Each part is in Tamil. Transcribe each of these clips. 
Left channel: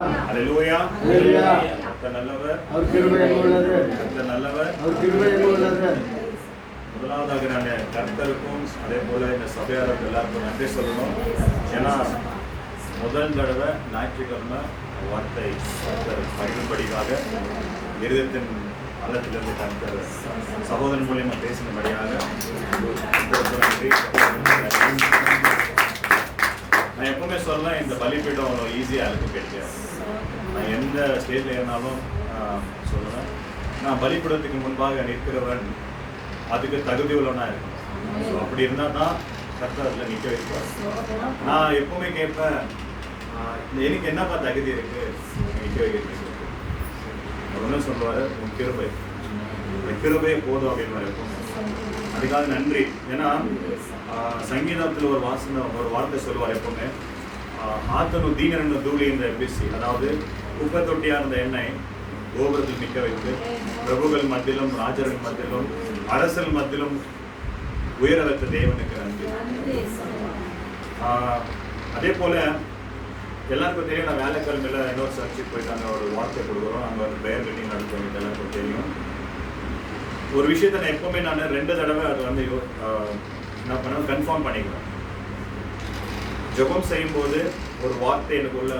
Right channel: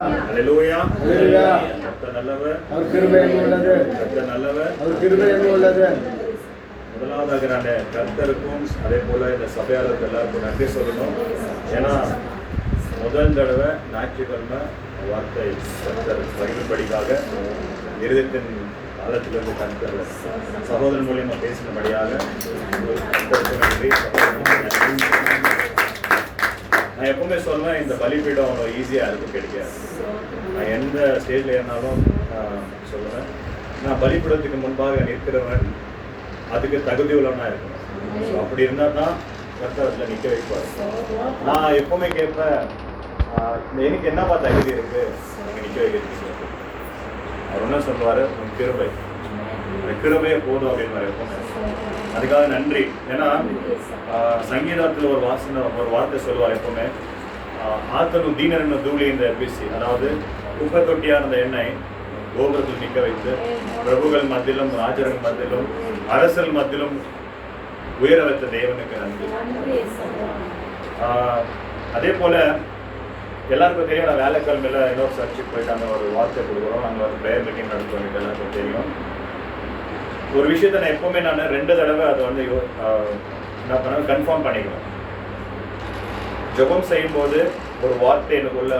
ஹல்லேலூயா. கர்த்தர் நல்லவர், அவர் கிருபை உள்ளது. கர்த்தர் நல்லவர், அவர் கிருபை உள்ளது. முதலாவதாக நான் கர்த்தருக்கும் அதே போல இந்த சபையாளருக்கு எல்லாருக்கும் நன்றி சொல்லணும். ஏன்னா முதல் தடவை ஞாயிற்றுக்கிழமை வார்த்தை கர்த்தர் பகிர்ந்தபடியாக இருதயத்தின் ஆழத்திலிருந்து கர்த்தர் சகோதரன் மூலியமா பேசினபடியாக கர்த்தருக்கு நன்றி. நான் எப்பவுமே சொல்றேன், இந்த பலிபீடம் அவ்வளோ ஈஸியாக யாருக்கும் கிடைக்காது. நான் எந்த ஸ்டேஜில் இருந்தாலும் சொல்லுவேன், நான் பலிபீடத்துக்கு முன்பாக நிற்கிறவன் அதுக்கு தகுதி உள்ளவனா இருக்கணும். ஸோ அப்படி இருந்தால் தான் கர்த்தர் அதில் நிற்க வைப்பார். நான் எப்பவுமே கேட்பேன், எனக்கு என்னப்பா தகுதி இருக்கு நிற்க வைக்கிறதுக்கு? அவர் என்ன சொல்லுவார், உன் கிருபை, கிருபையே போதும் அப்படின்னு எப்பவுமே. அதுக்காக நன்றி. ஏன்னா சங்கீதத்தில் ஒரு வார்த்தை சொல்லுவார் எப்பவுமே, ஆத்தனும் தீனரன்னு தூளி இந்த எபிசி, அதாவது குப்பை தொட்டியாக இருந்த எண்ணெய் கோபுரத்தில் நிற்க வைத்து பிரபுகள் மத்தியிலும் ராஜர்கள் மத்தியிலும் அரசல் மத்தியிலும் உயர வைத்த தேவனுக்கு நன்றி. அதே போல எல்லாருக்கும் தெரியும், நான் வேலைக்கிழமையில இன்னொரு சர்ச்சுக்கு போயிட்டு அங்கே ஒரு வார்த்தை கொடுக்குறோம், அங்கே ஒரு ப்ரேயர் மீட்டிங் நடத்துவோம். எல்லாருக்கும் தெரியும். ஒரு விஷயத்த நான் எப்பவுமே நான் 2 தடவை அதை வந்து என்ன பண்ண கன்ஃபார்ம் பண்ணிக்குவேன். ஜெபம் செய்யும்போது ஒரு வார்த்தை எனக்குள்ள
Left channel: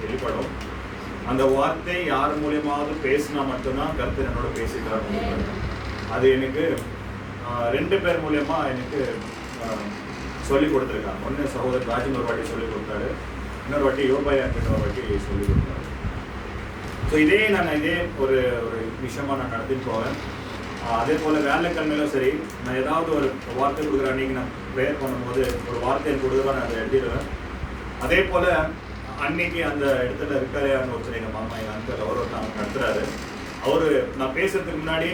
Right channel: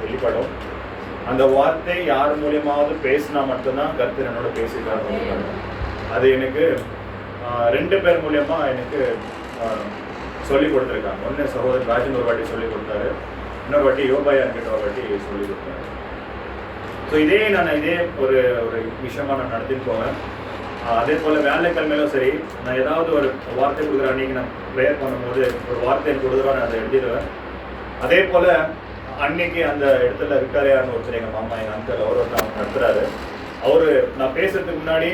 வெளிப்படும். அந்த வார்த்தை யார் மூலியமாவது பேசினா மட்டும்தான் கர்த்தர் என்னோட பேசிக்கிறாங்க. அது எனக்கு 2 பேர் மூலியமா எனக்கு சொல்லி கொடுத்துருக்காங்க. ஒன்று சகோதரர் ராஜன் ஒரு வாட்டி சொல்லி கொடுத்தாரு, இன்னொரு வாட்டி யோபாயா கிட்ட ஒரு வாட்டி சொல்லி கொடுத்தாரு. ஸோ இதே ஒரு விஷயமா நான் நடத்திட்டு போவேன். அதே போல் வேலைக்கிழமையிலும் சரி, நான் ஏதாவது ஒரு வார்த்தை கொடுக்குறேன், அன்றைக்கி நான் ப்ரேயர் பண்ணும்போது ஒரு வார்த்தை கொடுக்குறேன், நான் அதை எழுதிடுவேன். அதே போல் அன்னைக்கு அந்த இடத்துல இருக்காரையான்னு ஒருத்தர் எங்கள் மாமா, எங்கள் அங்கிள், அவர் ஒருத்தர் நடத்துகிறாரு. அவர் நான் பேசுறதுக்கு முன்னாடி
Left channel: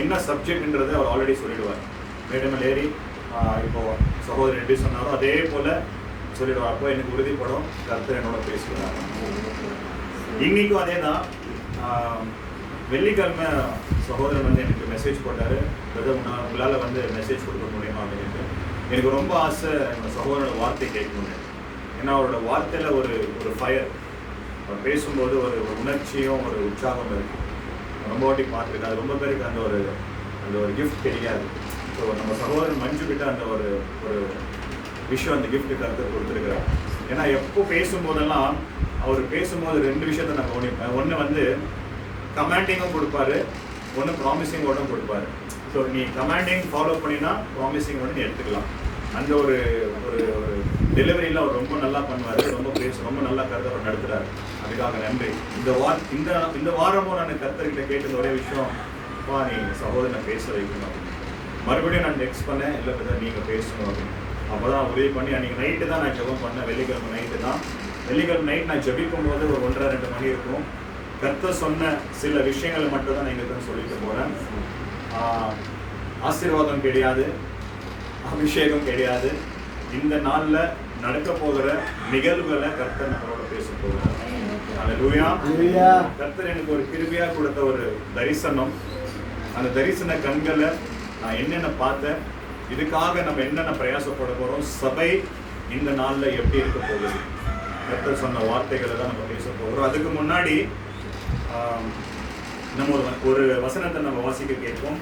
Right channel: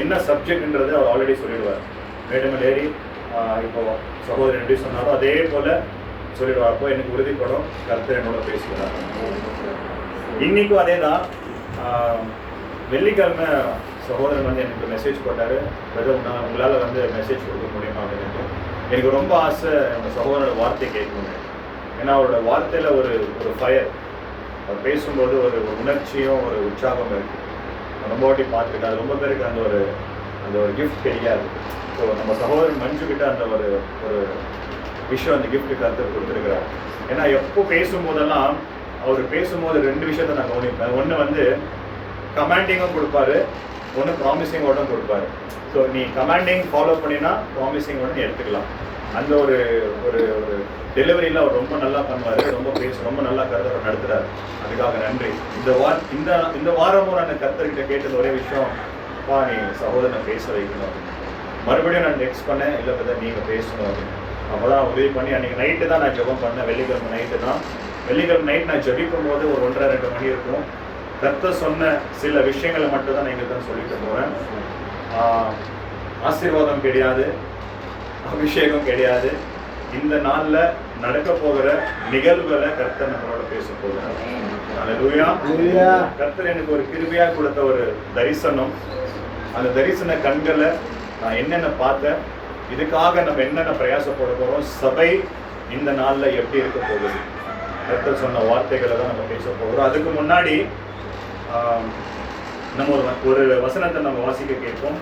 என்ன சப்ஜெக்ட்ன்றதை அவர் ஆல்ரெடி சொல்லிடுவார். மேடம் லேடி இப்போது சகோதரன் எப்படி சொன்னாரோ அதே போல் சொல்லிடுவார். அப்போ எனக்கு உறுதிப்படும் கர்த்தர் என்னோட பேசுகிறார். இன்றைக்கும் அதே தான். வெள்ளிக்கிழமை சகோதரன் வந்து எனக்கு மெசேஜ் போட்டார், நான் உங்களால் வந்து மெசேஜ் கொடுக்க முடியுமா அப்படின்னு. எனக்கு ரொம்ப ஆசை எங்கள் சகோதரோட வார்த்தை கேட்கணுங்க. ஏன்னா அவரோட வார்த்தையில் ஒரு ஃபயர், அவர் பேசும்போது ஒரு உணர்ச்சியும் ஒரு உற்சாகம் இருக்குது. ரொம்ப வாட்டி பார்த்துருக்கேன். ரொம்ப பேருக்கு அந்த ஒரு கிஃப்ட் கிடையாது. ஸோ நம்ம சகோதரன் மஞ்சுக்கிட்ட அந்த ஒரு விஷயம், அந்த கிஃப்ட் கருத்து கொடுத்துருக்கிறார். ஏன்னா எப்போ பேசும்போதெல்லாம் அவர் பேசும்போது 2 விஷயத்தை நான் கவனிப்பேன். ஒன்று வந்து கமாண்டிங்கும் கொடுப்பாரு, ஒன்று ப்ராமிசிங்கோட கொடுப்பாரு. ஸோ நீ கமாண்டிங் ஃபாலோ பண்ணினா ப்ராமிசிங்கோட நீ எடுத்துக்கலாம். அந்த ஒரு டெலிவரியில் அவர் ரொம்ப நல்லா பண்ணுவார், ரொம்ப நல்லா கருத்தை அவர் நடத்துகிறார். அதுக்காக நன்றி. இந்த வாரமும் நான் கர்த்தர்கிட்ட கேட்டது ஒரே விஷயம், அப்பா நீ சகோதரனை பேச வைக்கணும். மறுபடியும் நான் நெக்ஸ்ட் பண்ணேன், இல்லை பற்றி நீங்கள் பேசணும் அப்படின்னு. அப்போ தான் உதவி பண்ணி அன்றைக்கி நைட்டு தான் நான் ஜெபம் பண்ணேன். வெள்ளிக்கிழமை நைட்டு தான். வெள்ளிக்கிழமை நைட் நான் ஜெபிக்கும் போது ஒரு 1:30-2 மணி இருக்கும். கர்த்தர் சொன்ன சில விஷயங்களை மட்டும் தான் நான் எங்களுக்கு சொல்லிட்டு போகிறேன். ஆசீர்வாதம் கிடையாது, அபிஷேகம் கிடையாது. இந்த நாளில் நடக்க போகிற நிகழ்வுகளை கர்த்தர் நம்மளோட பேச போகிறார். ஹல்லேலூயா. கர்த்தர் எனக்கு ஒரு கிருபையா கொடுத்த ஒரு தரிசனம். அந்த தரிசன கண்களை நான் என்னென்ன பார்த்தேன், இதுக்காக நம்ம என்னென்ன பிரயாசப்பட போகிறோம், சபை இந்த நாளில் எப்படி இருக்க போகுது, கர்த்தர் சொன்ன வார்த்தைகளை தான் நம்ம பேச போகிறோம். அதுக்கு முன்னாடி நம்ம ஒரு வசனத்தை நம்ம வாசிக்க கேட்போம்.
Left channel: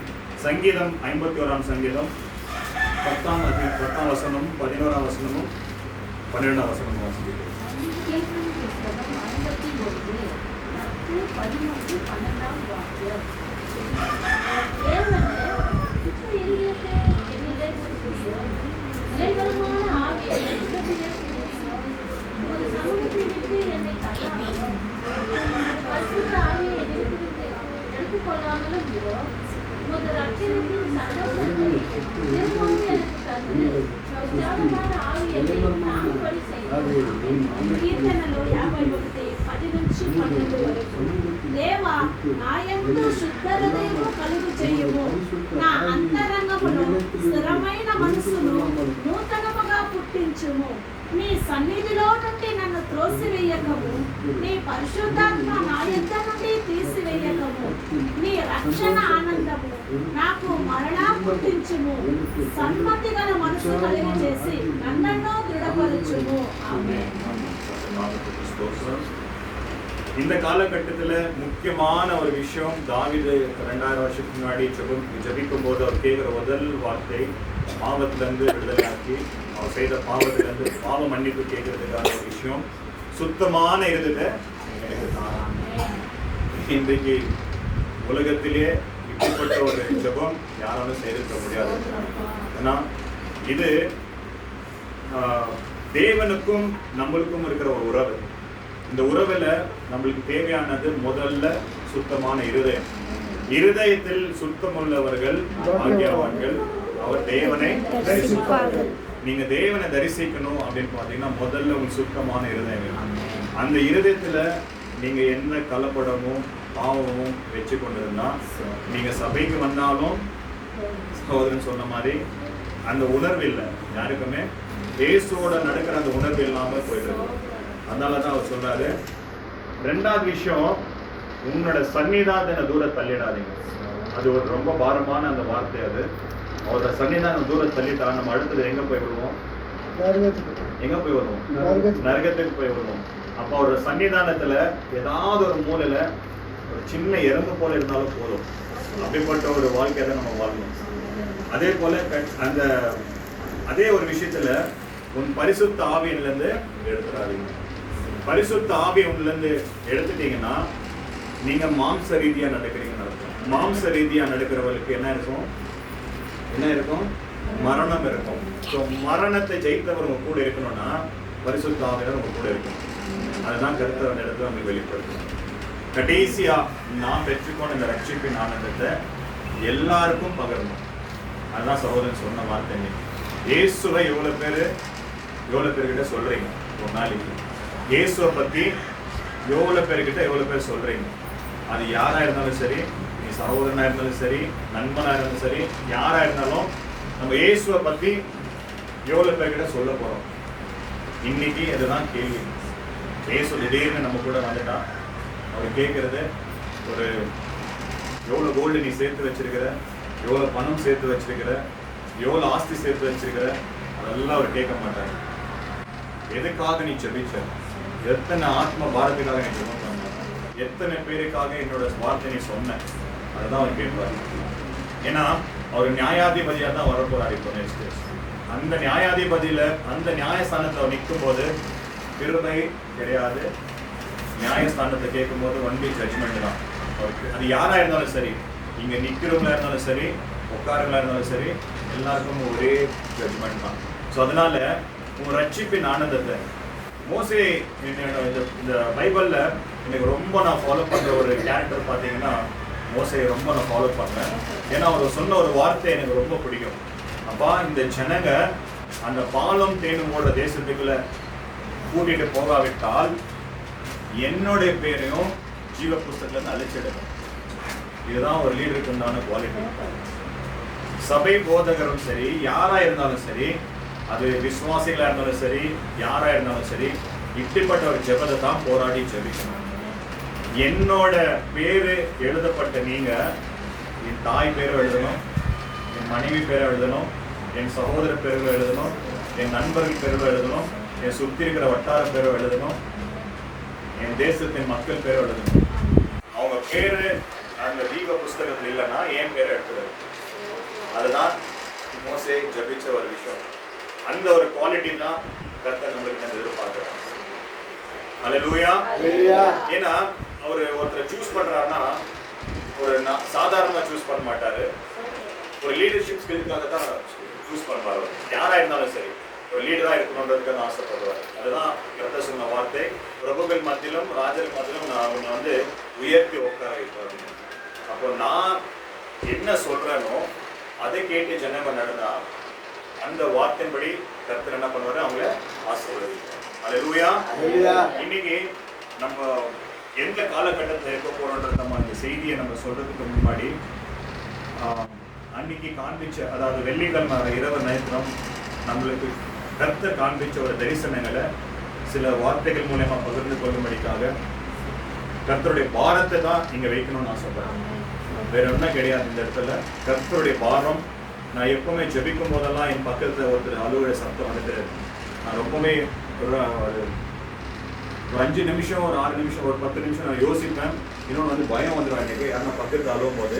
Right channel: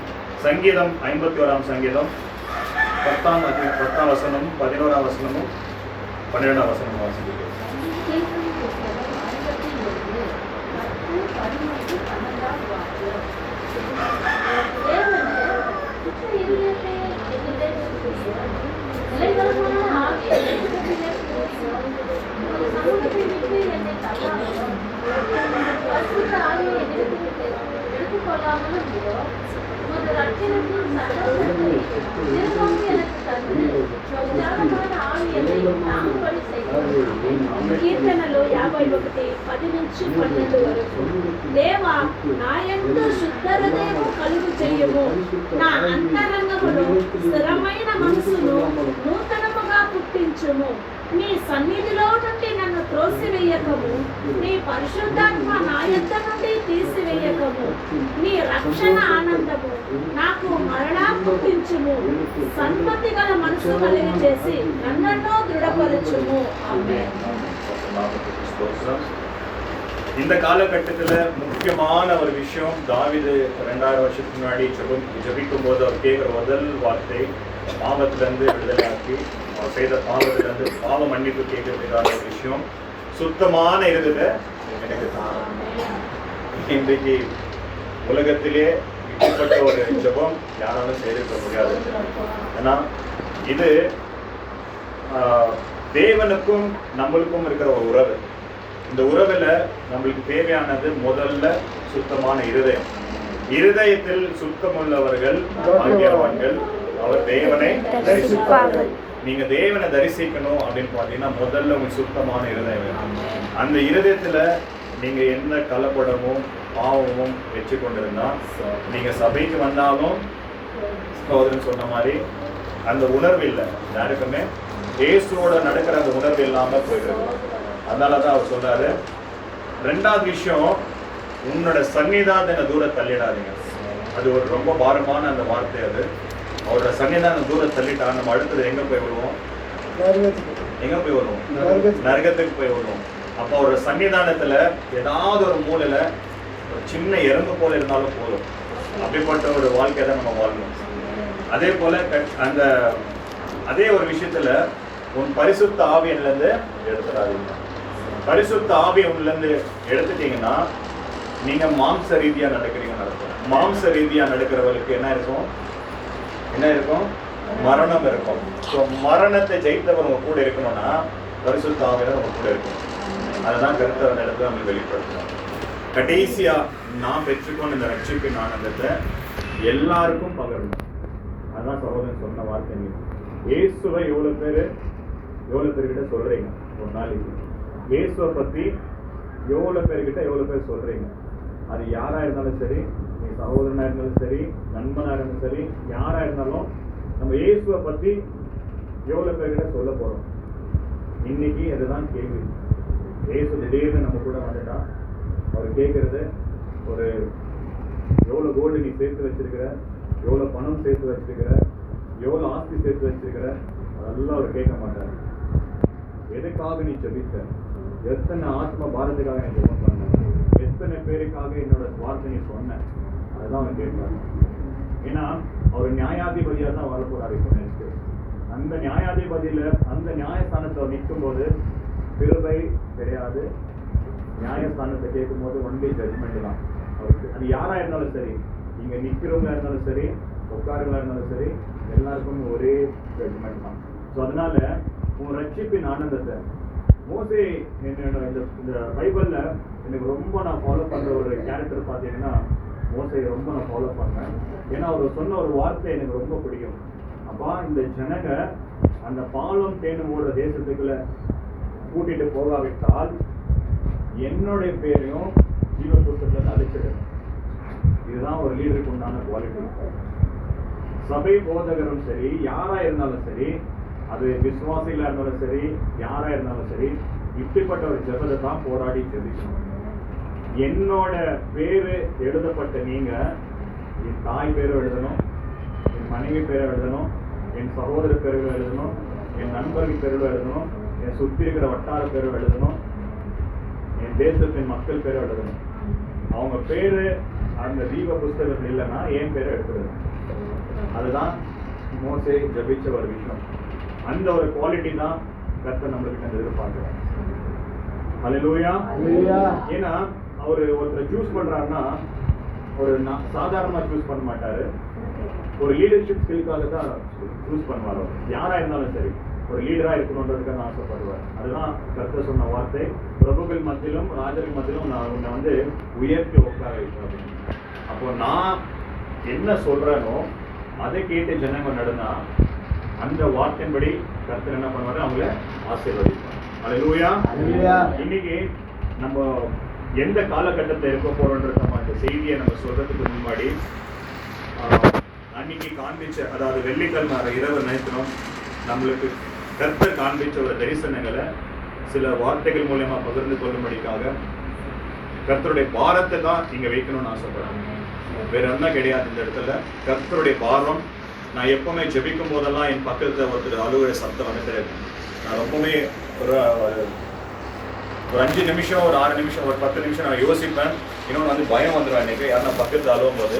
சங்கீதம் 51ஆம் சங்கீதம் 10ஆம் வசனமும் 11ஆம் வசனமும் 12ஆம் வசனமும் வாசிக்க கேட்போம். కీర్తనలో 51:10-12 వరకు. దేవా నా యందు శుద్ధ హృదయము కలుగు చెయ్యుము, నా అంతరంగములో స్థిరమైన మనసును నూతనముగా పుట్టించుము. నీ సన్నిధిలో నుండి నన్ను త్రోసివేయకము, నీ పరిశుద్ధాత్మ నా యొద్ద నుండి తీసివేయకము. నీ రక్షణ ఆనందము నాకు మరణా పుట్టించుము. సన్మతి గల మనసు కలిగి చేసి నన్నెన్నో దృఢపరచుము. ఆమేన్. இந்த காலகட்டத்தில் முக்கியமான ஒரு விஷயம், தாவீது 2000 வருஷத்துக்கு முன்னாடி ஜெபிக்கும் போது அவர் கேட்குற முதல் வார்த்தை பாவத்திலிருந்து விடுதலையாக்கி அவர் செய்த பாவத்திலிருந்து பாவ மன்னிப்பு கேட்கறதுக்கான ஒரு விஷயம், சுத்தமான இருந்தது எனக்கு தான். இன்றைக்கு உலகத்திலே இப்படிப்பட்ட ஒரு ஜெபம் யாராலும் செய்திருக்க முடியாது. ஏன்னா இது தேவனுக்கும் நம்மளுக்கும் இருக்கிற ஒரு உறவு. இந்த உறவுல நம்மளுக்கு தேவையானது முதல்ல சுத்தமான இருதயம். இருதயத்தில் சுத்தமுள்ளவர்கள் ஆகியவர்கள் அவர் தேவனை தரிசிப்பார்கள். நீங்க தேவனை தரிசிக்கணும் அப்படின்னு பாத்தீங்கன்னா முதல்ல உங்க சுத்தமான இருதயம். அந்த இருதயத்துல நீங்க என்ன கலப்படமும் பாவமும் வச்சு கொண்டிருந்தா நீங்க சபைக்கு வந்தாலும் சகோதரன் சொன்ன மாதிரி அந்த உணர்வு இல்லை, யாருக்குமே இயேசுவோட நடக்கிற அந்த உணர்வு இல்லாம போயிட்டு. அதனாலதான் அவர் சொல்றாரு, ரெண்டாவது விஷயம், உன்னோட சன்னிதான தூரம் தள்ளிடாதீங்க. அது ஒரு ரொம்ப பாரமான அந்த வார்த்தை. அது அவரோட சன்னிதான தூரம் தள்ளிட்டா நம்ம அடுத்தது எங்க போய் விடுவோம்? எங்க போய் வருவோம்? நரகத்துக்கு போய் வருவோம். அப்போ அவரோட சன்னிதானத்துல ஏதாவது ஒரு மூலையில ஒரு சின்ன எறும்பு போல இருந்தாலும் போதும். அப்படிப்பட்ட ஒரு வாழ்க்கையை தான் நம்ம வாழணும். அதே போல அந்த அதே ஒரு விஷயத்துல உன் பரிசுத்த ஆவியிலிருந்து எடுத்துடாதீங்க. பரிசுத்த ஆவியை உள்ளிருந்து எடுத்துட்டீங்கன்னா நீங்க மாம்ச ரீதியா நடக்கிறீங்கன்னு அர்த்தம். மாம்ச ரீதியா நடக்கிறவர்களுக்கு என்ன இருக்கும்? என்ன இருக்கும்? மரணம் இருக்கும். ஸோ மரணத்தை ஜெயித்தவர் உங்க கூட இருக்கணும்னா பரிசுத்த ஆவியினர் உங்க கூட இருக்கணும். அதுதான் கருத்து அந்த இடத்துல அவங்க வெளிப்படுத்துறாங்க. கடைசியா நான் பெற்றுக்கொண்ட இந்த ரட்சிப்பின் ஆனந்தத்தை எல்லாருக்கும் பகிரணும். அதுதான் சகோதரன் சொன்ன வார்த்தை. இயேசுவை எவ்வளவு பேர்கிட்ட சொல்றீங்க ஒரு நாளைக்கு? இயேசுவை பத்தி எவ்வளவு பேர் சொல்றீங்க? அது யாரா இருந்தாலும் சரி, நீ சகோதரனா இருந்தாலும் சரி, நண்பனா இருந்தாலும் சரி, யாரா இருந்தாலும் நம்ம இயேசுவை பத்தி எவ்வளவு பேர்கிட்ட சொல்ல போறோம்? இன்னைக்கு இதுதான் கேள்வி. இயேசு திடீர்னு நம்ம கூட வந்துட்டா அவர் கேட்கறது, ஒரு எவ்வளவு கோல்டு நீ சேர்த்து வச்சிருக்கிற, எவ்வளவு பணம் சேர்த்து வச்சிருக்கிற, எவ்வளவு ஆஸ்தி சேர்த்து வச்சிருக்கிற, அதெல்லாம் அவர் கேட்க மாட்டார். எதுக்காக நீ ஜெபிச்ச? எத்தனை ஆத்ம பாரத்துக்காக நீ ஜெபம் பண்ண? எத்தனை பேருக்காக என்னோட வார்த்தை நீ சொன்ன? அதுதான் அவர் கேட்பார். ஏன்னா அவர் நியாயாதிபதியாக தான் வரப்போறாரு. இப்போ நெக்ஸ்ட் அந்த நியாயாதிபதியில அந்த நியாயஸ்தானத்தை அவர் நிற்கும் போது கிருபை கிடையாது. நியாயஸ்தானத்தை கேட்கும் போது ஒன்லி ஜட்ஜ்மெண்ட் தான். அது யாரா இருந்தாலும் சரி, இங்க நிக்கிறவங்களா இருந்தாலும் சரி, உட்காரங்களா இருந்தாலும் சரி, எல்லாருக்கும் ஒரே ஜட்ஜ்மெண்ட் தான். ஸோ அதனால உங்க ரட்சிப்பின் ஆனந்தத்தை மோசே இந்த பைபிள்ல எனக்கு ரொம்ப நான் ஃபாலோ பண்ற ஒரு கேரக்டர் பார்த்தீங்கன்னா மோசையை ரொம்ப நான் ஃபாலோ பண்ணேன். ஏன்னா அவர் சொன்ன ஒரு வார்த்தை எனக்கு ரொம்ப பிடிக்கும். அப்பா, இந்த ஜனங்க அந்த பாலும் தேனும் ஓடுற தேசத்துக்குள்ள கூட்டிட்டு போகாவிட்டால் என்னுடைய பேரையும் ஜீவ புஸ்தகத்துல அழிச்சிடுங்க. இதுதான் ஒரு லீடருக்கு உண்டான குவாலிட்டி. சபை போதகரும் சரி, யாரா இருந்தாலும் சரி, அது விசுவாசிகளா இருந்தாலும் சரி, யாரா இருந்தாலும் சரி, இப்படிப்பட்ட ஒரு ஜெபத்தை தான் போராடி ஜெபிக்கணும். என்னோட பேரு எழுதப்பட்ட நீங்க என் தாய் பேரும் எழுதணும், என் மனைவி பேரும் எழுதணும், என் சகோதர பேரும் எழுதணும், என் நண்பர்கள் பேரும் எழுதணும், என் சுத்தி இருக்கிற வட்டார பேரும் எழுதணும், என் தேசத்தின் மக்கள் பேரும் எழுதணும். அவங்க பேரு அந்த ஜீவ புஸ்தகத்தில் இல்லைன்னா என் பேரை எடுத்துடணும். அதுதான் மோசே ஜபிச்ச ஒரு விஷயம். அந்த ஒரு குவாலிட்டி தான் கர்த்தர் நம்மளுக்கு எதிர்பார்க்கிறார். அல்லேலூயா. ஏன்னா அவர் ஒருத்தர் சூஸ் பண்றாருன்னா ஒரு சாதாரணமா சூஸ் பண்ண மாட்டாரு. ஒரு லீடர்ஷிப் ஸ்கில்லுக்காக தான் சூஸ் பண்ணுவார். யாரா இருந்தாலும் சரி, ஒரு லீடரா இருக்கணுன்றதுக்கு தான் ஆசைப்படுவார். அதுதான் கர்த்தர் சொன்ன வார்த்தை, பிரபுகள் மத்தியிலும் ராஜர்கள் மத்தியிலும் நான் உன்னை வந்து உயர்த்தி உட்கார வைப்பேன். அப்போ நான் என்ன சொல்றேனோ அதை கேட்டு ஜனங்க நடனா அந்த வார்த்தையின்படி கர்த்தர் என்ன பண்ணுவாரு? அவங்கள ஆசீர்வதிப்பார். அல்லேலூயா. இன்னைக்கு நம்ம எந்த காலகட்டத்தை இருக்க போறோன்றது நம்ம அந்த செய்தியை நம்ம சொல்றதுக்கு முன்னாடி அன்னைக்கு காண்பிச்ச, அதாவது வெள்ளிக்கிழமை இரவு நேரத்திலும் நம்மளுக்கு கர்த்தர் காண்பிச்ச ஒரு தரிசனங்களை சில வார்த்தைகள் மூலமா பகிர்ந்து கொள்ளும்படிக்காக கர்த்தருடைய பாரத்தை தான் நீங்க வைக்கணும்னு ஆசைப்படுறேன். வேற என்ன கிடையாது இந்த இடத்துல. கர்த்தருடைய பாரம். நான் எப்பவுமே ஜெபிக்கும் போதெல்லாம் என் பக்கத்துல ஒருத்தர் அலுவலக சத்தம் வந்துட்டு நான் ரொம்பவுமே ஒரு 5 நிமிஷம், ஒரு 6 நிமிஷம், ஒரு 10 நிமிஷம் நான் யோசிப்பேன். இன்னொன்று வந்து பயம் வந்துடும் எனக்கு, யாரும் பக்கத்தில் அழுவும் போது.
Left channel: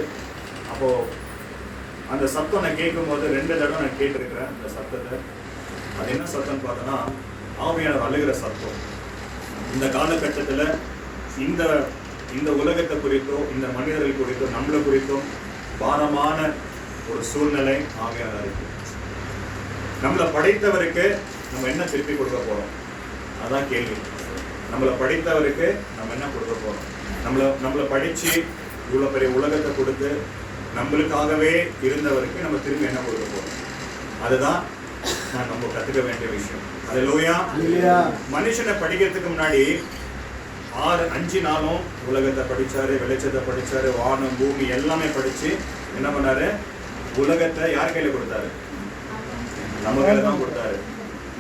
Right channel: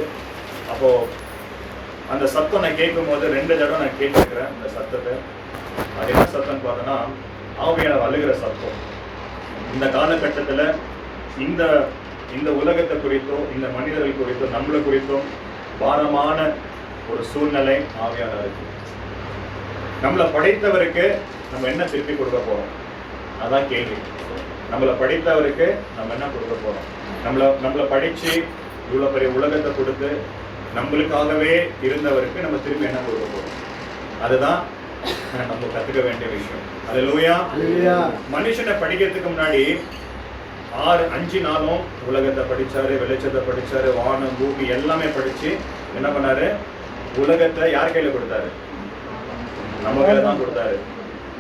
அப்போது அந்த சத்தம் நான் கேட்கும் போது 2 தடவை நான் கேட்டுருக்கிறேன் அந்த சத்தத்தை. அது என்ன சத்தம்னு பார்த்தோன்னா, ஆவியானவர் அழுகிற சத்தம். இந்த காலகட்டத்தில் இந்த இந்த உலகத்தை குறித்தோ, இந்த மனிதர்கள் குறித்தோ, நம்மளை குறித்தோ பாரமான ஒரு சூழ்நிலை ஆவியானவர் இருக்கு. நம்மளை படைத்தவருக்கு நம்ம என்ன திருப்பி கொடுக்க போறோம்? அதான் கேள்வி. நம்மளை படைத்தவருக்கு நம்ம என்ன கொடுக்க போறோம்? நம்மளை படிச்சு இவ்வளவு பெரிய உலகத்தை கொடுத்து நம்மளுக்காகவே இருந்தவருக்கு நம்ம திருப்பி என்ன கொடுக்க போறோம்? அதுதான் நம்ம கத்துக்க வேண்டிய விஷயம். அல்லேலூயா. மனுஷனை படிக்கிறதுக்கு முன்னாடி 5 நாளும் உலகத்தை படிச்சாரு, வெளிச்சத்தை படிச்சாரு, வானம் பூமி எல்லாமே படிச்சு என்ன பண்ணாரு? உலகத்தை யார் கையில கொடுத்தாரு? நம்ம கையில தான் கொடுத்தாரு.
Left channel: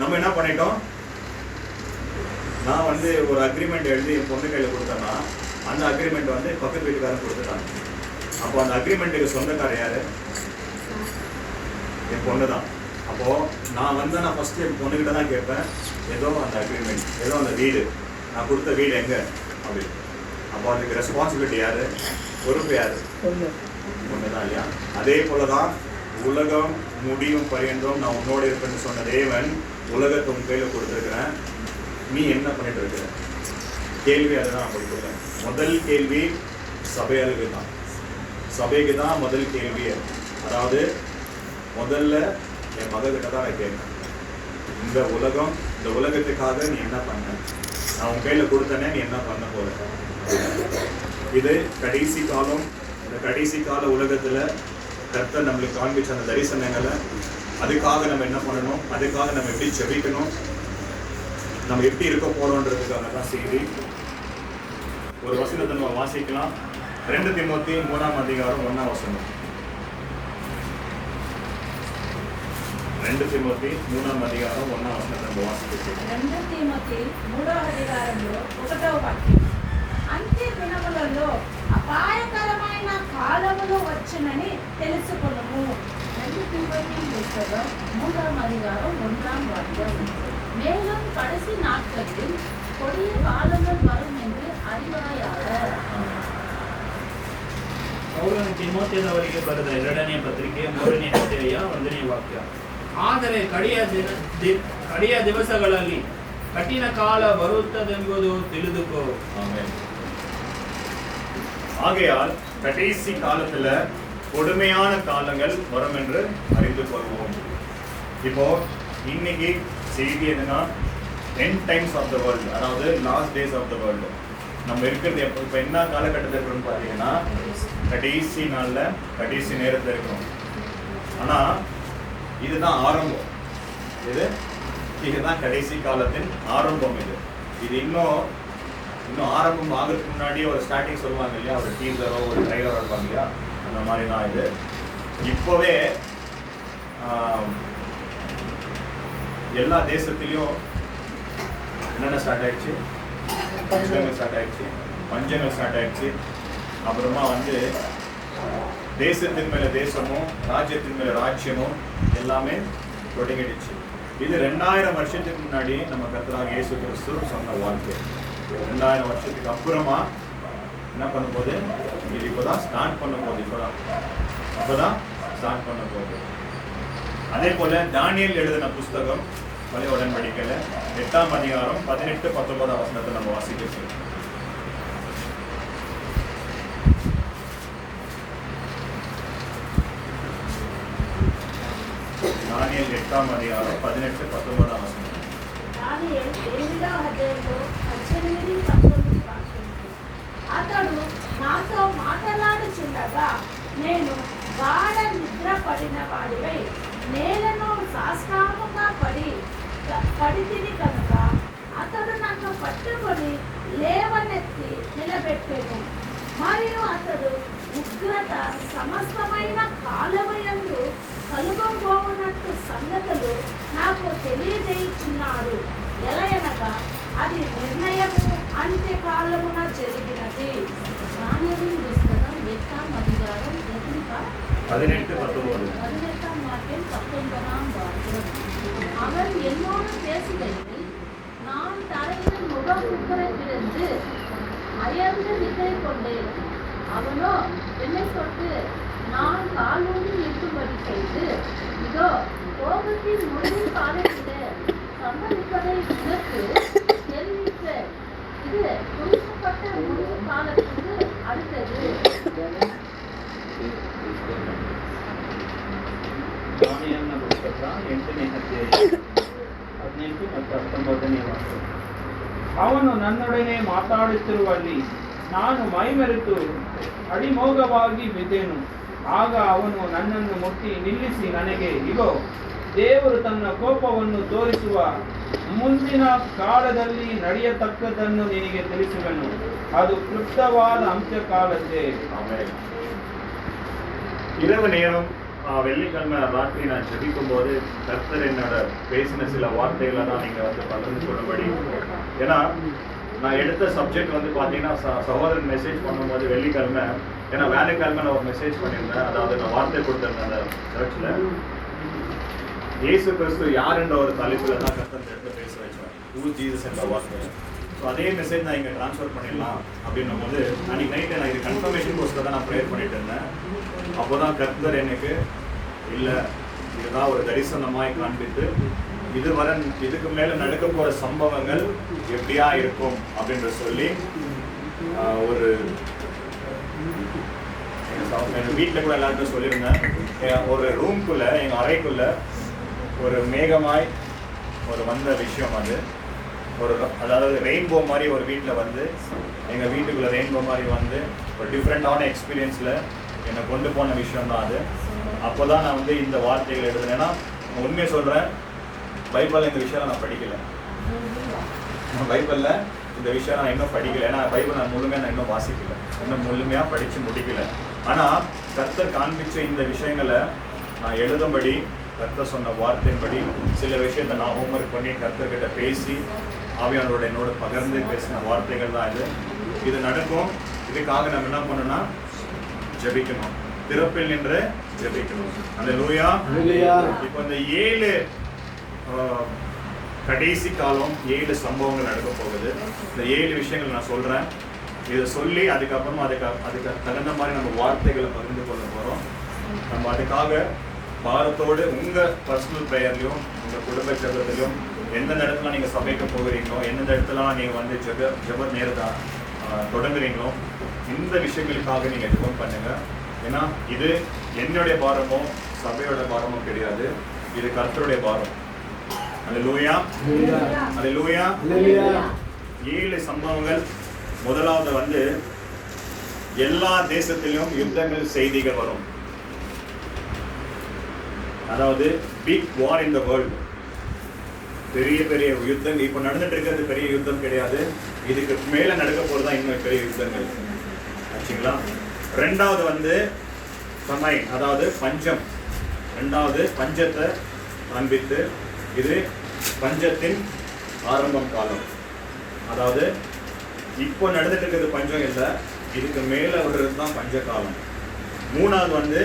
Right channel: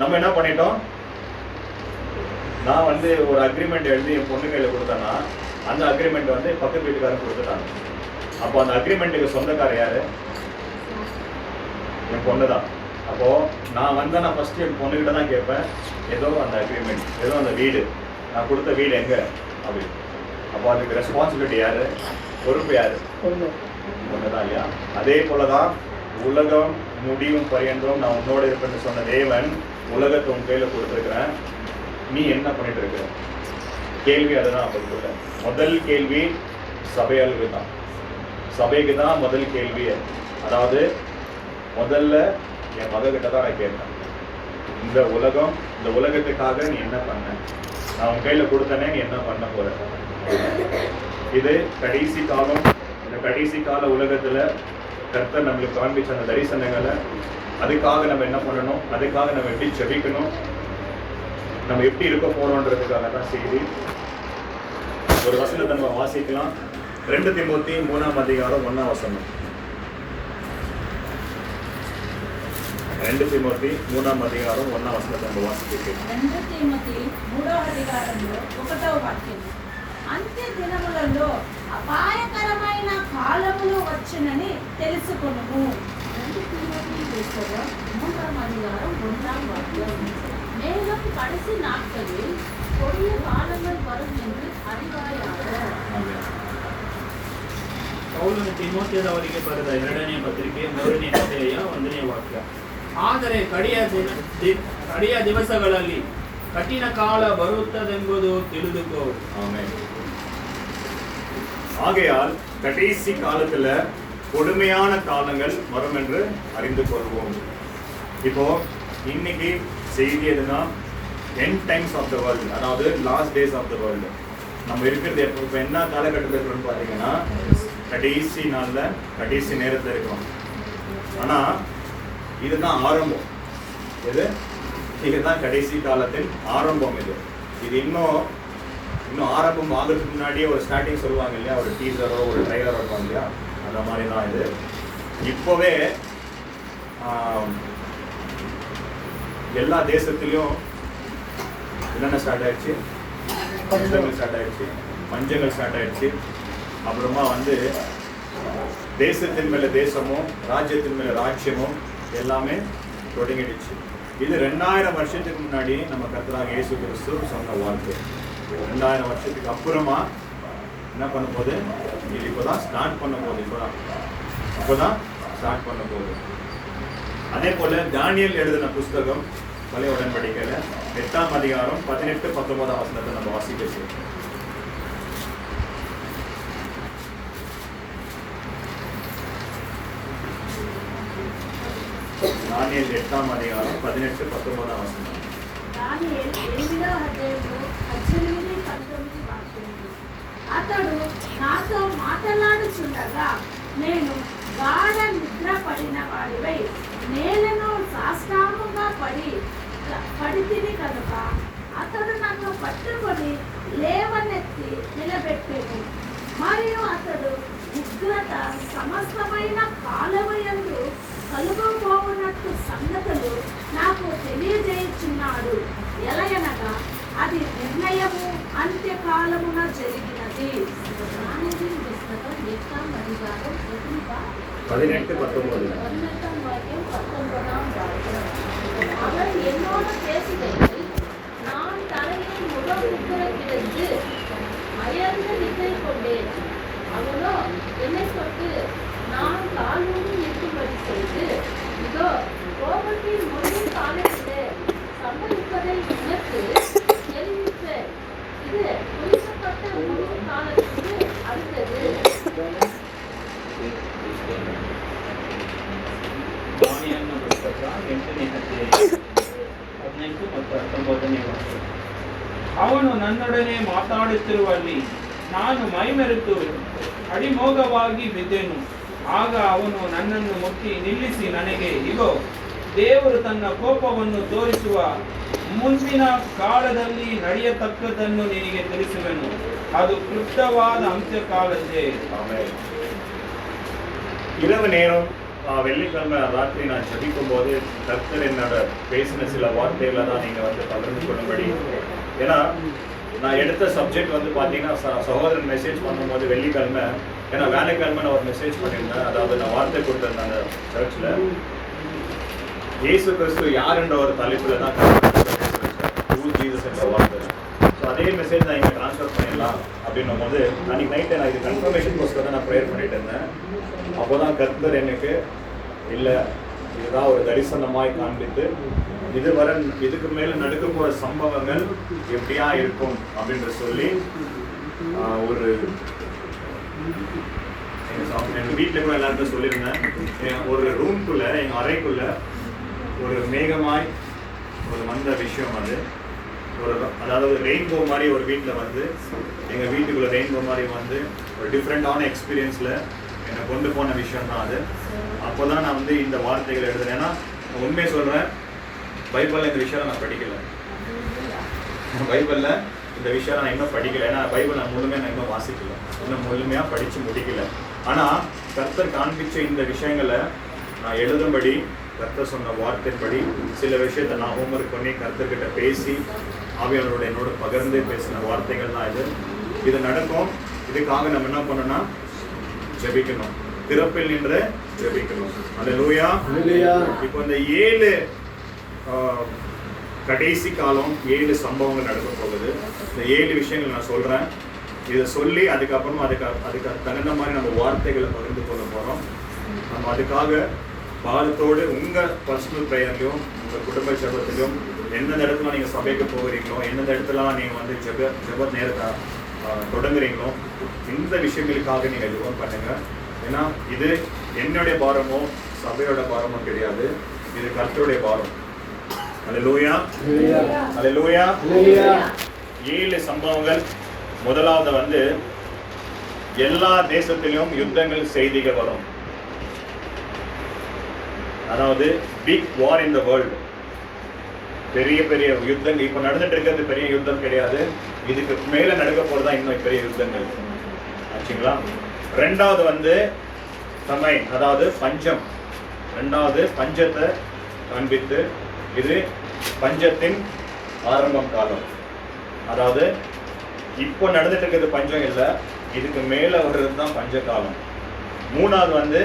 நம்ம என்ன பண்ணிட்டோம்? நான் வந்து ஒரு அக்ரிமெண்ட் எழுதி என் பொண்ணு கையில கொடுத்தேன்னா அந்த அக்ரிமெண்ட் வந்து பக்கத்து வீட்டுக்காரன் கொடுத்துட்டாங்க. அப்போ அந்த அக்ரிமெண்ட்டுக்கு சொந்தக்காரர் யாரு? என் பொண்ணு தான். அப்போ நான் வந்தேன், ஃபர்ஸ்ட் என் பொண்ணுகிட்ட தான் கேட்பேன், ஏதோ அந்த அக்ரிமெண்ட், ஏதோ அந்த வீடு, நான் கொடுத்த வீடு எங்க அப்படி. அப்போ அதுக்கு ரெஸ்பான்சிபிலிட்டி யாரு? பொறுப்பு யாரு? ஒண்ணுதான் இல்லையா? அதே போலதான் உலகம் முடியும் பரியந்தம் நான் உன்னோட இருப்பேன்னு சொன்ன தேவன் உலகத்தை உன் கையில கொடுத்துருக்கிறேன், நீ என்ன பண்ணிட்டு இருக்கிற? கேள்வி அதுதான். அவருக்குள்ள முதல் கேள்வி சபையாளுக்கு தான். சபைக்கு தான் முதல் கேள்வி. அதாவது முதல்ல என் மகக்கிட்ட தான் நான் கேட்பேன், இந்த உலகத்துக்காக நீ என்ன பண்ண? நான் உன் கையில கொடுத்தனே, நீ என்ன பண்ண போற? இது கடைசி காலம். இந்த கடைசி கால உலகத்துல கர்த்தர் நம்மளுக்கு காண்பிச்ச அந்த தரிசனங்களை, அதுக்காக நம்ம என்ன பண்ணணும், அதுக்காக நம்ம எப்படி செபிக்கணும், நம்ம எப்படி இருக்க போறோம்ன்றதுக்காக தான் செய்தி. ஒரு வசனத்தை நம்ம வாசிக்கலாம். 2 தீமோத்தேயு 3 அதிகாரம் 1 வசனம். 2 தீமோத்தேயு 3 அதிகாరం 1 వచనం நம்ம వాసిస్తున్నాం. 2 తీమోతి 3వ అధికారంలో 1వ వాక్యం. అంత్య దినములలో అపాయకరమైన కాలములు వచ్చునని తెలుసుకొనుము. 2 తీమోతి పుస్తకం 3వ అధికారం 1వ వాక్యం. மேலும் கடைசி நாட்களில் கொடிய காலங்கள் வரும் என்று அறிவாயாக. ಪೌಲನು ತಿಮೋಥೆಯವರಿಗೆ ಬರೆದ 2ನೇ ಪತ್ರಿಕೆ 3ನೇ ಅಧ್ಯಾಯ 1ನೇ ವಾಕ್ಯ. ಆದರೆ ಕಡೆಯ ದಿವಸಗಳಲ್ಲಿ ಕಠಿಣ ಕಾಲ ಬರುತ್ತದೆಂಬುದು ತಿಳಿದುಕೋ. ஆகையால் கடைசி காலத்துல கொடுமையான காலங்கள் வரும் என்று அறிந்து கொள்வோம். இப்போ இன்னைக்கு செய்தி எதுனா end times of the world, அதாவது last days of the world. நம்ம இருக்கிறது இப்போ என்ன காலகட்டத்தில் இருக்குன்னு பார்த்தீங்கன்னா கடைசி நாள்ல கடைசி நேரத்தில் இருக்கும். ஆனா இதுதான் ஆரம்பம். இதுதான் கடைசி காலத்தின் ஆரம்பம். இது இன்னும் ஆரம்பம் ஆகிறதுக்கு முன்னாடியே ஒரு ஸ்டார்டிங் சொல்லுவாங்க இல்லையா, ஒரு டீசரோ ஒரு ட்ரைலரோ இருப்பாங்க இல்லையா, அந்த மாதிரி தான் இது. இப்போவே எல்லா தேசத்திலையும் என்னென்ன ஸ்டார்ட் ஆயிடுச்சு? பஞ்சங்கள் ஸ்டார்ட் ஆயிடுச்சு. அப்புறமா வந்து தேசத்தின் மேல தேசமும் ராஜ்யத்தின் மேல ராஜ்யமும் எல்லாமே தொடங்கிடுச்சு. இது 2000 வருஷத்துக்கு முன்னாடி நம்ம கர்த்தராகிய இயேசு கிறிஸ்து சொன்ன வார்த்தை. 2000 வருஷத்துக்கு அப்புறமா என்ன பண்ண போகுது? இது இப்போதான் ஸ்டார்ட் பண்ண போகுது. இப்போதான் ஸ்டார்ட் பண்ண போகுது. அதே போல தானியேல் எழுதின புஸ்தகம் பழைய உடன்படிக்கையில 8ஆம் அதிகாரம் 18-19 வசனத்தை நம்ம வாசிக்கிறோம். தானியேல் 8ஆம் அதிகாரம் 18-19 வசனம். దానియేలు 8వ అధ్యాయంలో 18-19 వాక్యాలు. అతడు నాతో మాట్లాడుచుండగా నేను గాఢ నిద్ర పడిన వాడివై నేలను సాష్టాంగముగా పడితిని కనుక అతడు నాకు పట్టుకొని లేవనెత్తి నిలబెట్టేది. మరియు అతడు ఉగ్రత సమస్తమైన కాలముయందు కలుగబోవునట్టు సంగతులు నాకు తెలియజేయుచున్నాడు. ఎలయనగా అది నిర్ణయము అంత్యకాలమున జరిగినది. దానియేలు పుస్తకం 8ఆம் அதிகாரம் 18-19 18ஆம் வாக்கியம் 19ஆம் வாக்கியம். அவர் என்னோடு பேசுகையில் நான் தலையை முகம் குப்புற கொண்டேன். அவனோ என்னை தொட்டு நான் காலூன்றி இருக்கும்படி செய்து, இதோ கோபத்தின் முடிவு காலத்திலே சம்பவிப்பதை உனக்கு தெரிவிப்பேன். இது குறிக்கப்பட்ட முடிவு காலத்துக்கு அடுத்தது. ದಾನಿಯೇಲನ ಪುಸ್ತಕ 8ನೇ ಅಧ್ಯಾಯ 15 ಮತ್ತು 19ನೇ ವಾಕ್ಯ. ಅವನು ನನ್ನೊಡನೆ ಮಾತಾಡುತ್ತಿರುವಲ್ಲಿ ನಾನು ಮೈಮೆರೆತು ಅಡಿಮೋಗವಾಗಿ ಬಿದ್ದೆನು. ಆಗ ಅವನು ನನ್ನನ್ನು ಮುಟ್ಟಿ ನಿಲ್ಲಿಸಿ ನನಗೆ, ಇಗೋ, ದೇವರು ತನ್ನ ಕೋಪವನ್ನು ತೋರಿಸುವ ಮುಂದಿನ ಕಾಲದಲ್ಲಿ ನಡೆಯತಕ್ಕದ್ದನ್ನು ನಿನಗೆ ತಿಳಿಸುವೆನು. ಅದು ಕ್ಲುಪ್ತವಾದ ಅಂತ್ಯಕಾಲದ್ದೇ. இரவு நேரம் வெள்ளிக்கிழமை ராத்திரி நான் ஜெபிக்கும் போது கர்த்தர் என்னோட பேசின சில வார்த்தைகளை தான் நீங்கள் வந்து பகிர்ந்து கொள்ளும்படி. ஏன்னா நான் எடுத்த சப்ஜெக்ட் வந்து பார்த்தீங்கன்னா சகோதரன் மெசேஜ் பண்ணும்போது வெள்ளிக்கிழமை, ஏன்னா வேலைக்கிழமை நான் ஒரு மெசேஜ் பண்ணியிருந்தேன். அதாவது நான் வார்த்தை கொடுத்துருந்தேன் அந்த சர்ச்சில். இயேசு கிறிஸ்து யார் என்ற ஒரு தலைப்பில் தான் ஜீசஸ் என்ற வார்த்தை. ஸோ அதே மெசேஜ் நான் இங்கே ட்ரான்ஸ்ஃபர் பண்ணிடலாம் அப்படின்னும் போது அன்றைக்கி நைட்டு நான் இது கன்ஃபர்மேஷனுக்கோஸ்கரம் தான் நான் ப்ரேயர் பண்ணிட்டு இருந்தேன். அப்போ தான் கர்த்தர் எனக்கு இல்லை, இதுதான் ஒரு தரிசனமாய் காண்பித்து இதுக்கு மேலே நடக்க போகிற சம்பவங்கள் எப்படியா இருக்கும் அப்படின்ற சொல்லி ஒரு எங்கள் வீட்டில் கூட எல்லாருக்கும் சொல்லியிருந்தேன். ஒரு ரூம்குள்ளே, எங்கள் அறைக்குள்ளே ஒரு மேகமாய் ஒரு வந்த விஷயம் அது அதாவது ரெயின்போ மாதிரி ஒரு வீட்டில் வந்து எங்கள் வீட்டுக்குள்ளே ரெயின்போ மாதிரி வந்து ஒரு டிஃப்ரெண்ட்டான எக்ஸ்பீரியன்ஸில் என்னை கொண்டு போன விஷயம் தான் அது. அப்போ தான் நான் வந்து இந்த வார்த்தைகள் எழுதுனேன். ஏன்னா உண்மையை சொல்கிறேன், பைபிளில் இந்த விஷயம் நான் படிக்கலை. பைபிளில் இந்த விஷயம் நான் இன்னும் படிக்கலை. ஏன்னா பைபிள் நான் முழுமையாக நான் இன்னும் வாசிக்கலை, இன்னும் முழுமையாக படித்து முடிக்கலை. ஆனால் கர்த்தர் காண்பிச்ச இந்த விஷயங்களை நான் எழுதும்படி கர்த்தர் சொன்ன வார்த்தையின்படி சில விஷயத்தை நான் ஹோம்ஒர்க் பண்ணி கர்த்தர்கிட்ட பேசி ஆவியானவரோட என்னோட பகிர்ந்து பேசின வார்த்தைகள் தான் இது நடக்கும். இதுக்காக நம்ம என்ன பண்ணணும்னா ஜெபிக்கணும், திறப்பில் நின்று ஜெபிக்கணும். அல்லேலூயா. இப்போ இந்த 7 கடைசி காலம் 7 சம்பவங்கள் நடக்க போகுது. இந்த 7 விஷயங்கள் நான் சொல்கிறேன். இதை சொல்லி அதுக்கப்புறமா அதுக்கு தகுந்த மாதிரி நம்ம வார்த்தைகளை பகிர்ந்து கொள்ள போகிறோம். நம்ம அதுக்காக பாரத்தோடு உங்கள் பர்சனல் ப்ரேயர்லையும் உங்கள் குடும்ப ஜெபத்திலையும் எந்தெந்த இடத்துல நீங்கள் சபைக்கு போகிறீங்களோ, எந்தெந்த இடத்துலலாம் நீங்கள் வந்து ஜெப நேரத்தை தொடங்குறீங்களோ, இந்த விஷயங்களுக்காக நீங்கள் ஜெபம் பண்ணுங்கள். ஏன்னா இது என்னுடைய பாரமோ சபையோட பாரமோ கிடையாது, இது கர்த்தருடைய பாரம். அல்லேலூயா, அல்லேலூயா. 7 சம்பவங்கள். முதலாவது வந்து எல்லா தேசத்திலும் யுத்தங்கள் செய்திகள் வரும். அதாவது big war in the world, பெரிய பெரிய யுத்தங்கள் இப்போ நடந்துட்டு இருக்கிறது பெரிய யுத்தம் கிடையாது, இதுக்கு மேலே நடக்க போகிறதா இன்னும் பெரிய யுத்தங்கள் ஆச்சுங்களா. ரெண்டாவது வந்து சமைன், அதாவது பஞ்சம். ரெண்டாவது பஞ்சத்தை காண்பித்து இது பஞ்சத்தின் ஆரம்பம் காலம். அதாவது இப்போ நடந்துட்டு இருக்கிறது பஞ்சம் இல்லை, இதுக்கு மேலே வர்றது தான் பஞ்ச காலம். மூணாவது வந்து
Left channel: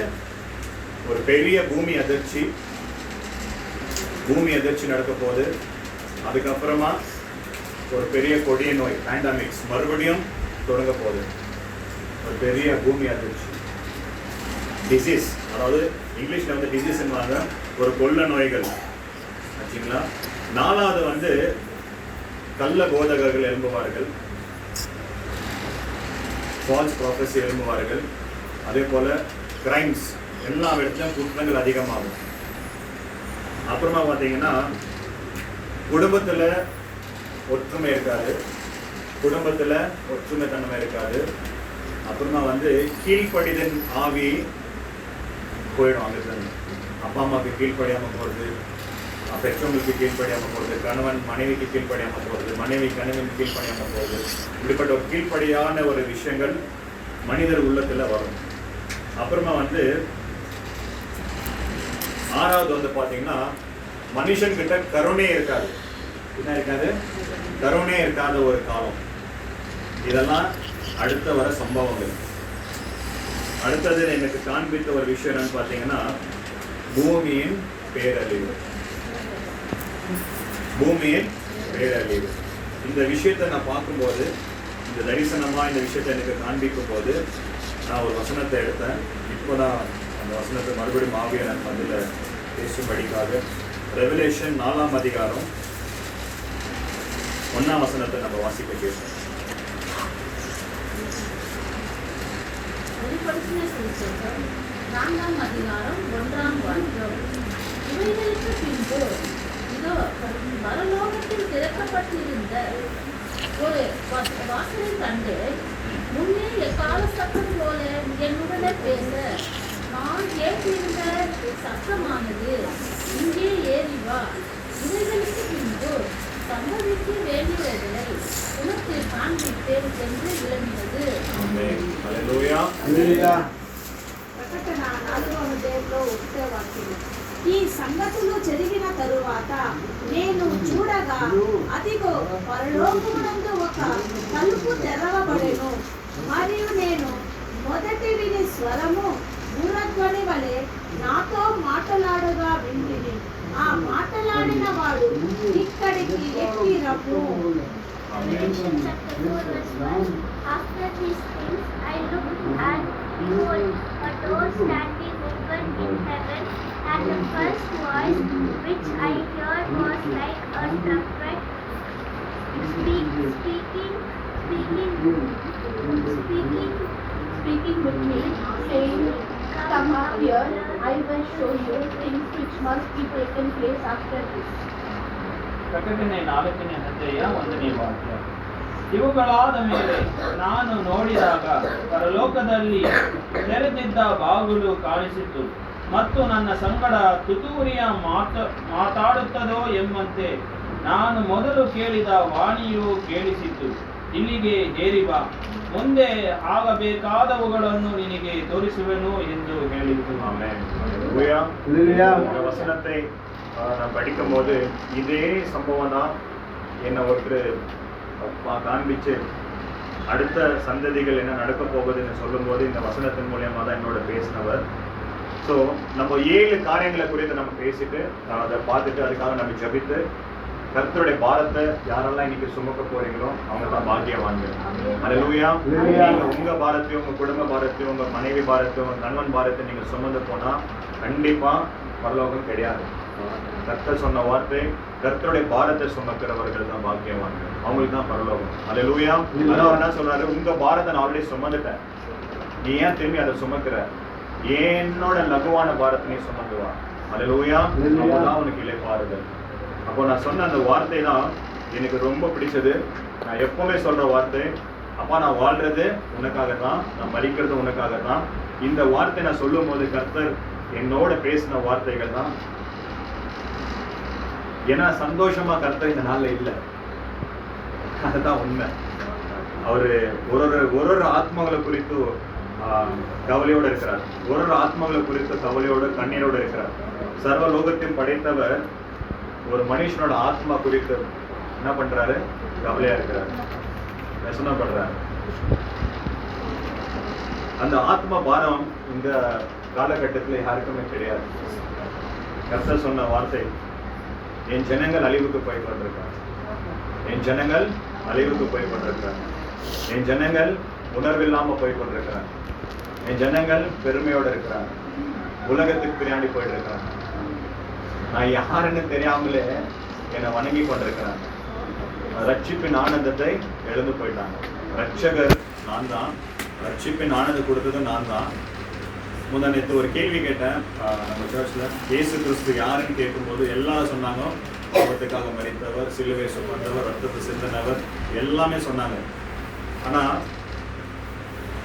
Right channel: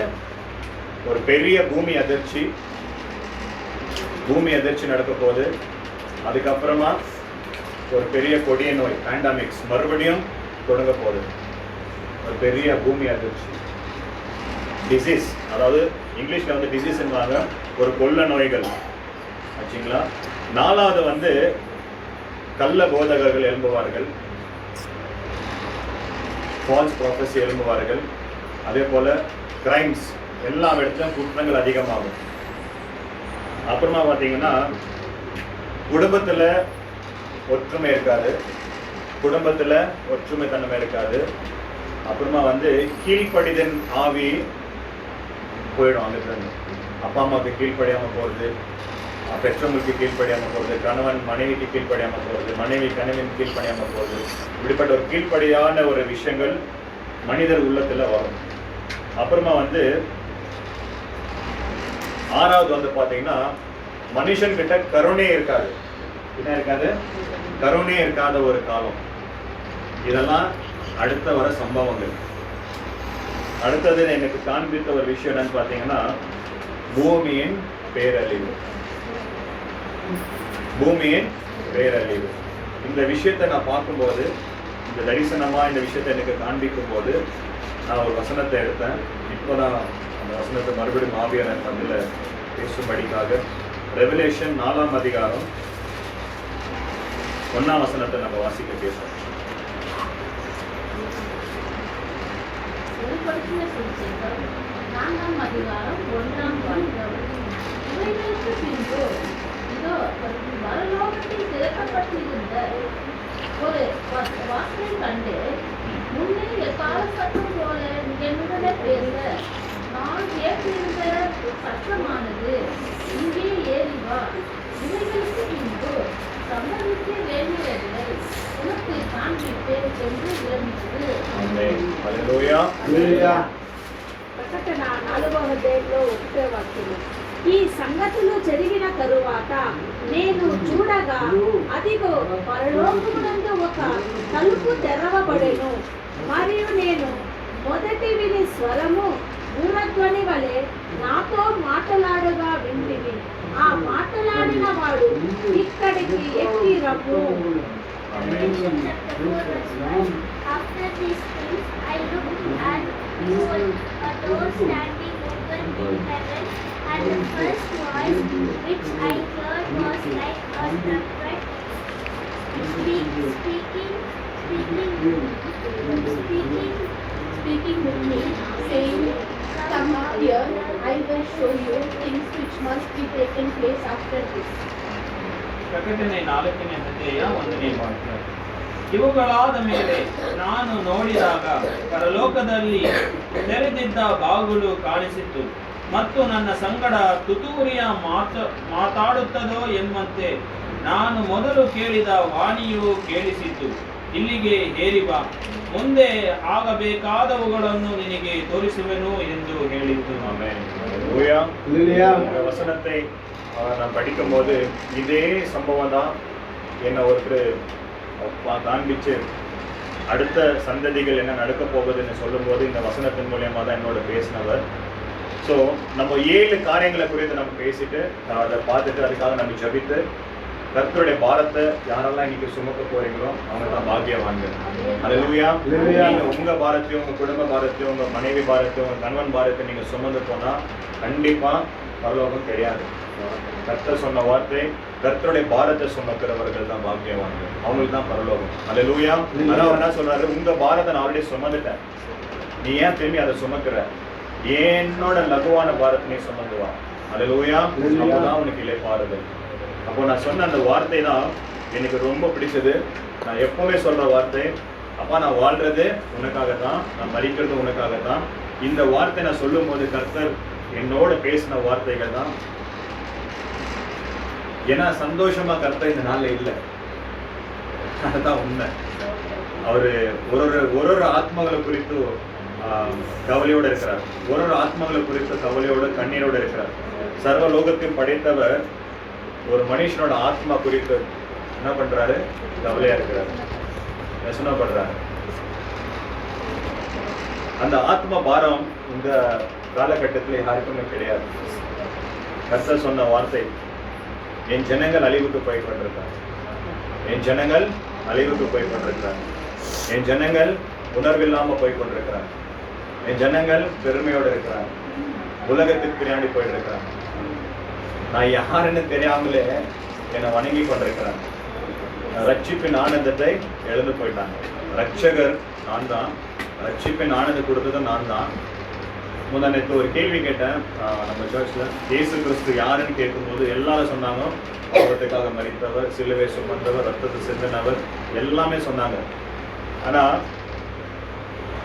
ஒரு பெரிய பூமி அதிர்ச்சி நடக்க போகுது. அதுக்கப்புறமா ஒரு பெரிய கொடிய நோய் பேண்டமிக்ஸ் மறுபடியும் தொடங்க போகுது. ஒரு பெரிய பூமி அதிர்ச்சி, டிசீஸ், அதாவது இங்கிலீஷ்ல வந்து டிசீஸ்ன்றாங்க, ஒரு கொள்ள நோய்கள் ஆச்சுங்களா. நாலாவது வந்து கள்ள போதகர்கள் எழும்புவார்கள், ஃபால்ஸ் ப்ராஃபஸி எழும்புவார்கள். அதே போல கிரைம்ஸ், எல்லா இடத்துலையும் குற்றங்கள் அதிகமாகும். அப்புறமா பார்த்தீங்கன்னா குடும்பத்தில் ஒற்றுமை இருக்காது, குடும்பத்தில் ஒற்றுமை தன்மை இருக்காது. அப்புறமா வந்து கீழ்ப்படிதல் ஆவி போயிடும். அங்கிருந்து அப்பா அம்மாவுக்கு கீழ்ப்படியாமல் போகிறது, பெற்றவங்களுக்கு கீழ்ப்படியாமல் போகிறது, கணவன் மனைவிக்கு கீழ்ப்படியாமல் போகிறது, மனைவி கணவன் கீழ்ப்படியாமல் போகிறது. இப்படிப்பட்ட ஒரு கீழ்ப்படியான ஒரு விஷயங்கள் மனிதர் உள்ளத்தில் வரும். அப்புறமா வந்து ஆறாவது வந்து பார்த்தீங்கன்னா மனுஷன்கிட்ட கருணை இருக்காது. என்ன இருக்காது? கருணை இருக்காத ஒரு காலம். இதெல்லாம் அடுத்த வர சம்பவங்கள். அடுத்தது எனக்கு காண்பித்த ஒரு விஷயம் என்னன்னு பார்த்தீங்கன்னா பூமியின் பேரழிவு. பூமியின் பேரழிவு. இந்த விஷயத்தை நான் பார்க்கும்போது இந்த தரிசனமாக இந்த விஷயத்தை எனக்கு காண்பிக்கும் போது நான் ஒரு வசனத்தை எடுத்தேன். இப்போதான் அந்த வசனத்தை மறுபடியும் ஆவியான பதில் பேசும்படிக்காக ரெவலேஷன் 4ஆம் அதிகாரம் 1ஆம் வசனத்தை நம்ம வாசிக்க பேசுவோம். வெளிப்படுத்தின சுவிசேஷம் 4ஆம் அதிகாரம் 1ஆம் வாக்கியம். இவைகளுக்கு பின்பு இதோ பரலோகத்தில் திறக்கப்பட்டிருந்த ஒரு வாசலை கண்டு, முன்னே எக்கால சத்தம் போல என்னுடனே பேச நான் கேட்டிருந்த சத்தமானது, இங்கே ஏறி வா, இவைகளுக்கு பின்பு சம்பவிக்க வேண்டியவர்களை உனக்கு காண்பிப்பேன் என்று விளங்கியது. హల్లెలూయా. ప్రకటన 4వ అధ్యాయంలో 1వ వాక్యం. ఈ సంగతులు జరిగిన తరువాత నేను చూడగా అదిగో పరలోకమునందు ఒక తలుపు తెరవబడెను. మరియు నేను మొదటి విని స్వరము భూమధ్వని వలె నాతో మాట్లాడగా వింటిని. ఆ మాట్లాడిన వాడు ఇక్కడికి ఎక్కి రమ్ము. After these things, I looked and behold, a door standing open in heaven, and the first voice which I heard was like a trumpet speaking with me, saying, "Come up here, I will show you things which must be taken place after this." ಪ್ರಕಟಣೆ 4ನೇ ಅಧ್ಯಾಯ 1ನೇ ವಾಕ್ಯ. ಇವುಗಳಾದ ಮೇಲೆ ನಾನು ನೋಡಿದಾಗ ಪರಲೋಕದಲ್ಲಿ ತೆರೆದಿದ್ದ ಬಾಗಿಲು ಕಾಣಿಸಿತು, ಮತ್ತು ನನ್ನ ಸಂಗಡ ತುತ್ತೂರಿಯ ಮಾತಾಡುತ್ತದೋ ಎಂಬಂತೆ ನಾನು ಮೊದಲು ಕೇಳಿದ ವಾಣಿಯು ಕೇಳಿಸಿತು, ಇಲ್ಲಿಗೆ ಏರಿ ಬಾ, ಮುಂದೆ ಆಗಬೇಕಾದವುಗಳನ್ನು ನಿನಗೆ ತೋರಿಸುವೆನು ಎಂದು ಹೇಳಿತು. ஆமென். ஹல்லேலூயா. இந்த வசனத்தை நான் படிக்கும்போது இதே சம்பவம் தான் என்ன ஒருத்தர் காண்பிச்சு அடுத்த சந்ததிகள் என்ன நடக்க போகுதுன்னு சொல்லும்போது இந்த வசனத்தின் மூலியமா தான் என்னோட பேசினவர். ஸோ நம்ம 7 காரியங்களை குறித்து நம்ம பேசிட்டு அதை பார்த்துட்டு அதுக்காக நம்ம ஜபித்து கர்த்தருடைய பாரத்தை யாரெல்லாம் இன்னைக்கு சுமக்க போறீங்களோ அவங்க தான் பாக்கியவான்கள். ஹல்லேலூயா. நீங்க உங்க பாரத்தையும் உங்க குடும்ப பாரத்தையும் உங்க மனைவி பாரத்தையும் உங்க கணவன் பாரத்தை நீங்க சுமந்து போனா கண்டிப்பா பரலோகம் கிடையாது. கர்த்தர் சொன்ன வார்த்தை, கர்த்தருடைய பாரத்தை சுமக்கிறவர்கள் தான் பாக்கியவான்கள், அவங்களுக்கு தான் பரலோகம். ஹல்லேலூயா. அதான் அவர் என்ன சொல்றாரு, உங்க பாரத்தை நான் ஆல்ரெடி சுமந்துட்டேன், நீ ஏன் திரும்பி அதை சுமக்கிற, என்னோட லகுவான பாரத்தை நீ சுமந்து வா. ஹல்லேலூயா. அப்பதான் உனக்கு இளைப்பாறுதல். அப்போ நான் சொன்ன அந்த வார்த்தை தான் எனக்கு ரொம்ப பிடிச்சது. நான் எப்பவுமே சொல்ற வார்த்தை, அப்பா நான் வாழ்றது உனக்காகத்தான், நான் மரிக்கிறது உனக்காகத்தான். இந்த வார்த்தை நான் சொல்லும் போது கர்த்தர் என்னோட பேசின வார்த்தைகள் தான். ஏன்னா சந்தோஷமா கர்த்தர் இந்த நாள்ல இல்லை, அதுதான் உண்மை. அவரு ஒரு ஆத்மாக்களை குறித்து கவலையோடு இருக்கிறார், ஒரு ஆத்மாக்களை குறித்து கவலையோடு கண்ணீரோடு இருக்கிறார். சர்வ லோகத்தையும் படைத்தவர் ஒரு மனுஷனோட ஆத்மா குறித்து என்ன பண்றாரு, கவலையா இருக்கிறார், ரசனப்படுறாரு. அந்த ஆத்ம பாரம் இந்த காலகட்டத்தில் யாருக்குமே கிடையாது. கர்த்தர் சொன்ன வார்த்தை, என் ஜனங்கள் அழிவுக்கு போய் கொண்டிருக்கார், என் ஜனங்கள் அழிவுக்கு போய் கொண்டிருக்கிறார், என் ஜனங்கள் உணர்வில்லாம போய் கொண்டிருக்கிறார், என் ஜனங்கள் பெருமையோடு இருக்கிறார், உலகத்துக்கு பின்னாடி போயிட்டு இருக்கிறார், நான் யாருன்னு தெரியாமலே என்னை வணங்கி கொண்டிருக்கிறேன், ரட்சிப்பின் ஆனந்தத்தை எழுந்து போயிட்டாங்க. ரட்சகர் நான் தான், ரட்சிப்பின் ஆனந்தம் கொடுத்தது நான் தான். முன்னாடி ஒரு கேள்வி கேட்டேன் நம்ம சர்ச்சில், இயேசு கிறிஸ்து யாருன்னு கேட்கும்போது எல்லாரும் சொன்னாங்க, பாவத்துக்காக மரித்தவர், சிலுவை சுமந்தவர், ரத்தத்தை சிந்தினவர், எல்லாமே சொன்னாங்க. ஆனால்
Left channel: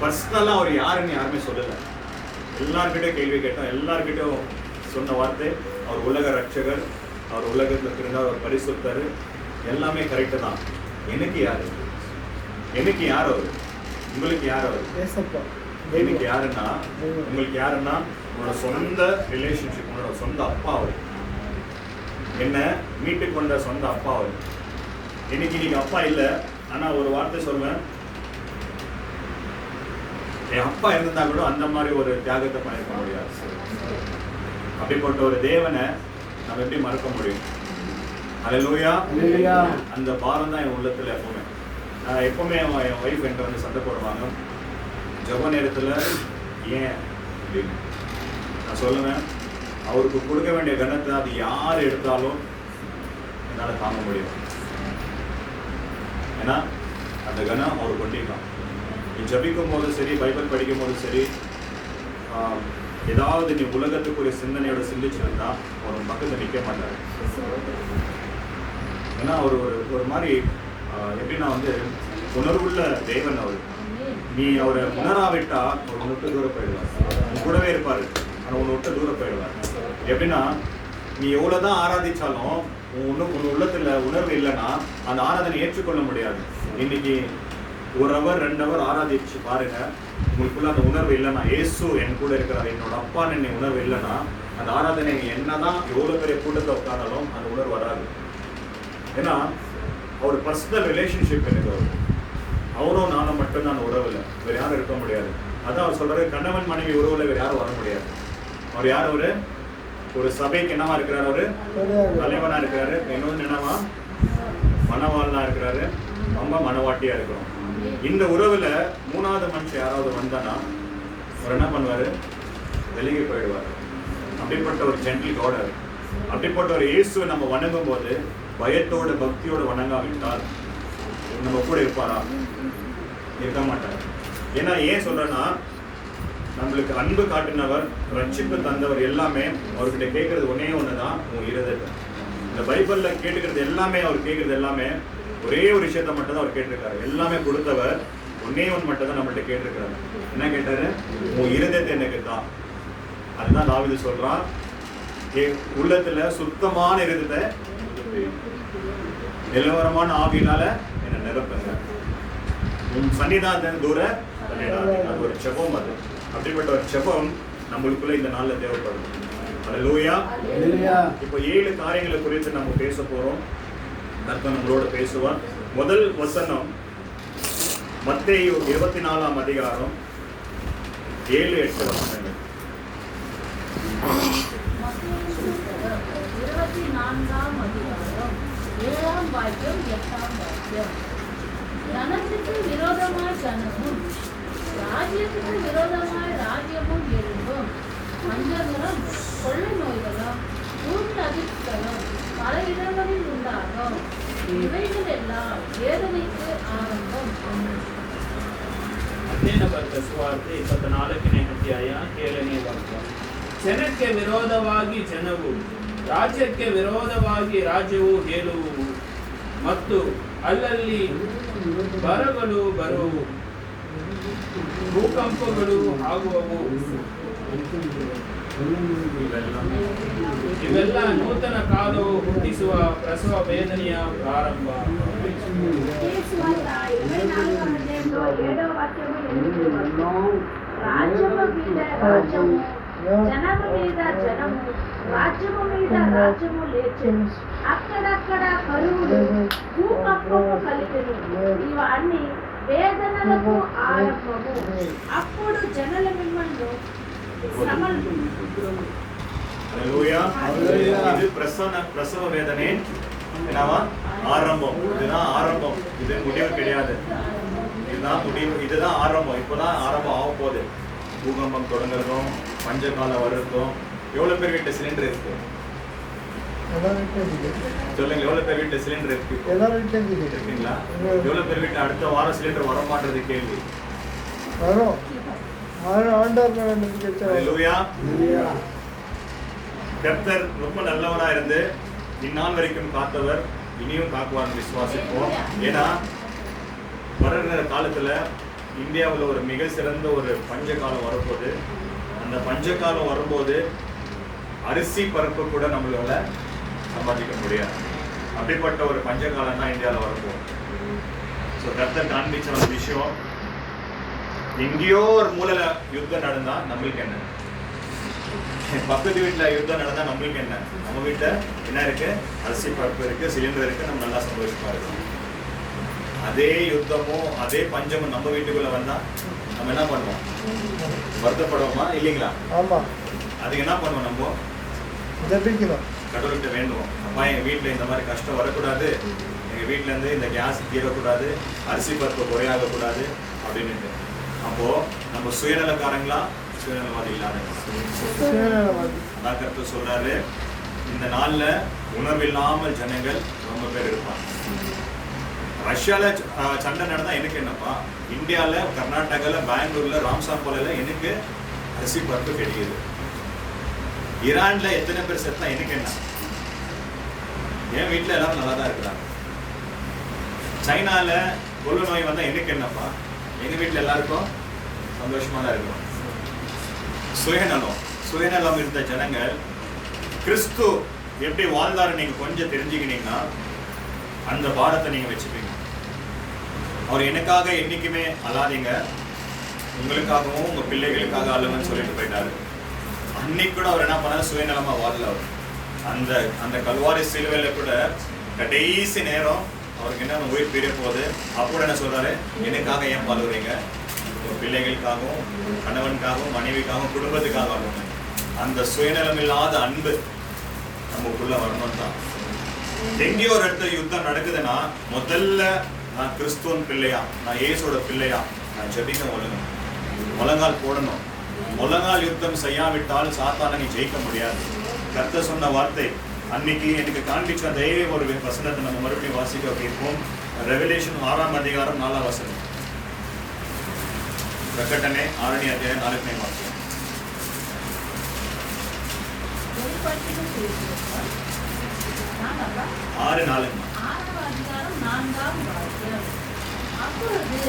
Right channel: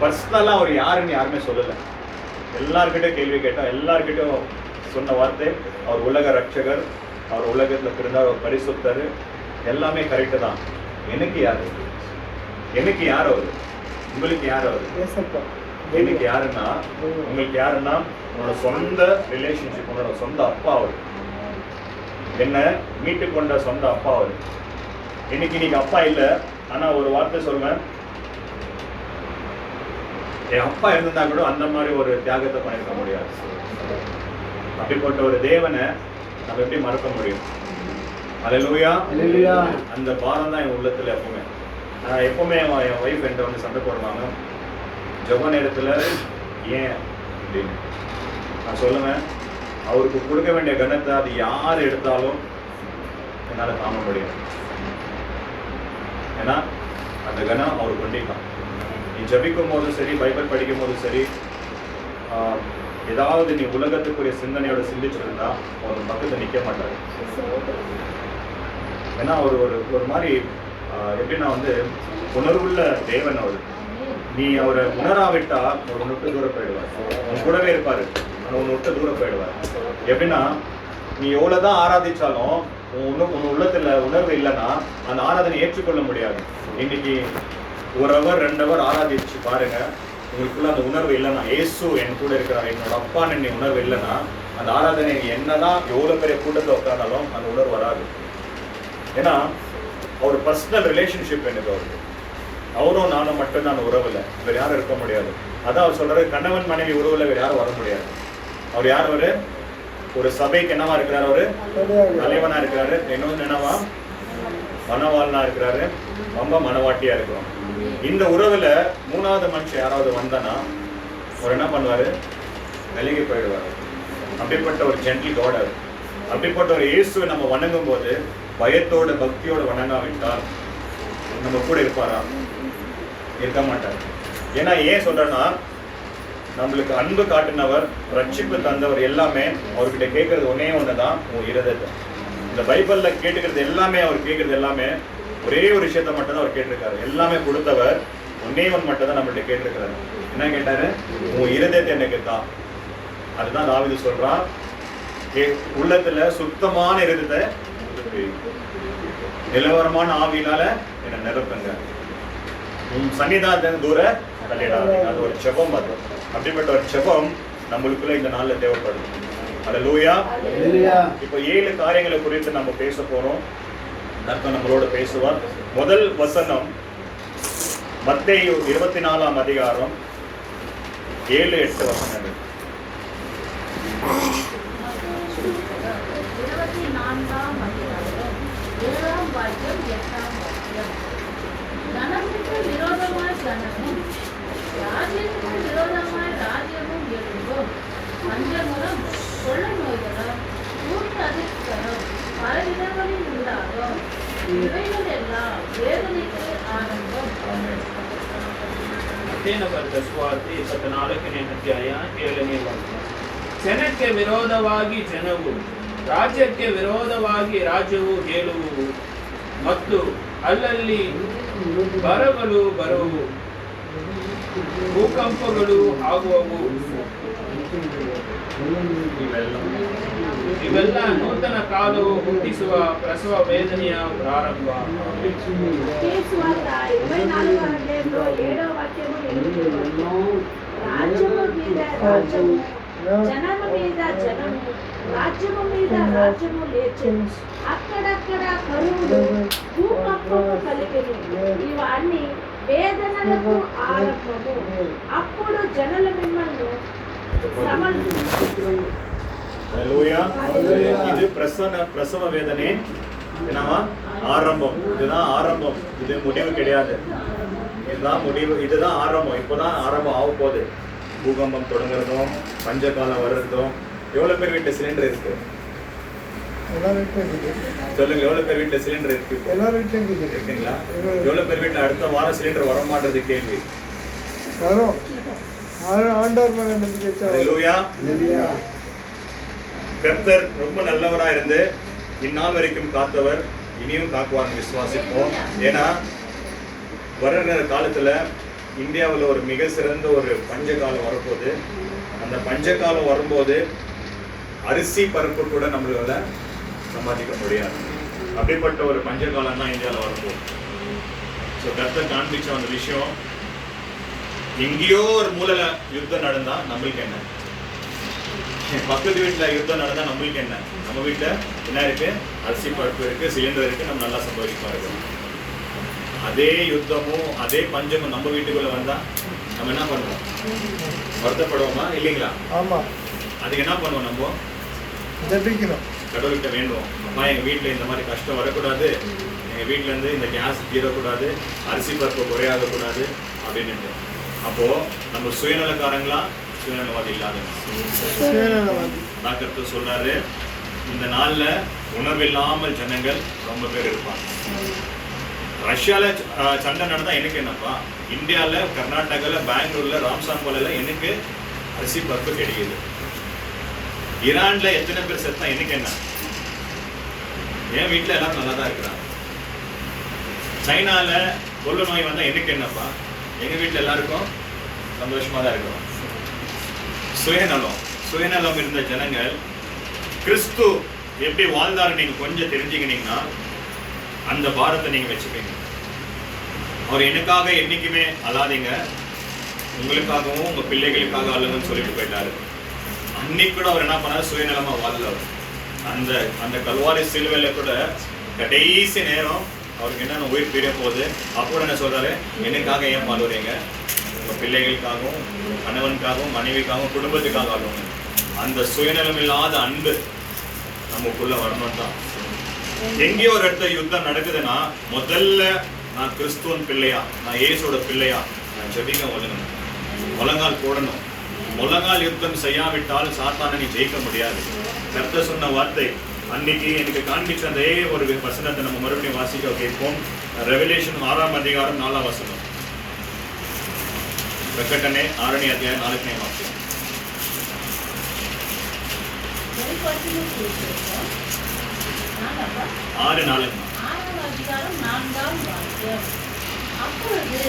பர்சனலாக அவர் யாருன்னு யாருமே சொல்லலை. எல்லார்கிட்டையும் கேள்வி கேட்டோம், எல்லார்கிட்டையும் சொன்ன வார்த்தை, அவர் உலக ரட்சகர், அவர் உலகத்தில் பிறந்தார், அவர் பரிசுத்தர், எல்லாமே கரெக்டு தான். எனக்கு யார், எனக்கு யார் அவர், உங்களுக்கு யார் அவர், எனக்கு யாருன்னா, உங்களுக்கு யாருன்னா உன்னோட சொந்த ரிலேஷன்ஷிப், உன்னோட சொந்த அப்பா அவர், என்ன மீட்டு கொண்ட சொந்த அப்பா அவர். இன்னைக்கு நீங்க அப்பா இல்லை, ஆனால் ஒரு வார்த்தை சொல்வேன், என் அப்பா இருந்திருந்தா கூட அந்த மாதிரி ஒரு தியாகத்தை பண்ணிருக்க முடியாது. அப்படிப்பட்ட ஒரு தேவனை நம்ம எப்படி மறக்க முடியும்? ஹல்லேலூயா. அந்த பாரம் தான் என் உள்ளத்துல எப்பவுமே. நான் எப்பவுமே என் ஒய்ஃப் என்கிட்ட வந்து சண்டை போடுவாங்க, ஜெப நேரத்தில் ஏன் அப்படின்னு. நான் சொல்லுவேன், அவருக்கு கொடுக்க வேண்டிய கனத்தை அது யார் எடுத்தாலும் என்னால் தாங்க முடியும். ஏன்னா அந்த கனம் அவர் கொண்டிருக்கான். நீ ஜபிக்கும் போதும் சரி, பைபிள் படிக்கும் போதும் சரி, ஏதாவது நீ உலகத்துக்குரிய சிந்தனையோட சிந்திச்சிருந்தா அவர் பக்கத்தில் நிற்க மாட்டார். ஏன்னா அவர் ஒரு மாதிரி எப்படின்னா வந்து உணர்வுள்ள தேவன் அவர். நீ அவரை உணராவிட்டா அவர் உன்னை விட்டு தூரம் போயிடுவார். உன் கூடவே இருப்பார், ஆனால் உன்னை விட்டு தூரம் போயிடுவார். எப்படின்னா நீ எவ்வளோதான் ஆராதிச்சாலும் உன் உள்ளத்தில் உணர்வு இல்லைன்னா அந்த ஆராதனை ஏற்றுக்கொள்ள முடியாது. இன்னைக்கு 1 hour 2 hour ஆராதிச்சு பாருங்க, உங்களுக்குள்ள அந்த உணர்வு இல்லைன்னா, இயேசு என் கூட இருக்கிறார், என்னோட அப்பான்னு நீ உணர்வு இல்லைன்னா அந்த ஆராதனை என்னதான் எவ்வளோ பெரிய கூட்டத்தை உட்காந்தாலும் அந்த உணர்வு வராது. ஏன்னா அவர் பர்சனல் ரிலேஷன்ஷிப் எனக்கு அவருக்கு. அவரும் நானும் மட்டும்தான் உறவு இல்லை, வேறு யாரும் இருக்க முடியாது. அதான் அவர் சொல்றாரு, கணவன் மனைவி உறவுல வேறு யாரும் வர முடியாது. அவர் யார்? அவரு ஒரு சபைக்கு என்னவா இருக்கிறார்? அவரு தலைவனா இருக்கிறாரு. இன்னொன்று என்னவா? மனவாளனா இருக்கிறாரு. ரொம்ப மனவாட்டியா இருக்கிறோம். இந்த உறவுல 3வது மனுஷன் யாராவது வந்தானா அவர் என்ன பண்ணுவாரு? விலகி போயிடுவாரு. அப்படிப்பட்ட ஒரு ஜென்டில் காட். அப்படிப்பட்ட ஒரு இயேசுவை நம்ம வணங்கும் போது பயத்தோட பக்தியோட வணங்காவிட்டால் நம்ம கூட இருப்பாரா? இருக்க மாட்டார். ஏன்னா ஏன் சொல்றேன்னா, நம்மளுக்கு அன்பு காட்டினவர், ரட்சிப்பு தந்தவர் எல்லாமே அவர்கிட்ட கேட்கறது ஒன்னே ஒண்ணுதான், உன் இருதயத்தை. இந்த பைபிள்ல கேட்டுக்கிறது எல்லாமே, அவர் கேட்கறது எல்லாமே ஒரே ஒரு விஷயத்த மட்டும் தான் அவர் கேட்டிருக்காரு. எல்லாமே கொடுத்தவர் ஒன்னே ஒன்று மட்டும் தான் நம்மள்ட்ட கேட்டிருக்கிறாரு. என்ன கேட்டாரு? உன் இருதயத்தை எனக்கு தான். அதுதான் தாவீது சொல்றான், உள்ளத்துல சுத்தமான இருதயத்தை, நிலவரமான ஆவியினால என்னை நிரப்புங்க, உன் சன்னிதானத்தை தூர தள்ளிடாதீங்க. அது ஒரு செபம். அது அப்படிப்பட்ட ஒரு செபம் நம்மளுக்குள்ள இந்த நாள்ல தேவைப்படும். அல்லேலூயா. இப்போ 7 காரியங்களை குறித்து நம்ம பேச போறோம். கர்த்தர் நம்மளோட பேசுவார். முதல் வசனம் மத்தேயு 24ஆம் அதிகாரம் 7-8 வசனங்கள். 24ஆம் அதிகாரம் 7ஆம் வாக்கியம் 8ஆம் வாக்கியம். ஜனத்துக்கு விரோதமாய் ஜனமும் ராஜ்யத்துக்கு விரோதமாய் ராஜ்யமும் எழும்பும். பஞ்சமும் கொள்ளை நோய்களும் ஊர் அதிர்ச்சிகளும் பல இடங்களில் உண்டாகும். இவைகள் எல்லாம் வேதனைக்கு ಆರಂಭம். ಅಧ್ಯಯನ ಬರೆದ ಸುವಾರ್ತೆ 14ನೇ ಅಧ್ಯಾಯ 7ನೇ ವಾಕ್ಯ. ಜನಕ್ಕೆ ವಿರೋಧವಾಗಿ ಜನವು, ರಾಜ್ಯಕ್ಕೆ ವಿರೋಧವಾಗಿ ರಾಜ್ಯವು ಹೇಳುವು, ಮತ್ತು ಅಲ್ಲಲ್ಲಿ ಬರಗಳು ಬರುವು, ಭೂಕಂಪಗಳು ಆಗುವವು. ಇವೆಲ್ಲ ನೂತನ ಕಾಲವು ಹುಟ್ಟಿಸುವ ಪ್ರಸವ ವೇದನೆಯ ಪ್ರಾರಂಭ. రాజ్యము మీద రాజ్యము, జనము మీద జనము, రాజ్యము మీద రాజ్యము లేచెను. అక్కడక్కడ కరువులు, భూకంపము కలిగెను. ఇవన్నీ వేదనలకు ఆరంభము. అప్పుడు జనుల మిమ్మల్ని இது பிரசவ வேதனை என்னவா? ஆரம்பம். இதுதான் ஆரம்பம், இது முடிவு கிடையாது. இதுதான் முடிவு, இதுதான் ஆரம்பம். இப்போதான் ஆரம்பம் ஆக போகுது. பூகம்பம் தொடங்குறதும் பஞ்ச காலம் வர்றதும். எவ்வளவு பேர் வீட்டு சிலிண்டர் இருக்கு? சொல்லுங்க, எவ்வளவு பேர் வீட்டு சிலிண்டர் இருக்கு? இருக்குங்களா? எவ்வளவு பேர் வீட்டு அடுத்த வாரம் சிலிண்டர் வர மாட்டேது? கேள்வி வரும். ஆண்டவர் மேல நம்பிக்கை வச்சா. ஹல்லேலூயா. கர்த்தர் ரொம்ப நல்லவரா இருந்து இந்நாள் வரைக்கும் காத்தவர், இனியும் காக்குவார் விசுவாசிப்போம். ஏன்னா வர்ற காலத்துல இந்தியாவில் ஒரு மிக சிறந்த ஒரு பஞ்ச காலம் வரப்போகுது. அந்த பஞ்ச காலம் வரும்போது அரிசி பருப்பு கூட நம்மளால சம்பாதிக்க முடியாது. அப்படிப்பட்ட ஒரு பஞ்ச காலம் தான் இந்தியாவில் வரப்போகுது. ஸோ கர்த்தர் காண்பிச்ச அந்த விஷயம், எங்கேயோ ஒரு மூலையில யுத்தம் நடந்தா நம்மளுக்கு என்ன, பக்கத்து வீட்டுல யுத்தம் நடந்தா நம்மளுக்கு என்ன, நம்ம வீட்டுல என்ன இருக்கு? அரிசி பருப்பு இருக்கு, சிலிண்டர் இருக்கு, நம்ம நல்லா சந்தோஷமா இருக்கோம். அதே யுத்தமும் அதே பஞ்சமும் நம்ம வீட்டுக்குள்ள வந்தா நம்ம என்ன பண்ணுவோம்? வருத்தப்படுவோமா? இல்லைங்களா? ஆமா. அதுக்கு என்ன பண்ணுவோம்? நம்ம கடவுள்கிட்ட வேண்டுவோம், அம்மா எங்க வீட்டுல இந்த மாதிரி கஷ்டம் வரக்கூடாது, எங்கள் வீட்டிலேருந்து இந்த கேஸ் தீரக்கூடாது, அரிசி பருப்பு குறையாகக்கூடாது அப்படின்ட்டு. அப்போது நம்ம சுயநலக்காரங்களா, சுயநலவாதி இல்லாதவங்க? அதான் கருத்து சொல்றாரு. இந்த நாள்ல உணர்வில்லாமல் ஜனங்கள் ரொம்ப பேர் இருப்பாங்க. ரஷ்யால சண்டை நடந்தா எனக்கு என்னப்பா, இந்தியால கர்நாடகால பெங்களூர்ல ராம்சாம்போல எனக்கு அரிசி பருப்பு கிடைக்குது. ஈரான்ல எத்தனை பேர் செத்தா எனக்கு என்ன? என் வீட்டுல எல்லாரும் நல்லா தான் இருக்கிறாங்க. சைனால கொள்ளு நோய் வந்தா எனக்கு என்னப்பா, எங்க வீட்டுல எல்லாருக்கும் சந்தோஷமா தான் இருக்கும். சுயநலம் இருந்த ஜனங்கள் கிறிஸ்து எப்படி வாழ்ந்தாரு நீங்க கொஞ்சம் தெரிஞ்சுக்கினீங்கன்னா அந்த பாரத்தை நீங்க வச்சுப்பீங்க. அவர் எனக்காக என்னைக்குமே அழாதீங்க, உங்களுக்காகவும் உங்க பிள்ளைகளுக்காக அழுவன்னு சொல்லிட்டு போயிட்டாரு. அன்னைக்கு கூட அவர் என்ன பண்ணாரு, சுயநலமா வாழல. அவர் அந்த அந்த கல்வாரி சிலுவையில கூட கடைசி நேரம் அவருக்கு என்னென்ன உயிர் பிரிய போகுது, அப்போ என்ன சொல்றாரு, எனக்காக ஏன் பாடுறீங்க, உங்க பிள்ளைகளுக்காகவும் கணவனுக்காகவும் மனைவிக்காகவும் குடும்பத்துக்காக ஆடுவாங்க. அந்த சுயநலம் இல்லாத அன்பு நமக்குள்ள வரணும் தான். எங்கேயோ ஒரு இடத்துல யுத்தம் நடக்குதுன்னா முதல்ல நான் கிறிஸ்துவன் பிள்ளையா, நான் இயேசுவோட பிள்ளையா, நான் ஜெபிக்க ஒழுங்கணும், முழங்கால் போடணும். முழங்கால் யுத்தம் செய்யாவிட்டால் சாத்தானை நீ ஜெயிக்க முடியாது. கர்த்தர் சொன்ன வார்த்தை அன்னைக்கு எனக்கு காண்பிச்ச அதே ஒரு வசனத்தை நம்ம மறுபடியும் வாசிக்க கேட்போம். ரெவலேஷன் 6ஆம் அதிகாரம் 4ஆம் வசனம். பிரகடனே 6ஆம் அத்தியாயம் 4ஆம் வாக்கியம். அப்பொழுது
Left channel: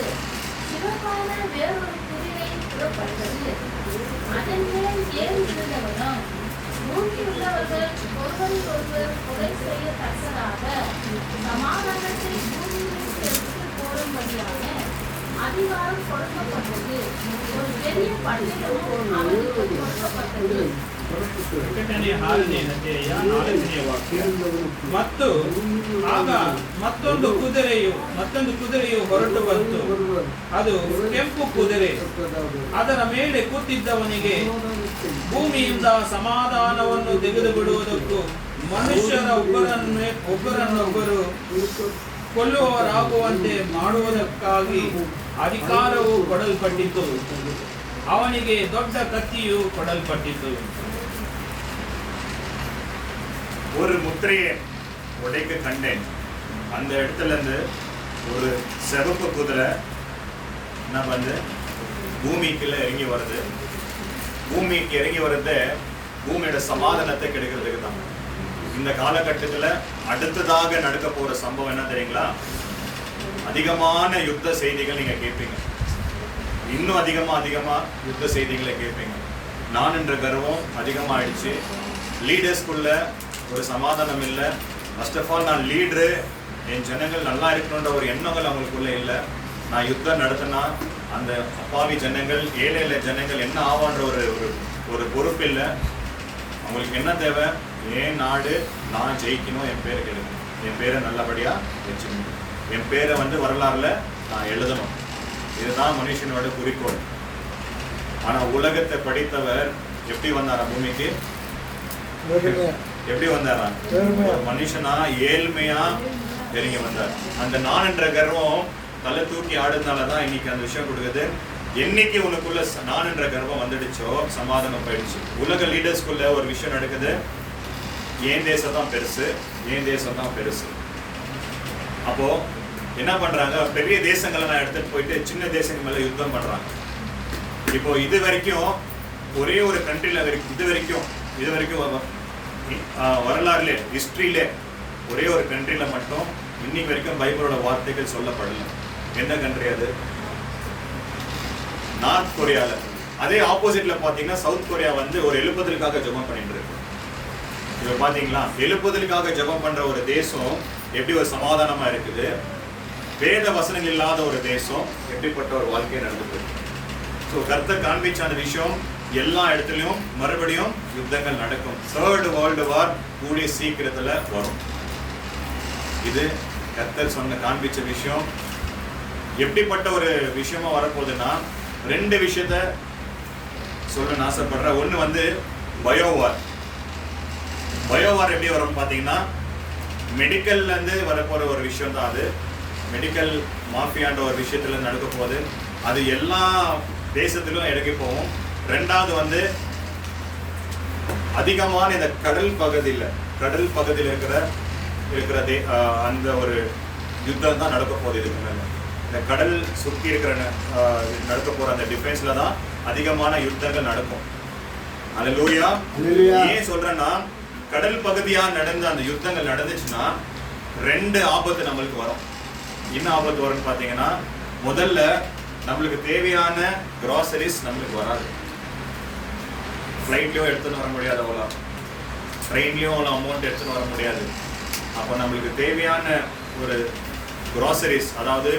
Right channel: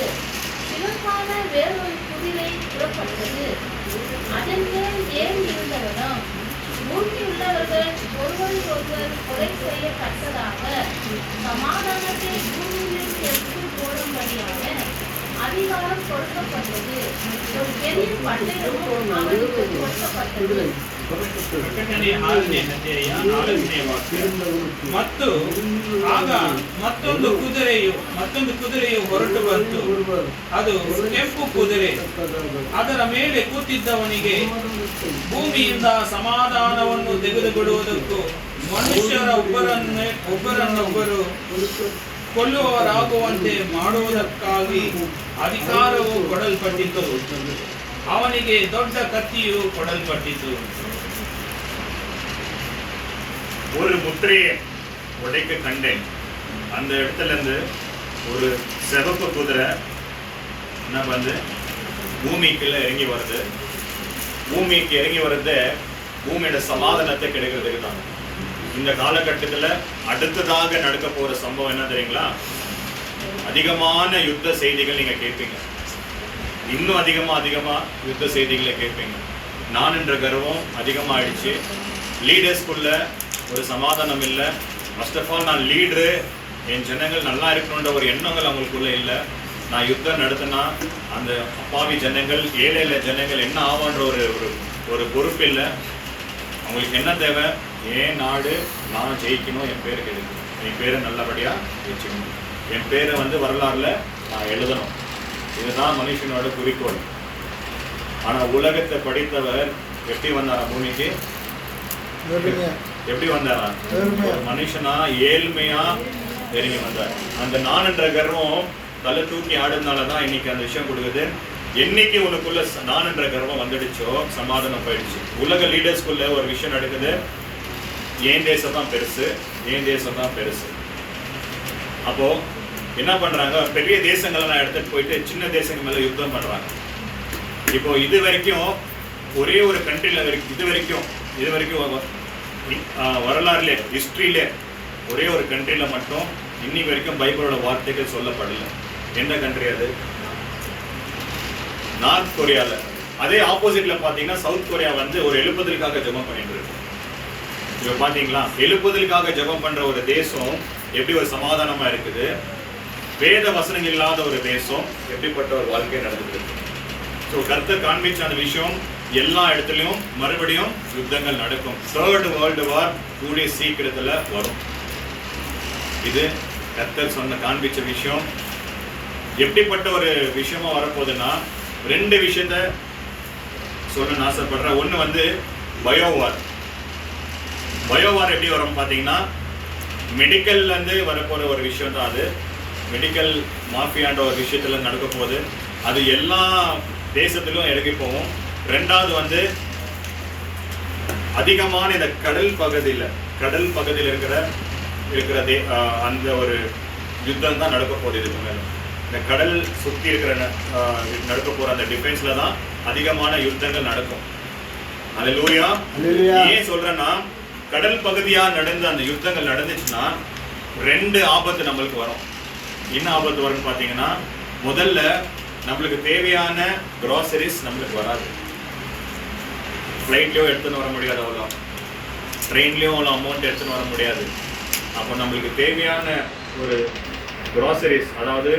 சிறப்பான வேறொரு குதிரை புறப்பட்டது. அதன் மேல் ஏறி இருந்தவனும் பூமியுள்ளவர்கள் ஒருவரையொருவர் கொலை செய்யத்தக்கதாக சமாதானத்தை பூமியில் எடுத்து போடும்படியான அதிகாரம் கொடுக்கப்பட்டது. ஒரு பெரிய பட்டயமும் அவனுக்கு கொடுக்கப்பட்டது. ಪ್ರಕಟಣೆ 6ನೇ ಅಧ್ಯಾಯ 4ನೇ ವಾಕ್ಯ. ಮತ್ತು ಆಗ ಮತ್ತೊಂದು ಕುದುರೆಯು ಹೊರಟು ಬಂತು. ಅದು ಕೆಂಪು ಕುದುರೆ. ಅದರ ಮೇಲೆ ಕೂತಿದ್ದವನಿಗೆ ಭೂಮಿಯಿಂದ ಸಮಾಧಾನವನ್ನು ತೆಗೆದು ಬಿಡುವುದಕ್ಕೂ ಮನುಷ್ಯರ ಒಬ್ಬರನ್ನೊಬ್ಬರು ಕೊಲ್ಲುವವರಾಗುವಂತೆ ಮಾಡುವುದಕ್ಕಾಗಿ ಅಧಿಕಾರವು ಕೊಡಲ್ಪಟ್ಟಿತು. ಅವನಿಗೆ ದೊಡ್ಡ ಕತ್ತಿಯು ಕೊಡಲ್ಪಟ್ಟಿತು. ஒரு முத்திரையை உடைக்க கண்டேன். அந்த இடத்துல இருந்து ஒரு சிவப்பு குதிரை என்ன வந்து பூமிக்குள்ள இறங்கி வருது. பூமிக்கு இறங்கி வர்றது பூமியோட சமாதானத்தை கிடைக்கிறதுக்கு தான். இந்த காலகட்டத்தில் அடுத்ததாக நடக்க போற சம்பவம் என்ன தெரியுங்களா? அதிகமான யுத்த செய்திகள் நீங்க கேட்பீங்க. இன்னும் அதிகமா யுத்த செய்திகளை கேட்பீங்க. நான் என்ற கர்வம் அதிகமாகிடுச்சு. லீடர்ஸ்குள்ள ஒரு சமாதானம் இல்லை. ஃபர்ஸ்ட் ஆஃப் ஆல் நான் லீடரு, என் ஜனங்கள் நல்லா இருக்கணுன்ற ஒரு எண்ணங்கள் அவங்களுக்குள்ள இல்லை. நான் யுத்தம் நடத்தினா அந்த அப்பாவி ஜனங்கள், ஏழை ஜனங்கள் என்ன ஆவான்ற ஒரு பொறுப்பு இல்லை. அவங்களுக்கு என்ன தேவை? என் நாடு நான் ஜெயிக்கணும், என் பேரை கிடைக்கணும், என் பேரை நல்லபடியாக வச்சுக்கணும், என் பேரை வரலாறுல நான் எழுதணும். இதுதான் மனுஷனோட குறிக்கோள். ஆனால் உலகத்தை படித்தவர் எப்படி வந்தாரா பூமிக்கு? எப்படி வந்தாரா? மனுஷனா ஏழ்மையா இறங்கி வந்தார். அந்த நான் என்ற கர்வம் தலை தூக்கி ஆடுனாலதான் இன்னைக்கு அந்த விஷயம் கொடுக்குது. என்னைக்கு உனக்குள்ள நான் என்ற கர்வம் வந்துடுச்சோ சமாதானம் போயிடுச்சு. உலக லீடர்ஸ்குள்ள ஒரு விஷயம் நடக்குது, ஏன் தேசம் தான் பெருசு, ஏன் தேசம் தான் பெருசு. அப்போ என்ன பண்றாங்க? பெரிய தேசங்கள்லாம் எடுத்துட்டு போயிட்டு சின்ன தேசங்கள் மேல யுத்தம் பண்றாங்க. இப்போ இது வரைக்கும் ஒரே ஒரு கண்ட்ரில இது வரைக்கும் வரலாறுல ஹிஸ்டரியில ஒரே ஒரு கண்ட்ரில மட்டும் இன்னைக்கு வரைக்கும் பைபிளோட வார்த்தைகள் சொல்லப்படல. எந்த கண்ட்ரி அது? நார்த் கொரியால. அதே ஆப்போசிட்ல பாத்தீங்கன்னா சவுத் கொரியா ஒரு எழுப்புதலுக்காக ஜெபம் பண்ணிட்டு இருக்கு. இப்ப பாத்தீங்களா, எழுப்புதலுக்காக ஜெபம் பண்ற ஒரு தேசம் எப்படி ஒரு சமாதானமா இருக்குது. வேத வசனங்கள் இல்லாத ஒரு தேசம் எப்படிப்பட்ட ஒரு வாழ்க்கை நடந்துட்டு இருக்கு. ஸோ கர்த்தர் காண்பிச்ச அந்த விஷயம் எல்லா இடத்துலையும் மறுபடியும் யுத்தங்கள் நடக்கும். 3rd வேர்ல்டு வார் கூடிய சீக்கிரத்துல வரும். இது கர்த்தர் சொன்ன காண்பிச்ச விஷயம். எப்படிப்பட்ட ஒரு விஷயமா வரப்போகுதுன்னா 2 விஷயத்த சொல்ல ஆசைப்படுறேன். ஒன்று பயோவார். பயோவார் எப்படி வரும் பார்த்தீங்கன்னா, மெடிக்கல்லேருந்து வரப்போகிற ஒரு விஷயம் தான் அது. மெடிக்கல் மாஃபியான்ற ஒரு விஷயத்தில் நடக்க போகுது. அது எல்லா தேசத்திலும் எடுக்க போகும். ரெண்டாவது வந்து அதிகமான இந்த கடல் பகுதியில் இருக்கிற அந்த ஒரு யுத்தம் தான் நடக்க போகுது. இதுக்கு மேலே இந்த கடல் சுற்றி இருக்கிற நடக்க போகிற அந்த டிஃபென்ஸில் தான் அதிகமான யுத்தங்கள் நடக்கும். அல்லேலூயா. ஏன் சொல்றேன்னா, கடல் பகுதியா நடந்த அந்த யுத்தங்கள் நடந்துச்சுன்னா 2 ஆபத்து நம்மளுக்கு வரும். என்ன ஆபத்து வரும்னு பார்த்தீங்கன்னா, முதல்ல நம்மளுக்கு தேவையான கிராசரிஸ் நம்மளுக்கு வராது. ஃப்ளைட்லயும் எடுத்துன்னு வர முடியாது, அவ்வளோ ட்ரெயின்லயும் அவ்வளோ அமௌண்ட் எடுத்துன்னு வர முடியாது. அப்போ நம்மளுக்கு தேவையான ஒரு கிராசரிஸ், அதாவது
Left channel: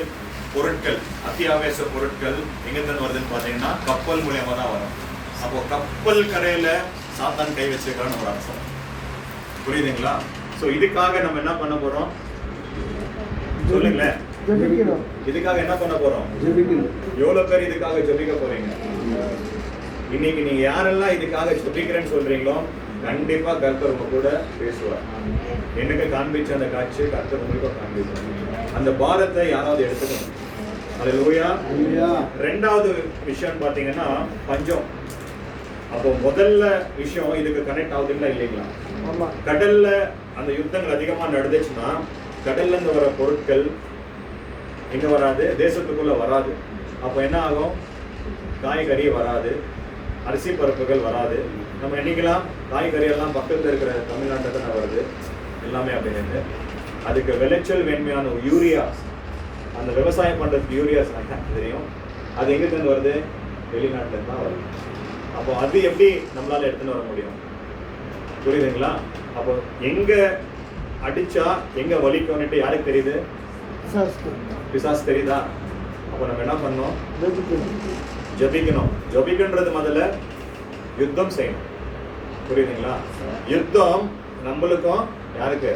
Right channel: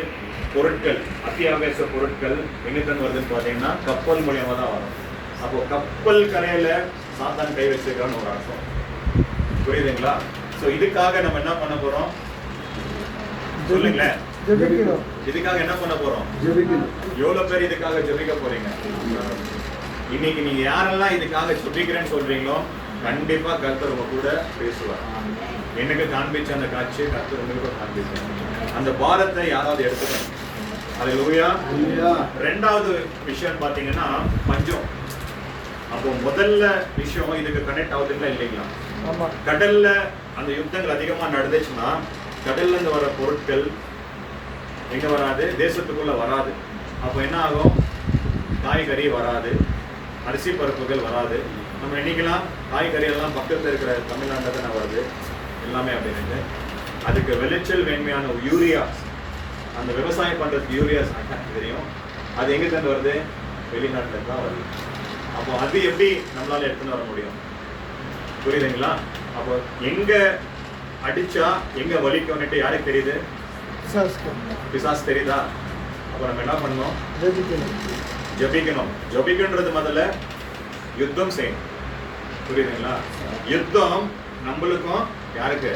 பொருட்கள், அத்தியாவசிய பொருட்கள் எங்கேருந்து வருதுன்னு பார்த்தீங்கன்னா கப்பல் மூலியமாக தான் வரும். அப்போ கப்பல் கரையில சாத்தான் கை வச்சிருக்கான்னு ஒரு அர்த்தம். புரியுதுங்களா? ஸோ இதுக்காக நம்ம என்ன பண்ண போறோம் சொல்லுங்களேன். இதுக்காக என்ன பண்ண போறோம்? எவ்வளவு பேர் இதுக்காக ஜெபிக்க போறீங்க? இன்னைக்கு நீங்க யாரெல்லாம் இதுக்காக ஜெபிக்கிறேன்னு சொல்றீங்களோ கண்டிப்பா கர்த்தர் உங்க கூட பேசுவார். எனக்கு காண்பிச்ச அந்த காட்சியை கர்த்தர் உங்களுக்கும் காண்பிச்சார். அந்த பாரத்தை யாராவது எடுத்துக்கணும். அல்லேலூயா. ரெண்டாவது விஷயம் பாத்தீங்கன்னா பஞ்சம். அப்போ முதல்ல விஷயம் இதுக்கு கனெக்ட் ஆகுதுங்களா இல்லைங்களா? கடல்ல அந்த யுத்தங்கள் அதிகமா நடந்துச்சுன்னா கடல்ல இருந்து வர பொருட்கள் எங்க வராது? தேசத்துக்குள்ள வராது. அப்போ என்ன ஆகும்? காய்கறி வராது, அரிசி பருப்புகள் வராது. நம்ம என்னைக்கெல்லாம் காய்கறி எல்லாம் பக்கத்துல இருக்கிற தமிழ்நாட்டில் தானே வருது எல்லாமே அப்படின்ட்டு. அதுக்கு விளைச்சல் வேண்மையான யூரியாஸ், அந்த விவசாயம் பண்றதுக்கு யூரியாஸ் தெரியும், அது எங்க இருந்து வருது? வெளிநாட்டுல தான் வருது. அப்போ அது எப்படி நம்மளால எடுத்துன்னு வர முடியும்? புரியுதுங்களா? அப்போ எங்க அடிச்சா எங்க வலிக்கும்னுட்டு யாருக்கு தெரியுது? பிசாசு தெரியுதா? அப்போ நம்ம என்ன பண்ணணும்? ஜபிக்கணும். ஜபிக்கன்றது முதல்ல யுத்தம் செய்யணும். புரியுதுங்களா? யுத்தம் நம்மளுக்கும் யாருக்கு?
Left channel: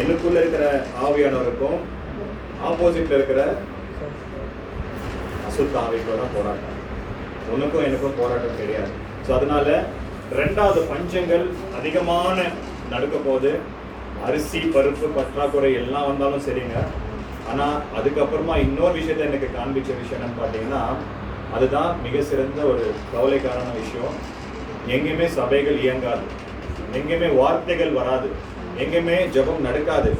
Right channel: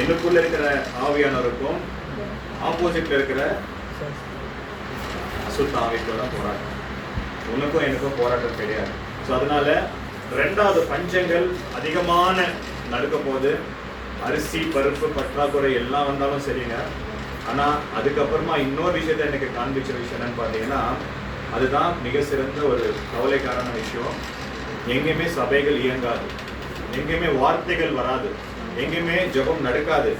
எனக்குள்ள இருக்கிற ஆவியானவருக்கும் ஆப்போசிட்ல இருக்கிற அசுத்த ஆவிக்குள்ள போராட்டம். உனக்கும் எனக்கும் போராட்டம் கிடையாது. ஸோ அதனால ரெண்டாவது பஞ்சங்கள் அதிகமான நடக்க போது. அரிசி பருப்பு பற்றாக்குறை எல்லாம் வந்தாலும் சரிங்க. ஆனா அதுக்கப்புறமா இன்னொரு விஷயத்த எனக்கு காண்பிச்ச விஷயம் என்னன்னு பார்த்தீங்கன்னா, அதுதான் மிக சிறந்த ஒரு கவலைக்காரான விஷயம். எங்கேயுமே சபைகள் இயங்காது, எங்கேயுமே வார்த்தைகள் வராது, எங்கேயுமே ஜெபம் நடக்காது,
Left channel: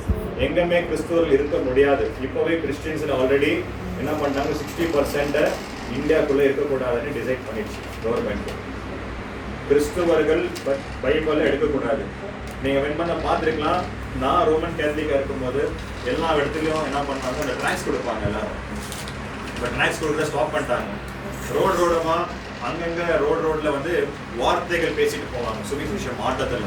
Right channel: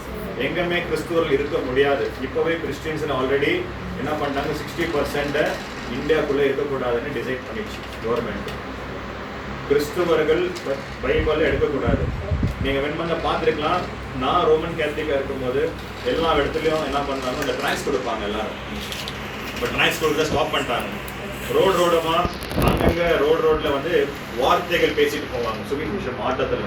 எங்கேயுமே கிறிஸ்துவர்கள் இருக்க முடியாது. இப்போவே கிறிஸ்டியன்ஸ் ஆல்ரெடி என்ன பண்ணிட்டாங்க? 60% இந்தியாவுக்குள்ளே இருக்கக்கூடாதுன்னு டிசைட் பண்ணிடுச்சு கவர்மெண்ட். கிறிஸ்துவர்கள் பைபிளில் எடுக்கக்கூடாது. நீங்கள் வெண்மண்ண பார்த்துருக்கலாம். நான் ரோமன் கேத்தலிக்காக இருக்கும்போது எல்லா இடத்துலையும் என்ன பண்ணாங்க? அந்த ட்ராக்ஸ் கொடுப்பாங்க எல்லாரும். பட் ட்ராக்ஸ் கொடுக்க ஸ்டாப் பண்ணிட்டாங்க. ரோடமா அங்கங்கே ரோட்ல வந்து வார்த்தைகள் பேசிட்டு போவாங்க. சுவிசேஷம்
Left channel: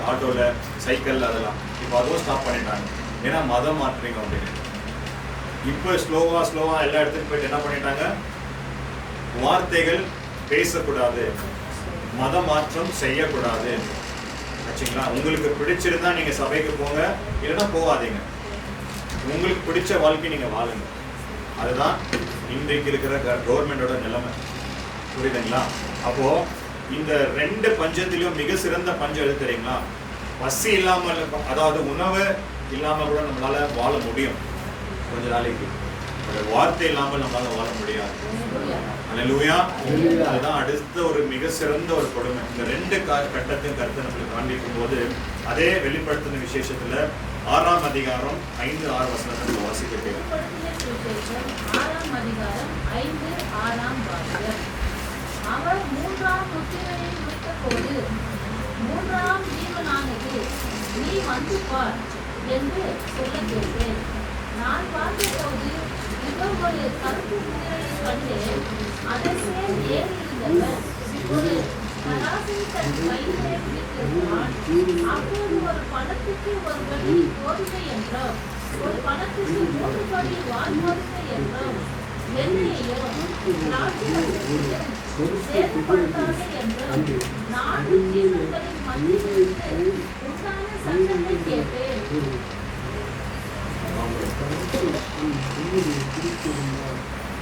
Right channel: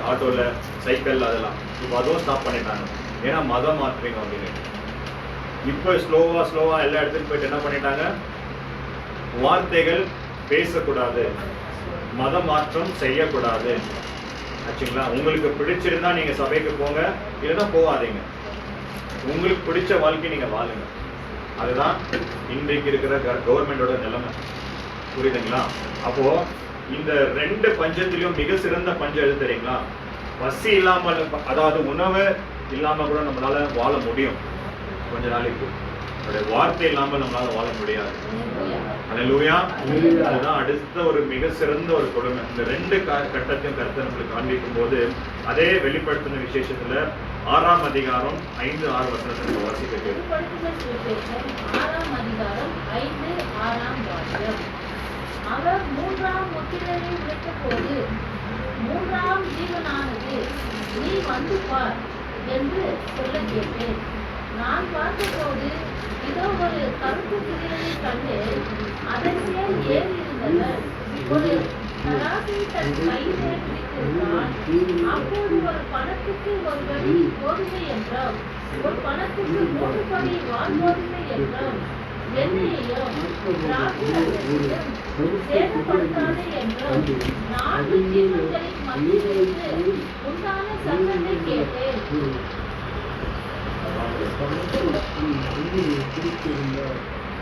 ஆட்டோவில் சைக்கிள் அதெல்லாம். இப்போ அதுவும் ஸ்டாப் பண்ணிட்டாங்க. ஏன்னா மதம் மாற்றுறீங்க அப்படின்னு. இப்போ ஸ்லோவா எல்லா இடத்துலையும் போயிட்டு என்ன பண்ணிட்டாங்க? வார்த்தைகள் பேசக்கூடாது, மத மாற்றம் செய்யக்கூடாது. ஆச்சுங்களா? உங்களுக்கு பிடிச்சிருந்தா நீங்க சபைக்கு போங்க, இல்லைன்னா போகாதீங்க. உங்களுக்கு பிடிச்ச வாழ்க்கை நீங்க வாழுங்க. அதுதான் இன்றைக்கு இருக்கிற கவர்மெண்டோட நிலைமை. புரியுதுங்களா? அப்போ இந்த 2 பஞ்சத்திலும் மிக சிறந்த பஞ்சம் எது தெரியுங்களா? பசி இல்லாமல், அதாவது உணவு இல்லாம கூட நம்மளால வாழ முடியும் கொஞ்ச நாளைக்கு. வார்த்தை இல்லாமல் நம்மளால வாழ முடியாது. அல்லேலூயா. அதுதான் அடுத்த ஒரு மிக சிறந்த ஒரு கொடுமை. இந்த 2 கட்டத்தையும் கருத்தை நம்மளுக்கு காண்பிக்கும் போது அதே வெளிப்படுத்தின விசேஷத்துல 6ஆம் அதிகாரம் 5-6 வசனத்தை வாசிக்க கேள்வி. அவர் 3ஆம் முத்திரையை விட்டபோது 3ஆம் ஜீவனானது, நீ வந்து பார் என்று சொல்ல கேட்டேன். நான் பார்த்தபோது இதோ ஒரு கருப்பு குதிரையை கண்டேன். அதன் மேல் ஏறியிருந்தவர் ஒரு தராசை தன் கையிலே பிடித்திருந்தான். அப்போது ஒரு பணத்துக்கு ஒரு படி கோதுமை என்றும், ஒரு பணத்துக்கு 3 படி வான்கோதுமை என்றும், எண்ணெயையும் திராட்சைரசத்தையும் சேதப்படுத்தாதே என்றும் 4 ஜீவன்களின் மத்தியிலிருந்து உண்டான சத்தத்தை கேட்டேன்.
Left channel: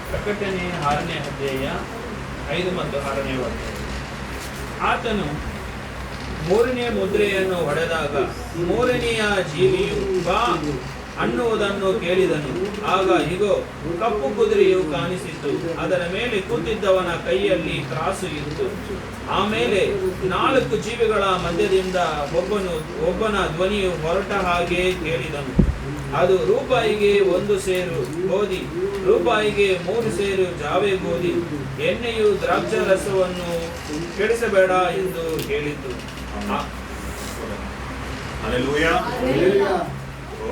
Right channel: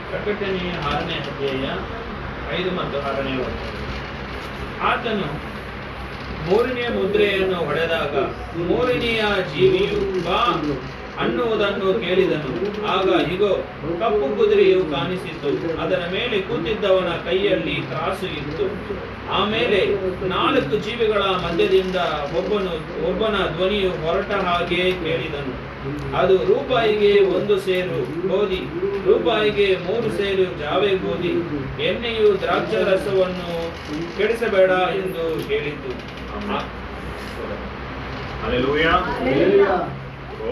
ಪ್ರಕಟಣೆ 6ನೇ ಅಧ್ಯಾಯ 5 ಮತ್ತು 6ನೇ ವಾಕ್ಯ. ಆತನು ಮೂರನೇ ಮುದ್ರೆಯನ್ನು ಹೊಡೆದಾಗ ಮೂರನೆಯ ಜೀವಿಯು ಬಾ ಅನ್ನುವುದನ್ನು ಕೇಳಿದನು. ಆಗ ಇಗೋ, ಕಪ್ಪು ಕುದುರೆಯು ಕಾಣಿಸಿತು. ಅದರ ಮೇಲೆ ಕೂತಿದ್ದವನ ಕೈಯಲ್ಲಿ ತ್ರಾಸು ಇತ್ತು. ಆಮೇಲೆ 4 ಜೀವಿಗಳ ಮಧ್ಯದಿಂದ ಒಬ್ಬನ ಧ್ವನಿಯು ಹೊರಟ ಹಾಗೆ ಕೇಳಿದನು. ಅದು ರೂಪಾಯಿಗೆ 1 ಸೇರು ಗೋಧಿ, ರೂಪಾಯಿಗೆ 3 ಸೇರು ಜಾವೆ ಗೋಧಿ, ಎಣ್ಣೆಯು ದ್ರಾಕ್ಷಾರಸವನ್ನು ಕೆಡಿಸಬೇಡ ಎಂದು ಹೇಳಿತು. அல்லேலூயா. இப்போ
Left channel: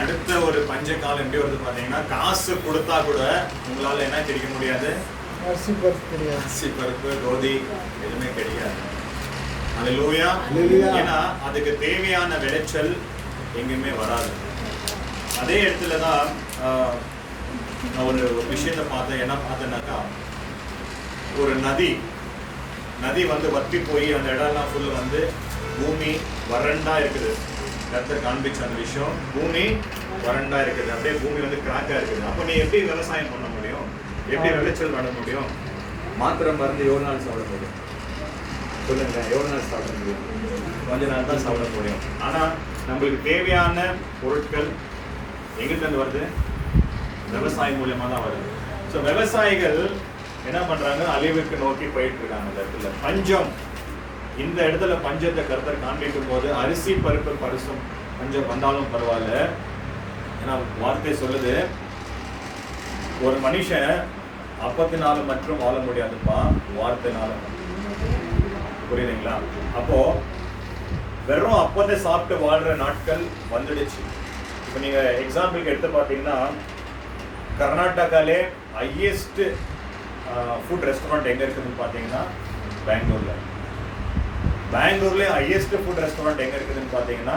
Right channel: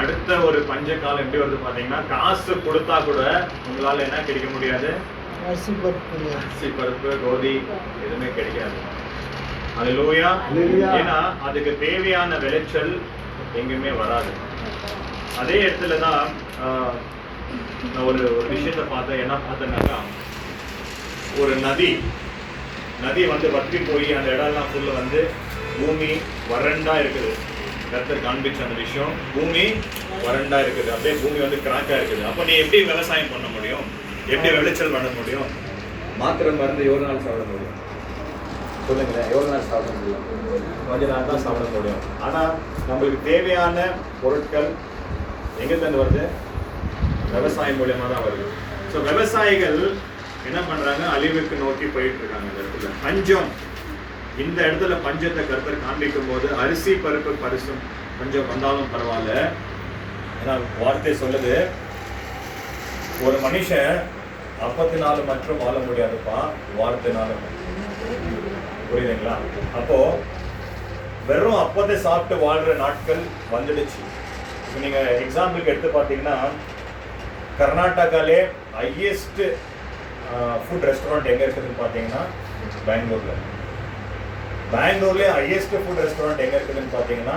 அடுத்த ஒரு பஞ்ச காலம் எப்படி வருது பாத்தீங்கன்னா, காசு கொடுத்தா கூட உங்களால என்ன கிடைக்க முடியாது, அரிசி பருப்பு கிடையாது. அரிசி பருப்பு கோதி எதுவுமே கிடைக்காது. அல்லேலூயா. ஏன்னா அதுக்கு தேவையான விளைச்சல் எங்கேயுமே வராது. அதே இடத்துல தான் நான் ஒரு விஷயத்தை பார்த்தேன். என்ன பார்த்தேன்னாக்கா, ஒரு நதி வந்து வற்றி போய் அந்த இடம்லாம் ஃபுல்லு வந்து பூமி வறண்டா இருக்குது. கர்த்தர் காண்பிச்ச அந்த விஷயம், பூமி வறண்டா இருக்குது, அப்படியே பூமி வந்து கிராக்கா இருக்குது. அப்போ நீ எப்படி விவசாயம் பண்ண முடியும், எப்படி விளைச்சல் பண்ண முடியும்? மாத்திரை மருந்து எவ்வளோ நாள் சாப்பிட முடியும் சொல்லுங்க, எவ்வளோ நாள் சாப்பிட முடியும்? கொஞ்ச நாள் தான் சாப்பிட முடியும். ஆனால் நம்மளுக்கு தேவையான பொருட்கள் எங்கிருந்து வருது? விவசாயம் மூலியமா தான் வருது. ஸோ விவசாயிகள் என்ன பண்றாங்க, அழிவுக்கு நோக்கி போயிட்டு இருக்காங்க. இந்த இடத்துல பஞ்சம், இந்த இடத்துல பஞ்சத்தை கர்த்தர் காண்பிக்கும் போது அரிசி பருப்பு பரிசும் பஞ்சம் வந்தாலும் பரவாயில்ல. ஏன்னா வார்த்தை சொல்லுது, ஒரு மனுஷன் அப்பத்தினாலும் மற்றும் வாழ முடியாதுப்பா, வார்த்தைனாலும். புரியுதுங்களா? அப்போ வெறும் அப்பத்தை சாப்பிட்டு வாழ்ற நாட்கள் வந்துடுச்சு. இப்போ நீங்க எக்ஸாம்பிளுக்கு எடுத்து பார்த்தீங்கன்னா, கர்நாடகாலே ஹையஸ்ட் ஃபுட் ரெஸ்டாரண்ட் எங்கே இருக்குதுன்னு பார்த்தீங்கன்னா பெங்களூர்லேயே ஹையஸ்ட் ஃபுட் ரெஸ்டாரண்ட் எங்கே இருக்குதுன்னு பார்த்தீங்கன்னா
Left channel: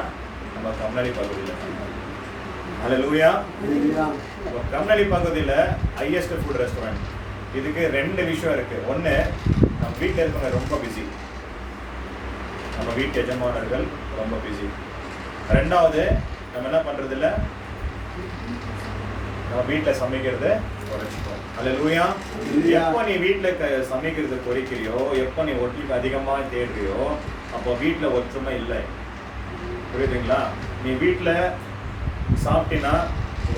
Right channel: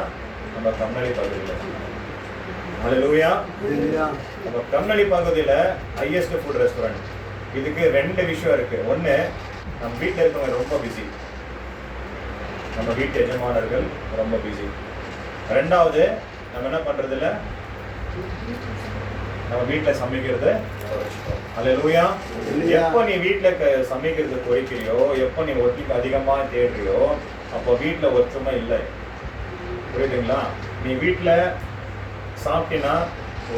நம்ம கம்னலி பகுதியில். அல்லேலூயா. நம்ம கம்னலி பகுதியில் ஹையஸ்ட் ஃபுட் ரெஸ்டாரண்ட். இதுக்கு 2 விஷயம் இருக்குது. ஒன்று, நம்ம வீட்டில் இருக்கவங்க ரொம்ப பிஸி, நம்ம வீட்டு எஜமானர்கள் ரொம்ப பிஸி. 2வது, நம்ம என்ன பண்ணுறதில்ல, நம்ம வீட்டில் சமைக்கிறது குறைச்சிட்டோம். அல்லேலூயா. எப்போ நீ வீட்டில் சமைக்கிறது குறைக்கிறியோ, எப்போ நீ ஒட்டிக்கு அதிகமாக தேடுறியோ, அப்போ வீட்டில் ஒற்றுமை இல்லை. புரியுதுங்களா? நீ வீட்டில் சாப்பிட்டீங்கன்னா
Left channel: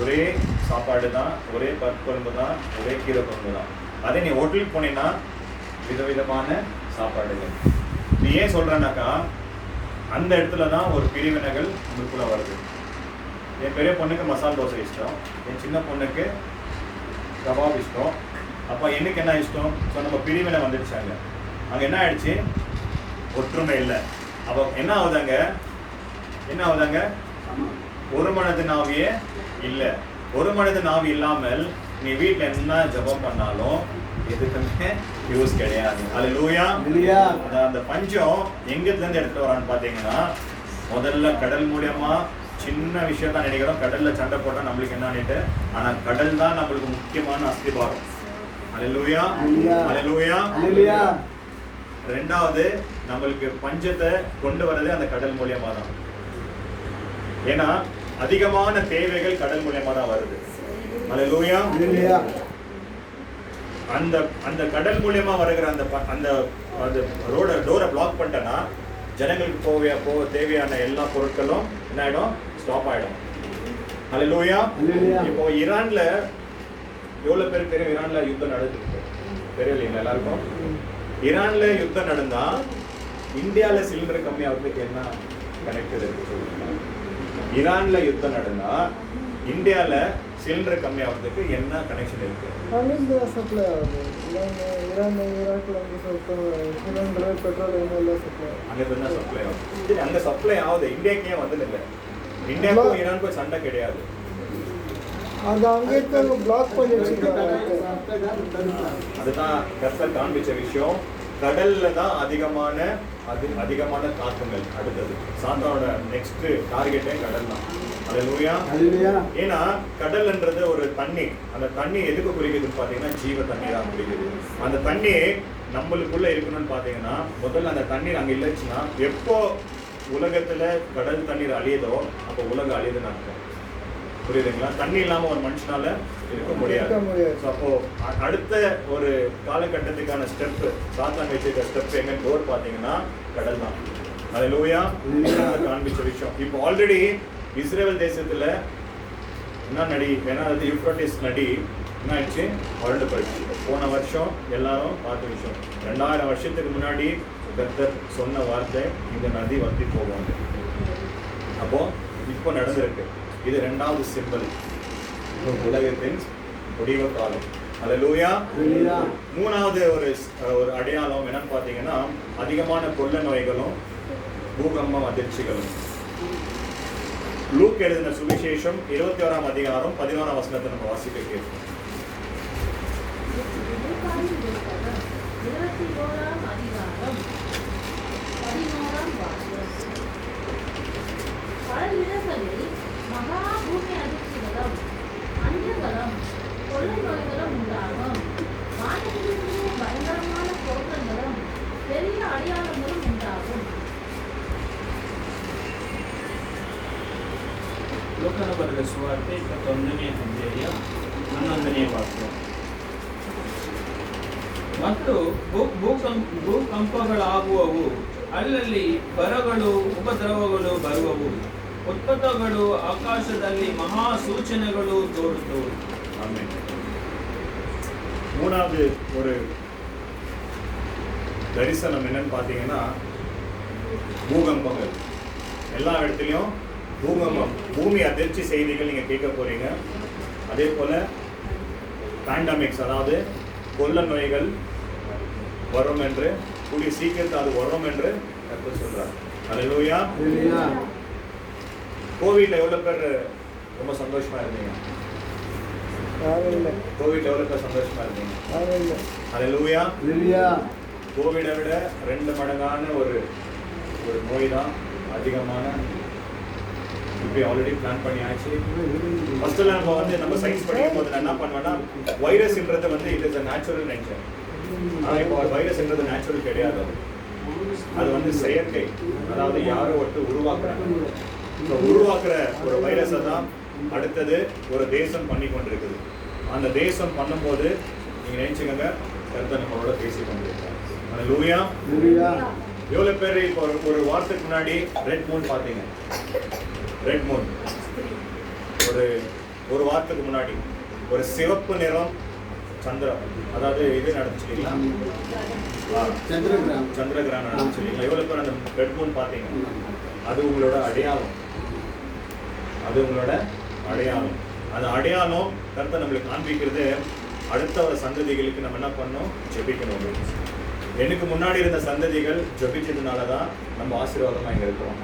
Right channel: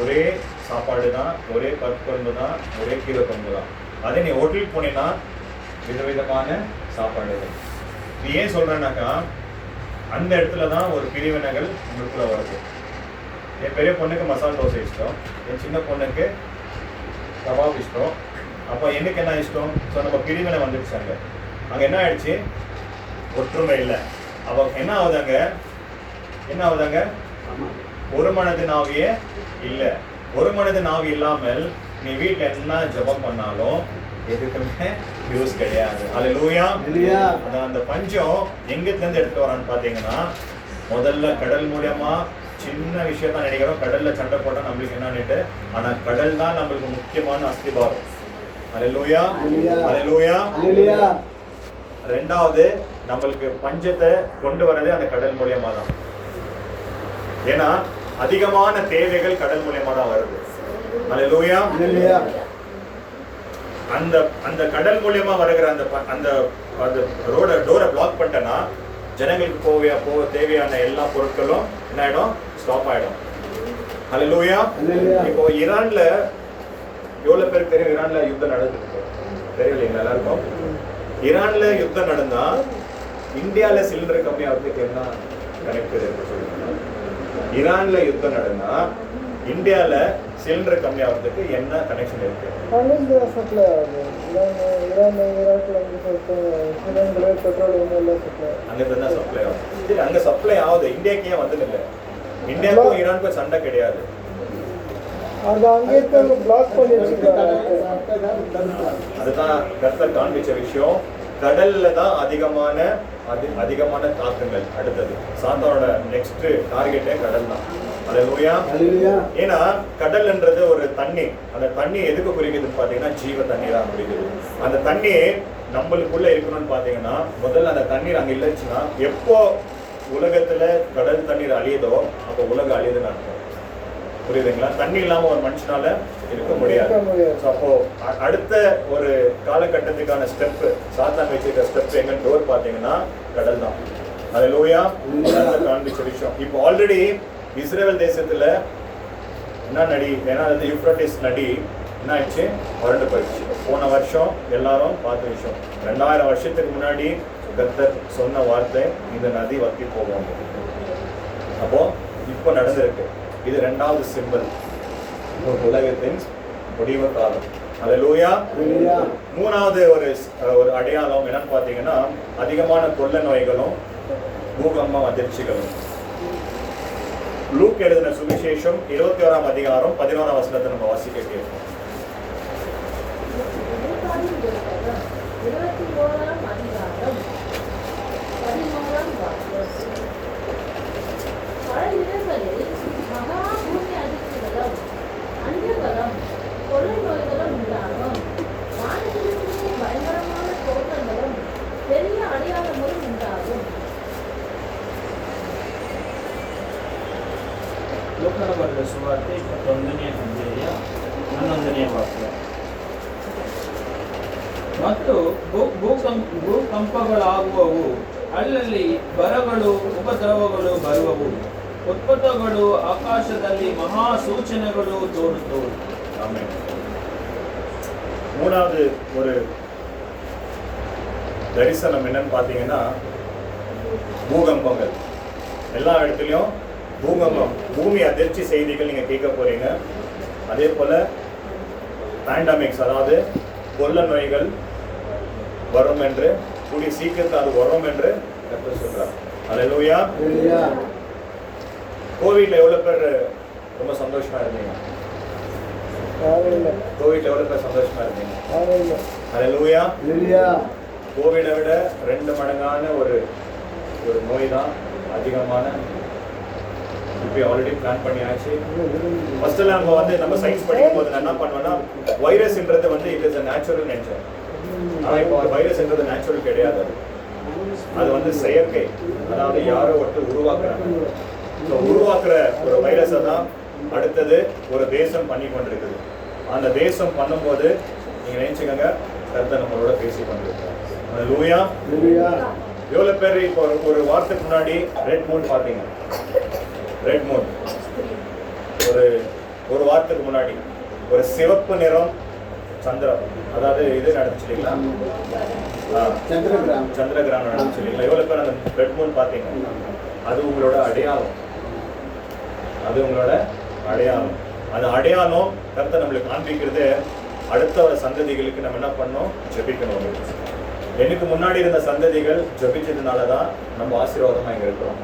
ஒரே சாப்பாடு தான், ஒரே பருப்பு குழம்பு தான், ஒரே கீரை குழம்பு தான். அதே நீ ஹோட்டலுக்கு போனீங்கன்னா விதவிதமான சாப்பாடுகள். நீ ஏன் சொல்கிறேன்னாக்கா, அந்த இடத்துல தான் ஒரு பிரிவினைகள் உங்களுக்குள்ளே வருது. என் பெரிய பொண்ணுக்கு மசாலா தோசை இஷ்டம், என் சின்ன பொண்ணுக்கு கபாப் இஷ்டம். அப்போ எனக்கு என்ன இஷ்டம்? ஸோ நம்ம பிரிவினை வந்துடுச்சாங்க. அங்கே என்ன ஆயிடுச்சு? ஒற்றுமை இல்லை. அப்போ என்ன ஆகுதாங்க? ஒரு மனது நாவியே இல்லை. ஒரு மனது நாவி இல்லாமல் நீ வீட்டில் என்ன ஜபம் பண்ணாலும் எதுக்குமே யூஸ் கிடையாது. அல்லேலூயா. அந்த பஞ்சம் எங்கிருந்து எடுத்துட்டு வரான்னு பார்த்தீங்கன்னா, முதல்ல கடல் மூலியமா சின்ன விஷயம் தான் நினைக்கிறோம், கடல்ல சண்டை போட்டா நம்மளுக்கு என்னன்னு. ஆனா கடல் தான் நம்மளுக்கு முக்கியமான அஸ்திபாரம். அல்லேலூயா. அல்லேலூயா. 2வது, நம்மளுக்கு பஞ்சத்தை கொண்டு வரது அந்த கடல் மூலியமா தான். ஏன்னா அதிகமான தேவைகள் கடல் மூலியமா தான் வருது. அல்லேலூயா. அந்த கடல் மூலியமா வருகிற அந்த டோரை பிளாக் பண்ணிட்டேன்னா ஜனங்களுக்கு தேவையான எல்லா பொருட்களும் என்ன ஆயிடும்? ஸ்டாப் ஆயிடும். அல்லேலூயா. இப்போ ஈரான்ல எவ்வளவு பேர் தெரியும்? ஈரான்ல யுத்தம் நடந்துருக்கு, தெரியல எல்லாருக்கும். ஈரான்ல யுத்தம் நடந்தா இந்தியால சிலிண்டர் கம்மி ஆகுறதுக்கு என்ன கனெக்ட் இருக்கு? ஈரான்ல யுத்தம் நடந்தா இந்தியால சிலிண்டர் கம்மி ஆகுறதுக்கு என்ன கனெக்ஷன் இருக்கு? அங்க சப்ளை ஆகுது, இந்தியாவுக்கு ஏன் வந்தது இல்லை? இந்தியாவுக்கும் ஈரானுக்கும் சண்டை கிடையாது. அதுதான் கர்த்தர் காண்பிச்ச விஷயம். கடல்ல தான் அதிகமான தாக்கங்கள். அடுத்தது சாத்தானோட நெக்ஸ்ட் டார்கெட்டே கடல் தான். அல்லேலூயா. ஏன்னா கடல்ன்றது ஒரு தண்ணி. அந்த தண்ணி எதுக்கு குறிக்குதுன்னு பாத்தீங்கன்னா ஜீவ தண்ணி தான் குறிக்குது. அந்த தண்ணி நம்மளுக்குள்ள இருக்கணும்னு பாத்தீங்கன்னா, முதல்ல அந்த தண்ணீர் அங்க இல்லைச்சுன்னா, எப்போ உலகத்துல கடல் தண்ணீர் அழியுதோ அப்போ உலகம் அழியுதுன்னு அர்த்தம். புரியுதுங்களா? தண்ணி இல்லாம ஒரு மனுஷனால இருக்க முடியாது. அப்போ அடுத்த ஒரு காலகட்டத்துக்கான ஸ்டெப், சாத்தான் வச்சிருக்க ஸ்டெப் எங்க டோர் பாத்தீங்கன்னா கடல் தான். ஹல்லேலூயா. காண்பிச்ச விஷயம் இப்போ ஆல்ரெடி இஸ்ரேல் தேசத்துல என்ன நடி, ஏன்னா அது யூப்ரட்டிஸ் நடி என்ன ஆயிடுச்சு, வறண்டு போயிடுச்சு. போன வருஷம் எல்லாரும் பார்த்த விஷயம். 2000 வருஷத்துக்கு முன்னாடி கர்த்தர் சொன்ன வார்த்தை, இந்த நதி வத்தி போகும். அப்போ இப்போ நடந்திருக்கு. இது 2வது சிம்பல், உலகத்தின் முடிவு காலம். ஹல்லேலூயா. 3வது ஒரு அடையாளம் என்னன்னு பார்த்தீங்கன்னா, அதிகமான கொள்ள நோய்களும் பூகம்பம் அதிர்ச்சிகளும். லூக் எழுதின சுவிசேஷம் 21ஆம் அதிகாரம் 11ஆம் வசனத்தை நம்ம வாசிக்க கேட்போம். 21ஆம் அதிகாரம் 11ஆம் வசனம். பல இடங்களில் மகா பூமி அதிர்ச்சிகளும் அந்தரம் கொள்ளை நோய்களும் உண்டாகும். வானத்திலிருந்து பயங்கரமான தோற்றங்களும் பெரிய அடையாளங்களும் உண்டாகும். ಲೋಕನ ಬರೆದ ಸುವಾರ್ತೆ 21ನೇ ಅಧ್ಯಾಯ 11ನೇ ವಾಕ್ಯ. ಮತ್ತು ಭೂಕಂಪಗಳಾಗುವವು, ಅಲ್ಲಲ್ಲಿ ಬರಗಳು ಉಪದ್ರವಗಳು ಬರುವವು, ಉತ್ಪತ್ತಗಳು ಆಕಾಶದಲ್ಲಿ ಮಹಾ ಸೂಚನೆಗಳು ತೋರುತ್ತವು. ஆமென். 3வது ஒரு தரிசனம் என்னன்னு பார்த்தீங்கன்னா, பூகம்பங்கள். எல்லா இடத்துலையும் பூகம்பம், பூமி அதிர்ச்சி செய்திகள் நீங்க கேட்க போறீங்க. அதே போல பேண்டமிக்ஸ், அதாவது கொள்ள நோய்கள் வரும் என்று, கூடிய சீக்கிரத்தில் அது வரும் என்று கர்த்தர் சொல்றார். ஹல்லேலூயா. கோவிட்ல எவ்வளவு பேர் ரொம்ப சந்தோஷமா இருந்தீங்க? கோவிட்ல எவ்வளவு பேர் சந்தோஷமா இருந்தீங்க? ஹல்லேலூயா. கோவிடை விட 2 மடங்கான ஒரு நோய் தான் அதிகமான. இப்போ ஆல்ரெடி பிளான் பண்ணியாச்சு. ஃபர்ஸ்ட்ல நம்ம சயின்ஸ் படிக்கும் போது என்ன பண்ணுவோம்னா, வைரஸ்ன்றது it is a natural nature. ஆனால் இப்போ வைரஸ்ன்றது நேச்சுரல் கிடையாது. அது செயற்கை, அதாவது யாரோ ஒருத்தர் உருவாக்குறாங்க. ஸோ உருவாக்குற ஒரு வைரஸை தான் அடுத்தது ஒரு தேசம் பண்ணி கொண்டிருக்குது. அந்த தேசம் பண்ணும்போது நீங்க நினைச்சுக்கோங்க, கர்த்தர் நம்மளோட பேசி கொண்டிருக்காங்க. ஹல்லேலூயா. எவ்வளவு பேர் இப்போ ஒரு வாரத்துக்கு முன்னாடி ரெட் மூன் பார்த்தீங்க? ரெட் மூன் ஒரு வாரத்துக்கு முன்னாடி ஒரு சிவப்பு நிறம் சந்திரன், அதாவது இது நடந்துச்சு இல்லைங்களா, சந்திர கிரகணம் நடந்துச்சு இல்லைங்களா? எவ்வளவு பேர் அந்த ரெட் மூன் பார்த்தீங்க? அது உங்களோட அடையாளம். அது உங்களோட அடையாளம். அந்த அடையாளம் கர்த்தர் நம்மளுக்கு காண்பிக்கிறது. அடுத்த சந்ததிகளுக்கு நம்ம என்ன பண்ணோம்? ஜெபிக்கணும். எனக்கு முன்னாடி இருந்த சந்ததிகள் ஜெபிச்சதுனால தான் நம்ம ஆசீர்வாதமா இங்க இருக்கிறோம்.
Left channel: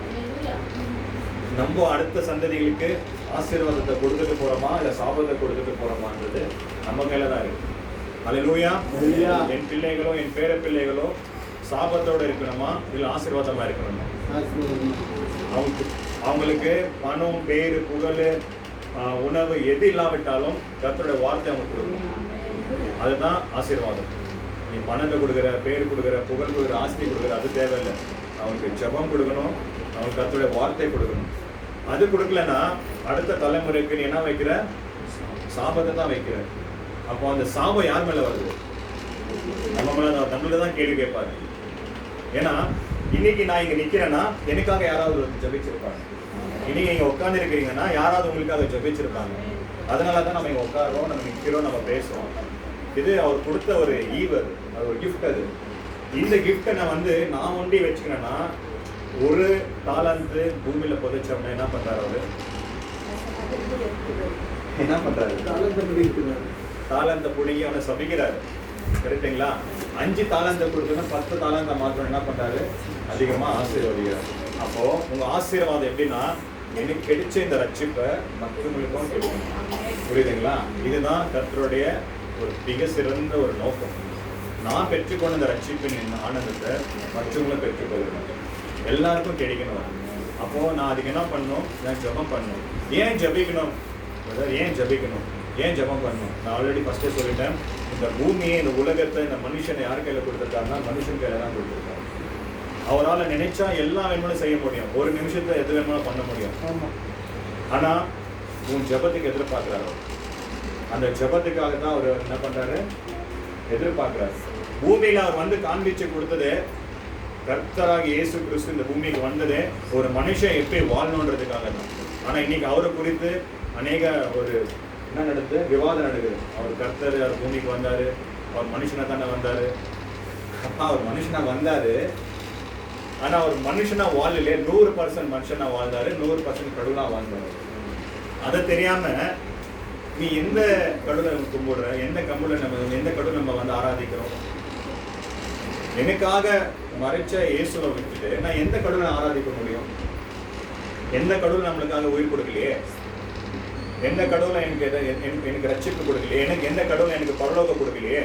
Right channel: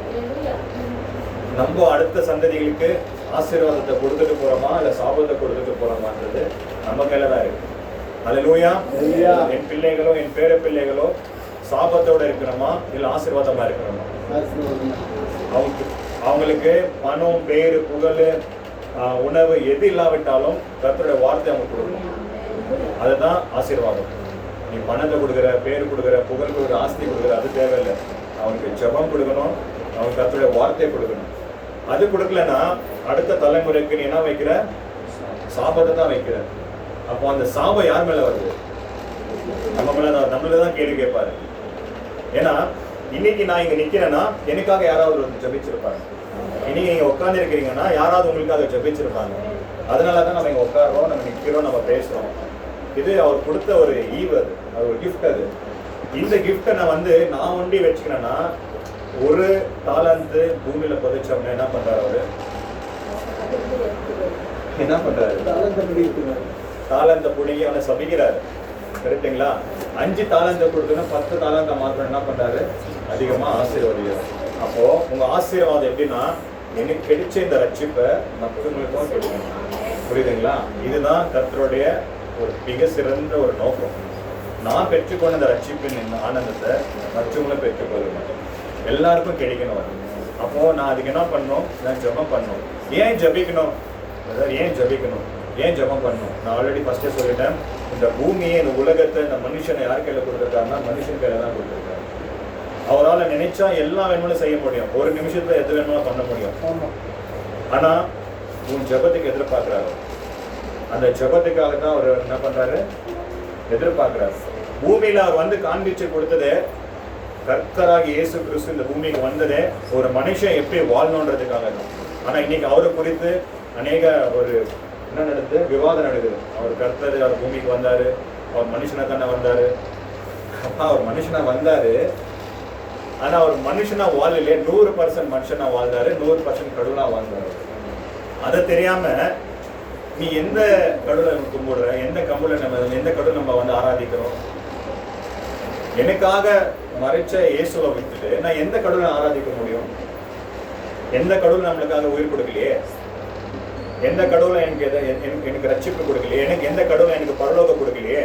நம்ம அடுத்த சந்ததிகளுக்கு ஆசீர்வாதத்தை கொடுத்துட்டு போறோமா இல்ல சாபத்தை கொடுத்துட்டு போறோமான்றது நம்ம கையில தான் இருக்கு. ஹல்லேலூயா. என் பிள்ளைகளோ என் பேர பிள்ளைகளோ சாபத்தோட இருக்கணுமா இல்ல ஆசீர்வாதமா இருக்கணுமா? அவங்களுக்கு பணம், பேரு, புகழ், உணவு எது இல்லாவிட்டாலும் கர்த்தருடைய வார்த்தை அவங்க கொடுக்கணும். அதுதான் ஆசீர்வாதம். நீ பணத்தை கொடுக்குற, பேர் கொடுக்குற, புகழ் கொடுக்குற, ஆஸ்தி கொடுக்குற, அது தேவையில்லை. அவனுக்கு ஜெபம் கொடுக்கணும், அவனுக்கு கர்த்தருடைய வார்த்தை கொடுக்கணும். அது கொடுக்கலன்னா அடுத்த தலைமுறைக்கு நீ என்ன வைக்கிற? சாபத்தை தான் வைக்கிற. அப்போ அந்த சாபம் யார் மேல வருது? நம்ம மேல. நம்மளதான் கேள்வி கேட்பாரு. ஏன்னா இன்னைக்கு நான் இங்க நிக்கிறேன்னா எனக்காக யாராவது ஒரு ஜெபிச்சிருப்பாங்க. இன்னைக்கு நீங்க உட்கார்ந்து இருக்கிறீங்கன்னா யாராவது உங்களுக்காக ஜெபிச்சிருப்பாங்க. அதனாலதான் நம்ம இங்க உட்காரோம், நம்ம நிக்கிறோம், நம்ம பேசுறோம். இது அவர் கொடுத்த ஒரு ஈவு, அது ஒரு கிஃப்ட். அது இந்த கிஃப்டை நான் ஒண்டி வச்சுக்கிறேன்னா, ஒரு தாளந்து பூமியில புதைச்சோம்னா என்ன பண்றாரு அவரு? என்ன பண்றாரு? தாளந்த புடுங்கி அவனை சபிக்கிறாரு. கரெக்டுங்களா? 5 தாளந்த கொடுத்தா 10 தாளந்த மாத்திரம் என்ன பண்றாரு? அதிகமா ஆசீர்வாதிக்கிறார். அப்போ உங்க ஆசீர்வாதம் எப்படின்னா, எனக்கு கிடைச்ச இந்த ரட்சிப்பை மற்றவங்களுக்கும் கிடைக்கும். புரியுதுங்களா? இதுதான் கர்த்தருடைய ஒரு மிக சிறந்த ஒரு நோக்கம். நான் பெற்றுக்கொண்ட இந்த ரட்சிப்பின் ஆனந்தத்தை மற்றவங்களும் பெற்றுக்கொள்ளணும், எல்லாருக்கும் கிடைக்கணும். அப்போ நான் அதுக்கு என்ன பண்ணணும்? நான் ஜெபம் பண்ணணும். ஏன் ஜெபிக்கணும்? ஏன் ஜெபிக்கணும்? ஏன் ஜெபம் பண்ணணும்? நான் ஆல்ரெடி ஃபர்ஸ்டே சொல்லிட்டேன். இந்த பூமியை, இந்த உலகத்தை, இந்த மனுஷனை யார் கையில கொடுத்துருக்காருன்னா மனுஷன் கையில தான் கொடுத்துருக்காரு. அவரால் நினைச்சா எல்லா வேணுமாலும் செய்ய முடியும். ஒரு நிமிஷத்துல எது வேணுமாலும் பண்ண முடியும். ஆனா உன் ஜெபத்துக்கு எதிர்பார்க்கிறாரு. அந்த ஜெபத்துக்காக தான் அவர் என்ன பண்றாரு? எதிர்பார்க்கிறாரு. பூமியில அவர் காண்பிச்சு கொடுத்தது கர்த்தராகி இயேசு கிறிஸ்து இந்த பூமிக்கு வந்ததே ஒரு மனுஷன் எப்படி வாழணுன்றதுக்காக தான். ஆனா இன்னைக்கு அவரை குறித்து அநேக ஒரு என்ன நடக்குது, விவாதம் நடக்குது. அவர் கர்த்தர், அவர் பூமிக்கு வந்தாரு, அவர் மனுஷனா தானே வந்தாரு. அப்பா அவர் மனுஷனா வந்தாரு, ஆனா அவர் மனுஷனா வாழலையே. 100% மனுஷனா வாழ்ந்தாரு, 100% கடவுளா வாழ்ந்தாரு. அதை தெரியாம நீ எந்த கடவுளை கும்பிடுற, எந்த கடவுளை நம்ம வந்து ஆராதிக்கிறோம்? எனக்காக மறைச்ச இயேசுவை விட்டுட்டு நான் எந்த கடவுளை ஆராதிக்க முடியும்? எந்த கடவுள் நம்மளுக்காக உயிர் கொடுக்கலையே, எந்த கடவுளை எனக்கு ரட்சிப்பு கொடுக்கலையே, எனக்கு எந்த கடவுளை எனக்கு பரலோகம் கொடுக்கலையே.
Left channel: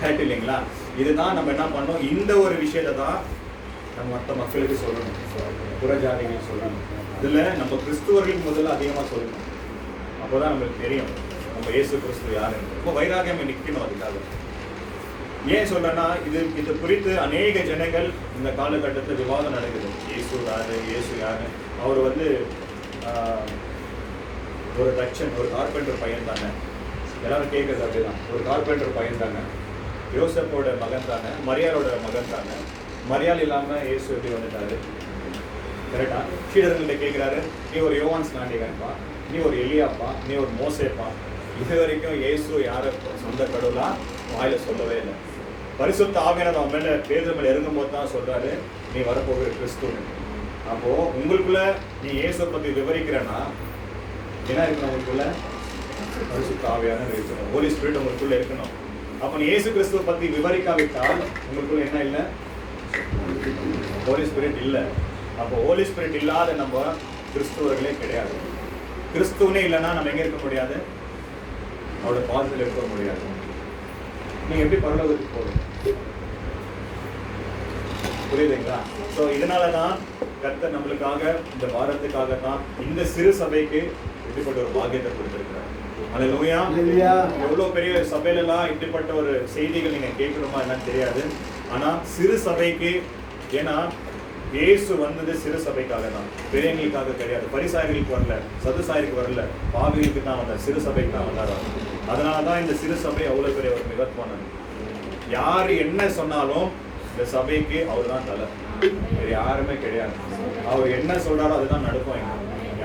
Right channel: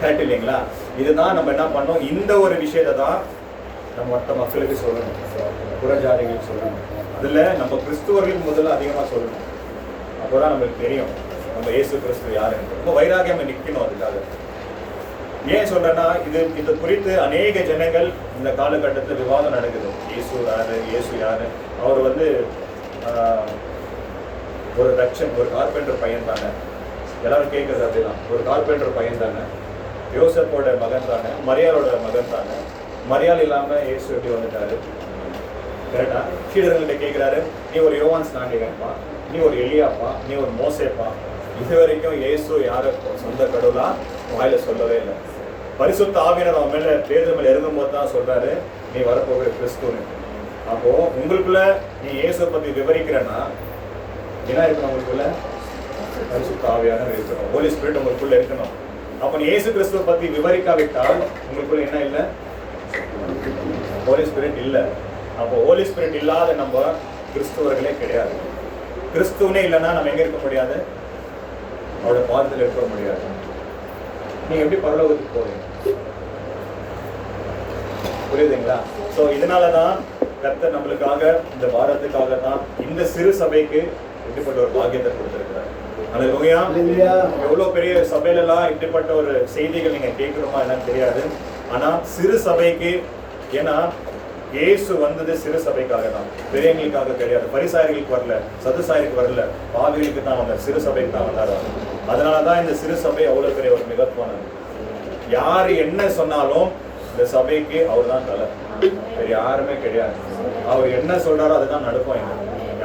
கரெக்ட் இல்லைங்களா? இதுதான் நம்ம என்ன பண்ணோம், இந்த ஒரு விஷயத்தை தான் நம்ம மற்ற மக்களுக்கு சொல்லணும், புறஜாதிகள் சொல்லணும். அதுல நம்ம கிறிஸ்துவர்கள் முதல்ல அதிகமா சொல்லணும். அப்போதான் நம்மளுக்கு தெரியும் நம்ம இயேசு கிறிஸ்து யாருன்னு. ரொம்ப வைராகியம் நிற்கணும் அதுக்காக. ஏன் சொல்றேன்னா, இது குறித்து அநேக ஜனங்கள் இந்த காலகட்டத்தில் விவாதம் நடக்குது. இயேசு யாரு, இயேசு யாரு? அவர் வந்து ஒரு தட்சன், ஒரு கார்பெண்டர் பையன் தானே. எல்லாரும் கேட்குறது அப்படிதான், ஒரு கார்பெண்டர் பையன் தானே, யோசப்போட மகன் தானே, மரியாளோட மகன் தானே. மரியாள் இல்லாம இயேசு எப்படி வந்துட்டாரு? கரெக்டா? சீடர்கள்ட்ட கேட்கிறாரு, நீ ஒரு யோவான் ஸ்நானிகன்பா, நீ ஒரு எலியாப்பா, நீ ஒரு மோசேப்பா. இது வரைக்கும் இயேசு யாரு சொந்த கடவுளா வாயில சொல்லவே இல்லை. பரிசுத்த ஆவியானவர் அவன் மேல பேதுரு மேல இறங்கும் போது தான் சொல்றாரு, நீ வரப்போகிற கிறிஸ்துன்னு. அப்போ உங்களுக்குள்ள நீ இயேசுவை பத்தி விவரிக்கிறன்னா என்ன இருக்கணும்? உங்களுக்குள்ள பரிசுத்த ஆவியானவர் இருக்கணும், ஹோலி ஸ்பிரிட் உங்களுக்குள்ள இருக்கணும். அப்ப நீ இயேசு கிறிஸ்துவை பத்தி விவரிக்காவிட்டால் உங்களுக்குள்ள என்ன இல்லை? ஹோலி ஸ்பிரிட் இல்லை. அப்போ ஹோலி ஸ்பிரிட் இல்லாத நம்ம கிறிஸ்துவர்களே கிடையாது. கிறிஸ்துவனே இல்லைன்னா நம்ம எங்க இருக்க முடியாது? அவரோட பாதத்தில் இருக்க முடியாது. நீங்க எப்படி பரலோகத்துக்கு போவீங்க? புரியுதுங்களா? ஸோ இதனாலதான் கர்த்தர் நம்மளுக்காக, இந்த பாரத்துக்காக தான் இந்த சிறு சபைக்கு இப்படிப்பட்ட ஒரு பாக்கியத்தை கொடுத்திருக்கிறார். அல்லேலூயா. எவ்வளவு பெரிய சபையிலலாம் இப்படிப்பட்ட ஒரு செய்திகள் நீங்க கேட்கணுமா என்னன்னு தெரியாது. ஆனா சிறு சபைக்கு, ஏன்னா இயேசு வந்தது சிறு சபைக்காக தான், பெரியவங்களுக்காக கிடையாது. பரிசாயர்களுக்கு வரல, சதுசாயருக்கு வரல, பாவிகளுக்கு தான் வந்தார், சிறு சபைக்கு தான் வந்தார். அதனாலதான் இந்த சிறு சபை அவ்வளவு பெரிய ஒரு மிகத்துவானது. யாரு என்ன சொன்னாலும் இந்த சபைக்கு அவர் தான் தலை, யாருமே கிடையாது. அவர் என்ன சொல்றாரோ அதுதான் நடக்கும்.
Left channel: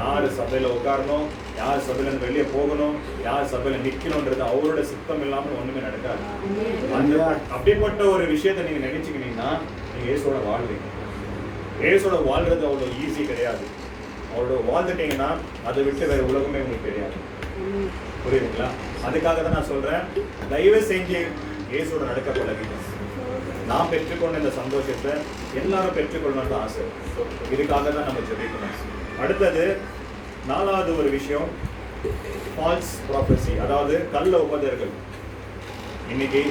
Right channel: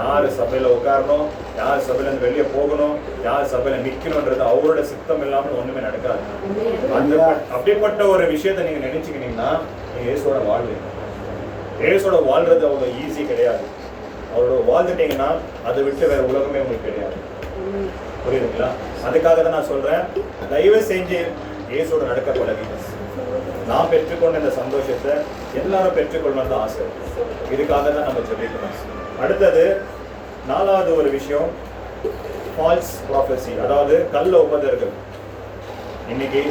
யாரு சபையில உட்காரணும், யார் சபையில இருந்து வெளியே போகணும், யார் சபையில நிக்கணும்ன்றது அவரோட சித்தம் இல்லாமல் ஒண்ணுமே நடக்காது. அந்த அப்படிப்பட்ட ஒரு விஷயத்த நீங்க நினைச்சுக்கிட்டீங்கன்னா நீங்க இயேசுவோட வாழ்வீங்க. இயேசுவோட வாழ்றது அவ்வளவு ஈஸி கிடையாது. அவரோட வாழ்ந்துட்டீங்கன்னா அதை விட்டு வேற உலகமே உங்களுக்கு தெரியாது. புரியுதுங்களா? அதுக்காக தான் நான் சொல்றேன், தயவு செஞ்சு இயேசுவோட நடக்க பழகுங்க. நான் பெற்றுக்கொண்ட இந்த சந்தோஷத்தை எல்லாரும் பெற்றுக்கொள்ளணும்னு ஆசை. இதுக்காக தான் நம்ம சொல்லிக்கணும். அடுத்தது 4வது ஒரு விஷயம், ஃபால்ஸ் ப்ராஃபஸி, அதாவது கள்ள உபதர்கள். இன்னைக்கு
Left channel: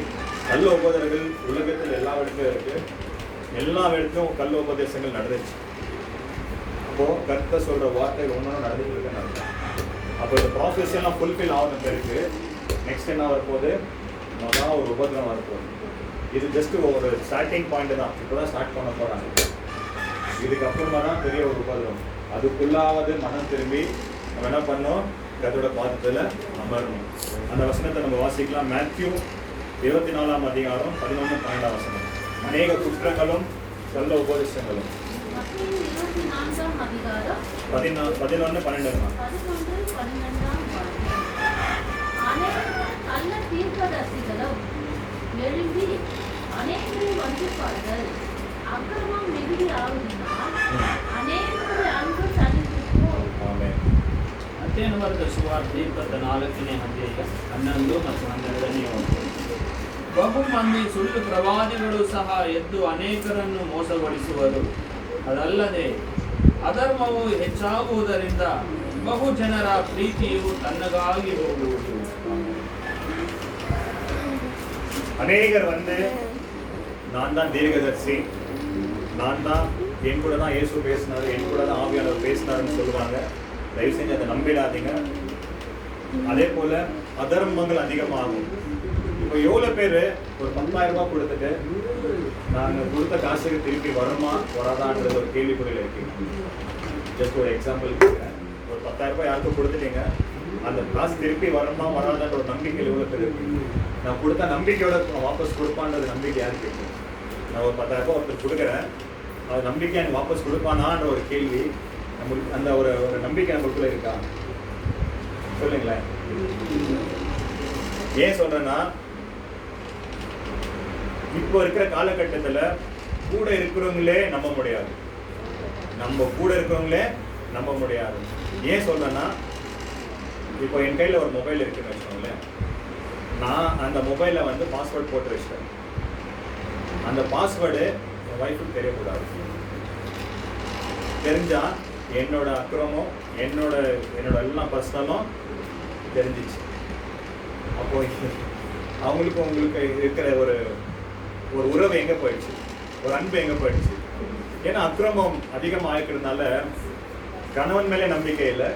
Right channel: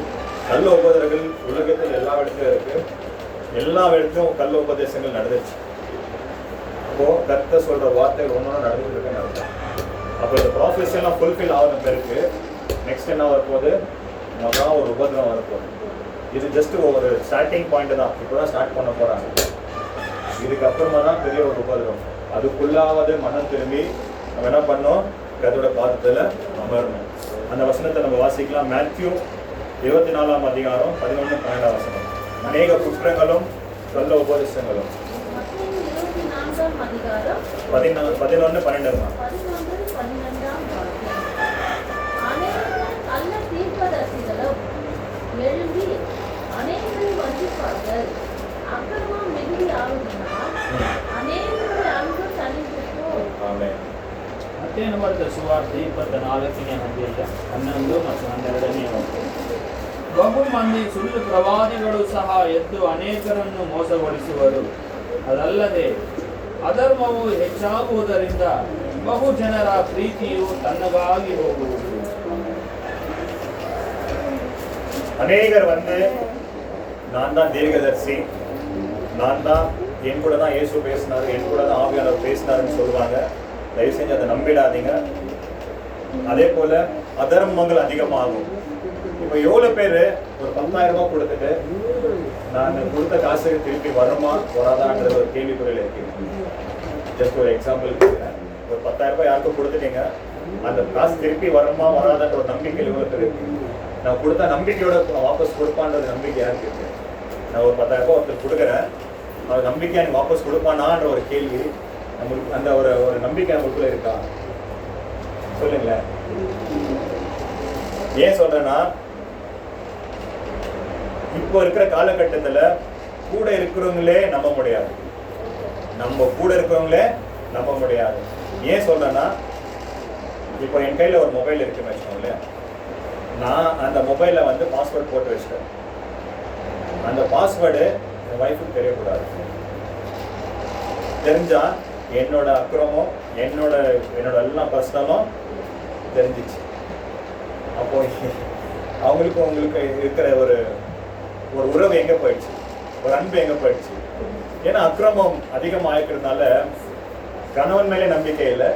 கள்ள உபதர்கள் உலகத்தில் எல்லா இடத்துலையும் இருக்கு. எல்லா இடத்துலையும் கள்ள உபதேசங்கள் நடந்துச்சு. அப்போ கர்த்தர் சொல்ற வார்த்தை ஒன்னொன்னு நடந்துட்டு இருக்குன்னு அர்த்தம். அப்போ இந்த ப்ராசஸ் எல்லாம் ஃபுல்ஃபில் ஆகுன பிறகு நெக்ஸ்ட் என்ன வரப்போகுது? மகா ஒரு உபதிரம் வரப்போகுது. இது ஜஸ்ட் ஒரு ஸ்டார்டிங் பாயிண்ட் தான். இப்போதான் ஸ்டார்ட் பண்ண போறாங்க. இதுக்கப்புறமா தான் பெரிய ஒரு உபதிரம். அதுக்குள்ளாவது மனம் திரும்பி நம்ம என்ன பண்ணோம்? கர்த்தரோட பாதத்துல அமரணும். அந்த வசனத்தை நம்ம வாசிக்கலாம். மேத்யூ 24ஆம் அதிகாரம் 11-12 வசனம். அநேக குற்றங்களும் கள்ள உபதேசங்களும். 11-12. எழும்பி அநேகரை வஞ்சிப்பார்கள். அக்கிரமம் மிகுதி ஆகுதினால் அநேகருடைய அன்பு தனித்திருக்கும். ஆமென். ಮತ್ತೇನು ಬರ್ತದೆ? ಸುವಾರ್ತೆ 24ನೇ ಅಧ್ಯಾಯ 11 ಮತ್ತು 12. ಬಹು ಮಂದಿ ಸುಳ್ಳು ಪ್ರವಾದಿಗಳು ಸಹ ಎದ್ದು ಅನೇಕರನ್ನು ಮೋಸಗೊಳಿಸುವರು. ಅದಲ್ಲದೆ ಅಧರ್ಮವು ಹೆಚ್ಚಾಗುವುದರಿಂದ ಬಹು ಜನರ ಪ್ರೀತಿಯು ತಣ್ಣಗಾಗಿ ಹೋಗುವುದು. அநேகர் வந்து நான் தான் தீர்க்கதரிசி, நான் தான், என் கூட தான் இயேசு பேசினாரு, என் கூட தான் ஆவியானவர் பேசினாருன்னு சொல்லுவாங்க. தயவு செஞ்சு அதை நம்பிடாதீங்க. அதே போல அதர்மங்கள் அதிகமாகும். இப்போ எவ்வளோ பேர் ஒரு 10,000 ரூபாய் கொடுத்துட்டு நான் கொடுத்த காசுக்கு திருப்பி வருமா வராதான்றது ஒரு கேள்விக்குறியில் இருக்கு. ஜஸ்ட் ஒரு எக்ஸாம்பிள் கொடுக்குறேன். ஒரு 10,000 ரூபாய் யாருக்கும் கொடுத்துட்டீங்க, அந்த காசு திருப்பி வருமா வராதான்ற ஒரு நம்பிக்கை எவ்வளோ பேர் இருக்கு? நான் கொடுத்த நம்பிக்கையோட வாபஸ் கொடுப்பான்றது நம்பிக்கை யாருக்கு இருக்கு? நான் ஒரு 10,000 ஒருத்தர் கொடுக்குறேன், அவர் நம்பிக்கை எனக்கு வாபஸ் கொடுப்பானான்ற ஒரு கேள்வி நம்மளுக்கு, அந்த ஒரு ஒரு நம்பிக்கை நமக்குள்ள இருக்கா? சொல்லுங்களேன். ஏன் சொல்றேன்னா, இப்போ இருக்கிற காலகட்டத்துல கூட இருக்கிறவங்களே நம்ப முடியாது. நம்ம கூட இருக்கிறவங்களே நம்ப முடியாது. ஏன் சொல்றேன்னா, இப்போ என் கையில ஒரு மொபைல் இருக்குன்னு வச்சுக்கோங்களேன். நான் அந்த மொபைல்ல வந்து பாஸ்வேர்ட் போட்டு வச்சிட்டேன். அந்த பாஸ்வேர்டு என் ஒய்ஃபுக்கு தெரியக்கூடாது. தெரிஞ்சா என்னோட அக்கிரமம், என்னோட எல்லாம் பர்சனலும் தெரிஞ்சிச்சு. அப்போ அவங்களுக்கு உங்களுக்கு இருக்கிற ஒரு உறவு எங்க போயிடுச்சு, ஒரு அன்பு எங்க போயிடுச்சு? ஏன்னா அக்கிரமம் அதிகமாக இருக்கிறதுனால கணவன் மேலே நம்பிக்கை இல்லை,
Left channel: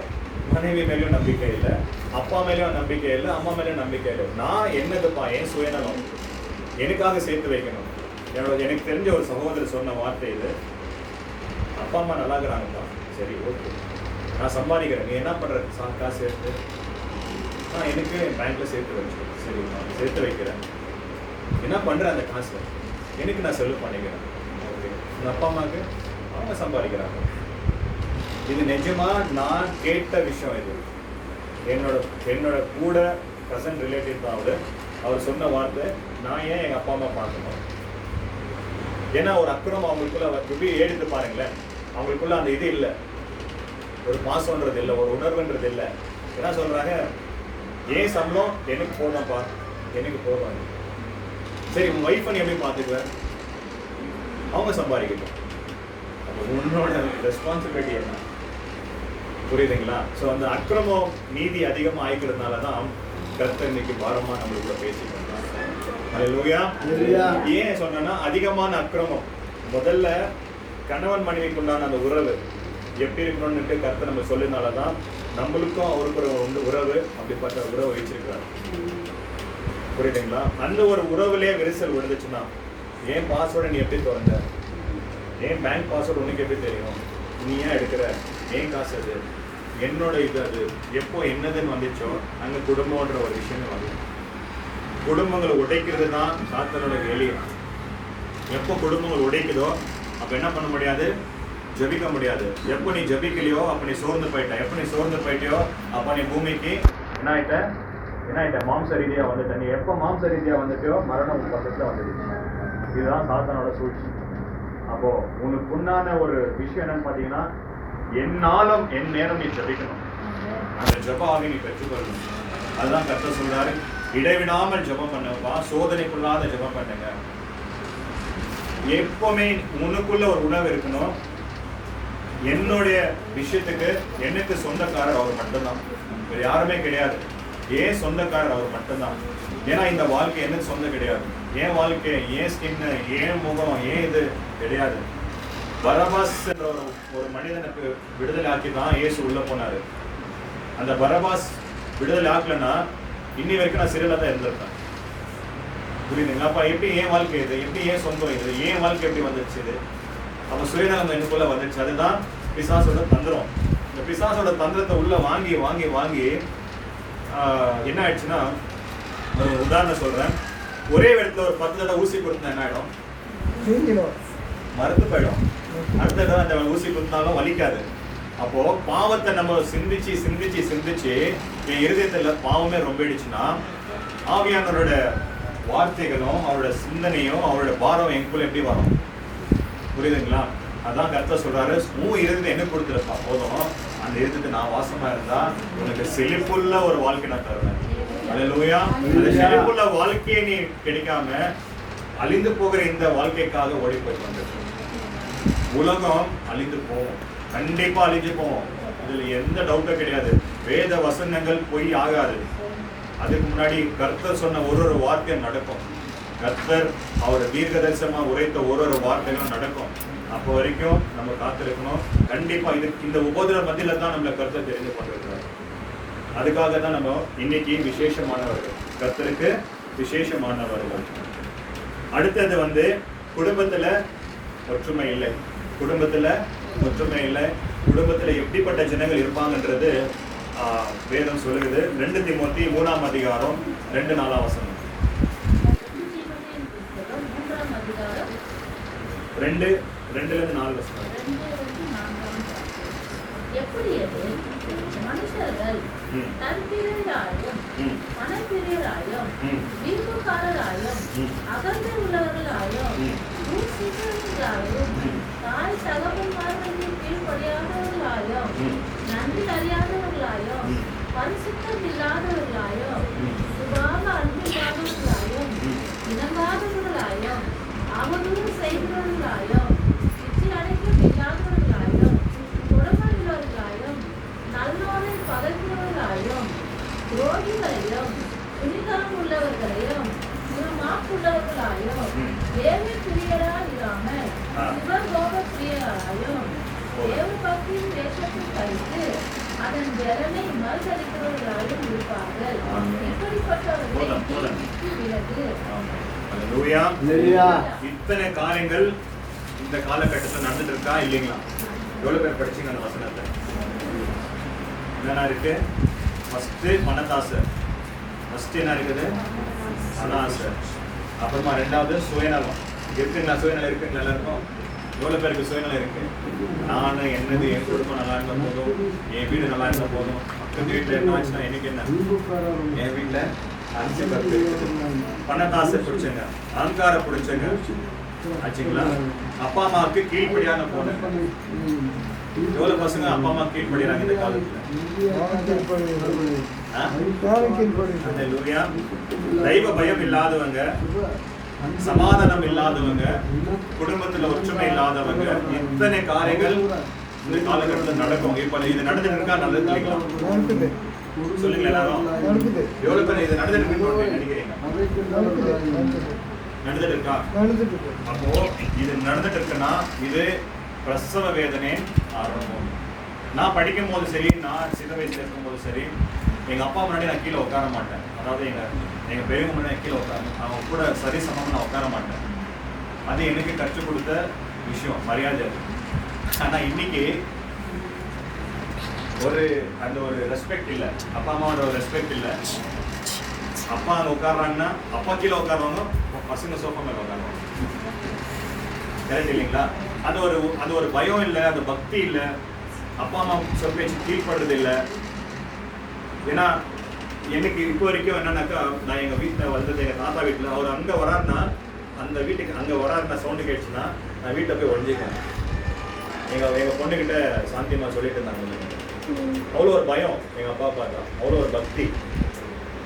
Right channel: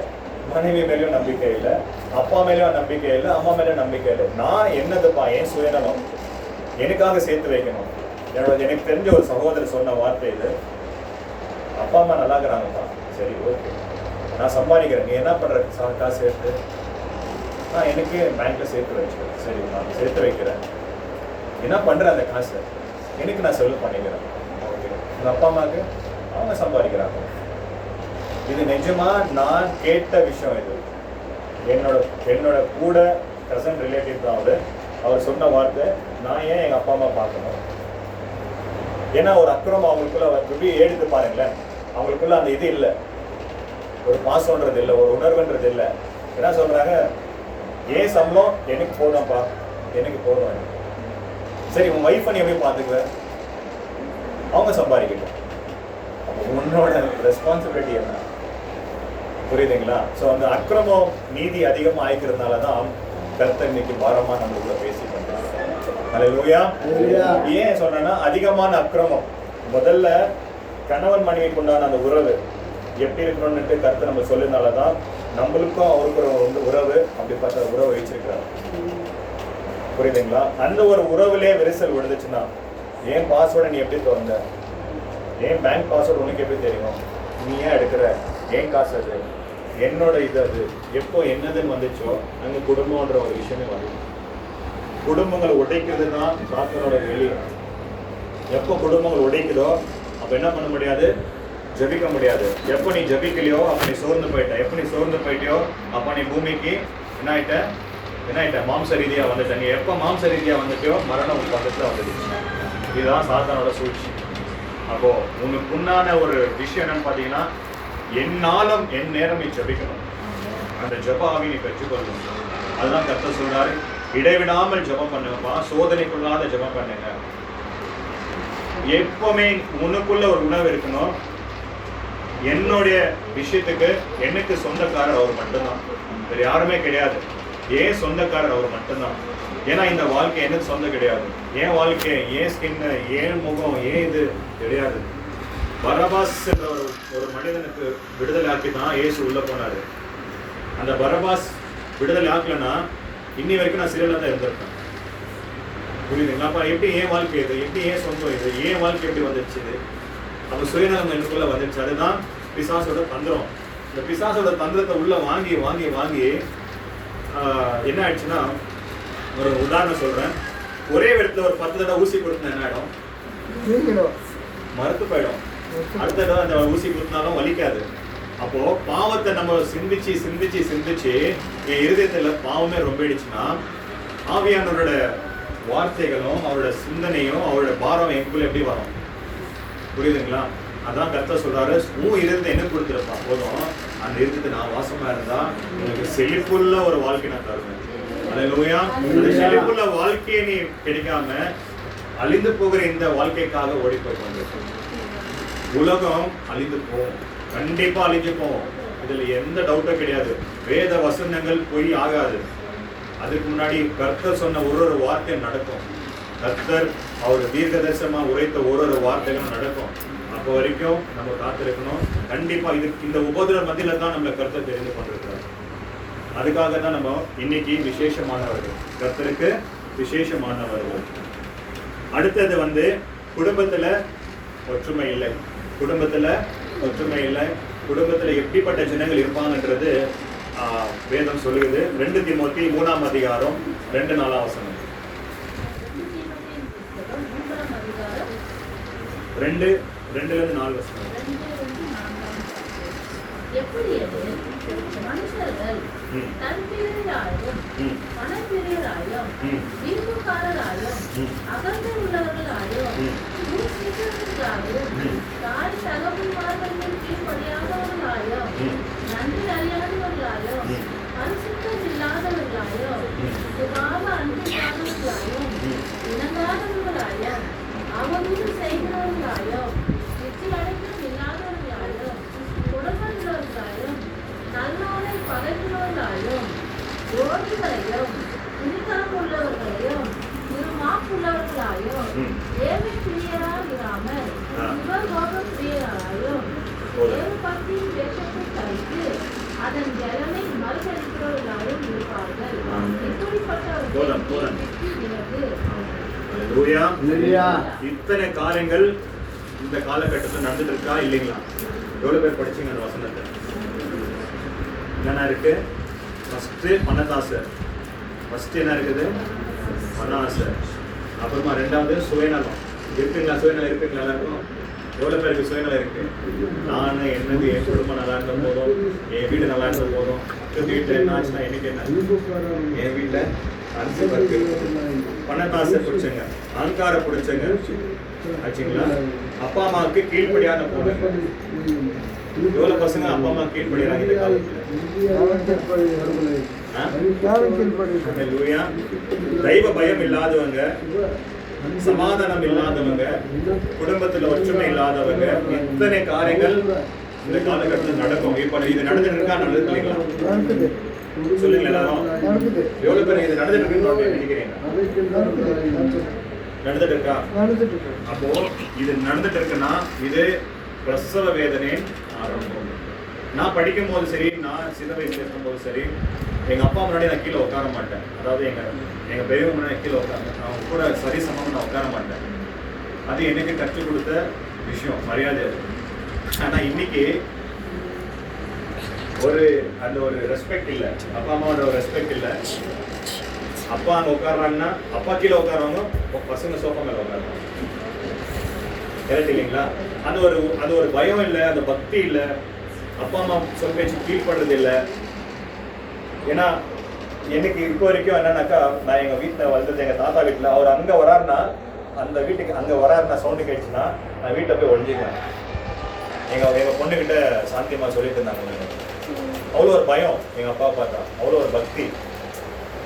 மனைவி மேலேயும் நம்பிக்கை இல்லை, அப்பா மேலேயும் நம்பிக்கை இல்லை, அம்மா மேலேயும் நம்பிக்கை இல்லை. நான் என்னதுப்பா, என் சுயநலம் எனக்காக சேர்த்து வைக்கணும். எனக்கு தெரிஞ்ச ஒரு சகோதரர் சொன்ன வார்த்தை இது, அப்பா அம்மா நல்லா இருக்கிறாங்கப்பா, சரி ஓகே, நான் சம்பாதிக்கிறேன், நீ என்ன பண்ற காசு சேர்த்து? நான் எனக்கு பேங்க்ல சேர்த்து வச்சுக்கிறேன். சரி, நான் சேர்த்து வைக்கிறேன், என்ன பண்ற அந்த காசு? எனக்கு நான் செலவு பண்ணிக்கிறேன். ஓகே, எங்க அப்பா அம்மாவுக்கு அவங்க சம்பாதிக்கிறாங்க. இது நிஜமா நான் கேட்ட விஷயம். இது என்னோட கூட கசன் ரிலேட்டிவ் தான் அவர் சொன்ன வார்த்தை. நான் ஏன் எங்க அப்பா அம்மா பார்க்கணும்? ஏன்னா ஒரு அக்கிரமம் அவங்களுக்குள்ள எடுத்து பாருங்களேன், அவங்களுக்குள்ள அந்த இது இல்லை, ஒரு பாசம்ன்றது இல்லை, ஒரு உணர்வுன்றது இல்லை. என்ன சொல்றாங்க, ஏன் சம்பளம் எனக்கு போதும்ப்பா, எனக்கு போதும். சரி, உன் ஒய்ஃபை நீ எப்படி பார்த்துக்குவ? அவங்க சம்பாதிக்கட்டும். அப்போ உன்னோட ரெஸ்பான்சிபிலிட்டி என்ன? புரியுதுங்களா? ஸோ அந்த அக்கிரமம் நீதி அதிகமாக ஆயிக்கிறதுனால தான் கர்த்தர் இன்னைக்கு பாரமா நம்மளுக்குள்ள பேசி பண்றாங்க. ஹல்லேலூயா. ஏன் சொன்னா, அதிகமான அக்கிரமம் முதல்ல கணவன் மனைவிக்கு உண்டான அந்த உறவு எப்படி இருக்கணும்னு கர்த்தர் நம்ம சொல்லினால தான் நம்மளுக்கும் அவருக்கு உறவு அப்படிப்பட்ட உறவை வச்சிருக்காரு. புரியுதுங்களா? அந்த ஒரு உறவுலேயே விரிசல் விழுந்துச்சுன்னா, ஏன் பாஸ்வேர்டை நீ எப்படி திறந்த? ஏன் பேங்க் பாஸ்வேர்டு உனக்கு எப்படி தெரியும்? நீ ஏன் எடுக்கிற? ஏன் காசு அது? என்னோட இது அது எப்போ என்னதுன்னு வந்துச்சோ அங்கே குடும்பம்ன்ற ஒரு விஷயமே வந்து குடும்பங்களை உடைக்கிறதுனா சாத்தனோட வெளியே. எப்போ குடும்பங்கள் உடைக்குதோ அப்போ என்ன பண்ண முடியாது? ஜபிக்க முடியாது. எப்போ நீ ஜபிக்கலையோ அப்போ நீ சோர்ந்து போயிட்ட. எப்போ நீ சோர்ந்து போயிட்டியோ அப்போ நீ பூமிக்கு என்ன ஆயிட்ட? மாம்ச ரீதியாக வந்துட்ட. நீ எப்போ மாம்ச ரீதியாக வந்துட்டியோ மரணம் உன் பக்கத்தில் வந்துடுச்சு. இதுதான் சாத்தானோட சூழ்ச்சி. அப்போ உனக்கு உண்டான ஒரு விஷயம் என்னன்னு பார்த்தீங்கன்னா, என்னாலும் என் நேரம் நீ ஜபிக்கணும். அந்த ஜபாவை நீ பெற்றுக்கொள்ளணும். அதுதான் கர்த்தர் சொல்றாரு, இடைவிடாமல் ஜபம் பண்ணுங்கப்பா, சோதனைக்குள்ளாத ஜபம் பண்ணுங்க. எப்பவுமே உனக்குள்ள ஒரு உணர்வு இருக்கணும், என்னுடைய விஷயத்துக்கு எனக்கு சொந்தக்காரர் அவர் மட்டும்தான், வேற யாருமே கிடையாது. ஏன் சொந்தக்காரர் அவர் மட்டும்தான். ஏன்னா இந்த வாழ்க்கை எனக்கு சொந்தம் கிடையாது. ஏன் வாழ்க்கை, ஏன் ஸ்கின்னு, ஏன் முகம், ஏன் இது கிடையாது. பரபாஸ் என்ற ஒரு மனிதனுக்கு விடுதலை ஆக்கி தான் இயேசு உள்ள போனாரு. அந்த பரபாஸ் விடுதலை ஆக்கலன்னா இன்னி வரைக்கும் நான் சிறையில் தான் இருந்திருக்கேன். புரியுதுங்களா? அப்ப எப்படி ஏன் வாழ்க்கை இது, எப்படி ஏன் சொந்தம் இது, ஏன் வாழ்க்கை எப்படி வந்துடுச்சு இது? அப்ப சுயநலம் எனக்குள்ள வந்துடுச்சு. அதுதான் பிசாசோட தந்திரம். இந்த பிசாசோட தந்திரத்தை உள்ள வாங்கி வாங்கி வாங்கி என்ன ஆயிடுச்சுன்னா, ஒரு உதாரணம் சொல்றேன். ஒரே இடத்துல ஒரு 10 தடவை ஊசி கொடுத்தா என்ன ஆயிடும்? மறுத்து போயிடும். அடுத்த தடவை அந்த ஊசி கொடுத்தாலும் வலிக்காது. அப்போ பாவத்தை நம்ம சிந்திச்சு சிந்திச்சு சிந்திச்சு என் இருதயத்துல பாவமே ரொம்பிடுச்சுன்னா, ஆவியானவரோட வார்த்தைகளும் அவரோட சிந்தனையும் அவரோட பாரம் எனக்குள்ள எப்படி வரும்? புரியுதுங்களா? அதான் கர்த்தர் சொல்றாரு, உன் இருதயத்தை என்ன கொடுத்துருப்பா போதும், அந்த இருதயத்தை நான் வாசமா இருந்தா உனக்கு செழிப்புள்ள ஒரு வாழ்க்கை நான் தருவேன். அல்லேலூயா. அந்த செழிப்புள்ள வாழ்க்கையை நீ கிடைக்காம அழிந்து போகிற இந்த வாழ்க்கைக்காக ஓடி போய் கொண்டிருக்கோம். உலகம் அழிந்து போகும், கண்டிப்பா அழிஞ்சு போகும். இதுல எந்த டவுட்டும் கிடையாது. வேத வசனங்கள் பொய் ஆகாது. அதுக்கு முன்னாடி கர்த்தர் சொன்ன ஒரு வார்த்தையும் நடக்கும். கர்த்தர் அவர் தீர்க்க தரிசனமா உரைத்த ஒரு வார்த்தைகளும் நடக்கும். அப்போ வரைக்கும் நம்ம காத்திருக்கணும். கண்டிப்பா இந்த உபதிரவ மத்தியில தான் நம்மளை கர்த்தர் தெரிந்து கொண்டிருக்கிறார். அதுக்காக தான் நம்ம இன்னைக்கு விசேஷமானவர்கள், கர்த்தருக்கு விசேஷமானவர்கள். அடுத்தது குடும்பத்துல ஒற்றுமை இல்லை. குடும்பத்துல ஒற்றுமை இல்லை. குடும்பத்துல எப்படிப்பட்ட ஜனங்கள் இருப்பாங்கன்றது வேதம் சொல்லுது. 2 தீமோத்தி 3ஆம் அதிகாரம் 2-4 வசனம். 2:4 வசனம். எப்படி அது மனுஷர்கள் தன்பிரியராயும் மனப்பிரியராயும் விருப்பக்காரராயும் அகந்தை உள்ளவர்களாயும் தாய் தகவல்மார்களின் கீழ்ப்படியாதவர்களாயும் நன்றி அறியாதவர்களாயும் பரிசுத்தம் இல்லாதவர்களாயும் சுபாவ அன்பில்லாதவர்களாயும் இணங்காதவர்களாயும் அவதூறு செய்கிறவர்களாயும் இச்சை அடைக்கம் இல்லாதவர்களாயும் கொடுமையுள்ளவர்களாயும் நல்லோரை பகைக்கிறவர்களாயும் ரோகிகளையும் துணிகரம் உள்ளவர்களையும் மாப்புள்ளவர்களாயும் தேவி பிரியராயிராமல் சிவகோப பிரியராயும் தேவ பக்தியின் தேசத்தை கழித்து அதன் ஜலனை மறுதளிக்கிறவர்களாயும் இருப்பார்கள். இப்படிப்பட்டவர்களை விலகு. ஹல்லேலூயா. இத்தனை காரியங்கள் இந்த காலகட்டத்தில் நடந்துட்டு இருக்கா இல்லைங்களா? எவ்வளவு பேர் படிச்சீங்க அந்த வசனத்தை? என்னென்ன இருக்கு? ஃபர்ஸ்ட் பணத்தாசை. ஃபர்ஸ்ட் என்ன இருக்குது? பண ஆசை. அப்புறமா ரெண்டாவது சுயநலம். இருக்குங்களா? சுயநலம் இருக்குங்களா எல்லாருக்கும்? எவ்வளவு பேருக்கு சுயநலம் இருக்கு? நான் என்னது, என் குடும்பம் நல்லா இருந்தா போதும், என் வீடு நல்லா இருந்தா போதும், வீட்டுல என்ன ஆச்சுன்னா எனக்கு என்ன, என் வீட்டுல பணத்தாசை பிடிச்சங்க, அகங்கார பிடிச்சங்க ஆச்சுங்களா? அப்பா அம்மாவுக்கு கீழ்ப்படியான போதுங்க. எவ்வளவு பசங்க அப்பா அம்மா கீழ்படுறாங்க இந்த காலத்துல? தெய்வ பயம் இல்லாதவங்க, சமாதானம் இல்லாதவங்க, குடும்பத்துல ஒற்றுமை இல்லாதவங்க, இத்தனை காரியங்கள் இந்த காலகட்டத்தில் நடக்கும். இப்ப இது நடந்துட்டு இருக்கா? நல்லது இல்லைங்களா? சொல்லுங்க எல்லாரும். எவ்வளவு பேர் இது நடந்துட்டு இருக்குன்னு நினைக்கிறீங்க? நடந்துட்டு இருக்கா? அப்போ இது நடந்துட்டு இருக்குன்னா இது பிரசவ வேதனை ஆரம்பம். நான் படிக்கும் போது சரி, நான் சின்ன வயசுல இருக்கும் போது சரி, எங்க அப்பா முன்னாடி நான் கீழே உட்கார மாட்டேன். அதாவது எங்க பெரியவங்க முன்னாடி கீழே அவங்க கூட சரி சமம் நான் உட்கார மாட்டேன். அது எனக்கு கற்றுக் கொடுத்த விஷயம், மரியாதை. ஆனா இன்னைக்கு அந்த ஒரு ரெஸ்பெக்ட் இல்லை, அப்பா அம்மாவோட ஒரு ரெஸ்பெக்ட் இல்லை. அப்பா அங்க உட்காருவாங்கன்னா அப்பா கீழே உட்காருவாங்க, பசங்க சோஃபா மேல உட்காருவாங்க. கரெக்ட் இல்லைங்களா? அது ஒரு பயம் இல்லை, அந்த பக்தி இல்லை, அப்பா அம்மா சொல் பேச்சு கீழ்படுறது இல்லை. ஏன்னா எனக்கு இப்போ வரைக்கும் என்னன்னாக்கா, நான் எங்க வீட்டில் வந்தது எங்க தாத்தா வீட்டில், அவர் அங்கே வராருன்னா, அந்த வீட்டுக்கு அங்கே வராருன்னா சவுண்டு கேட்டுச்சுன்னா நான் வீட்டை போய் ஒழிஞ்சிக்கிறேன். எங்க பொண்ணுகிட்ட சாந்தியமா சொல்லிட்டு இருந்தாங்க. அவ்வளோ ஒரு பயம் எங்க அப்பா பார்த்தா, அவ்வளோ ஒரு பக்தி.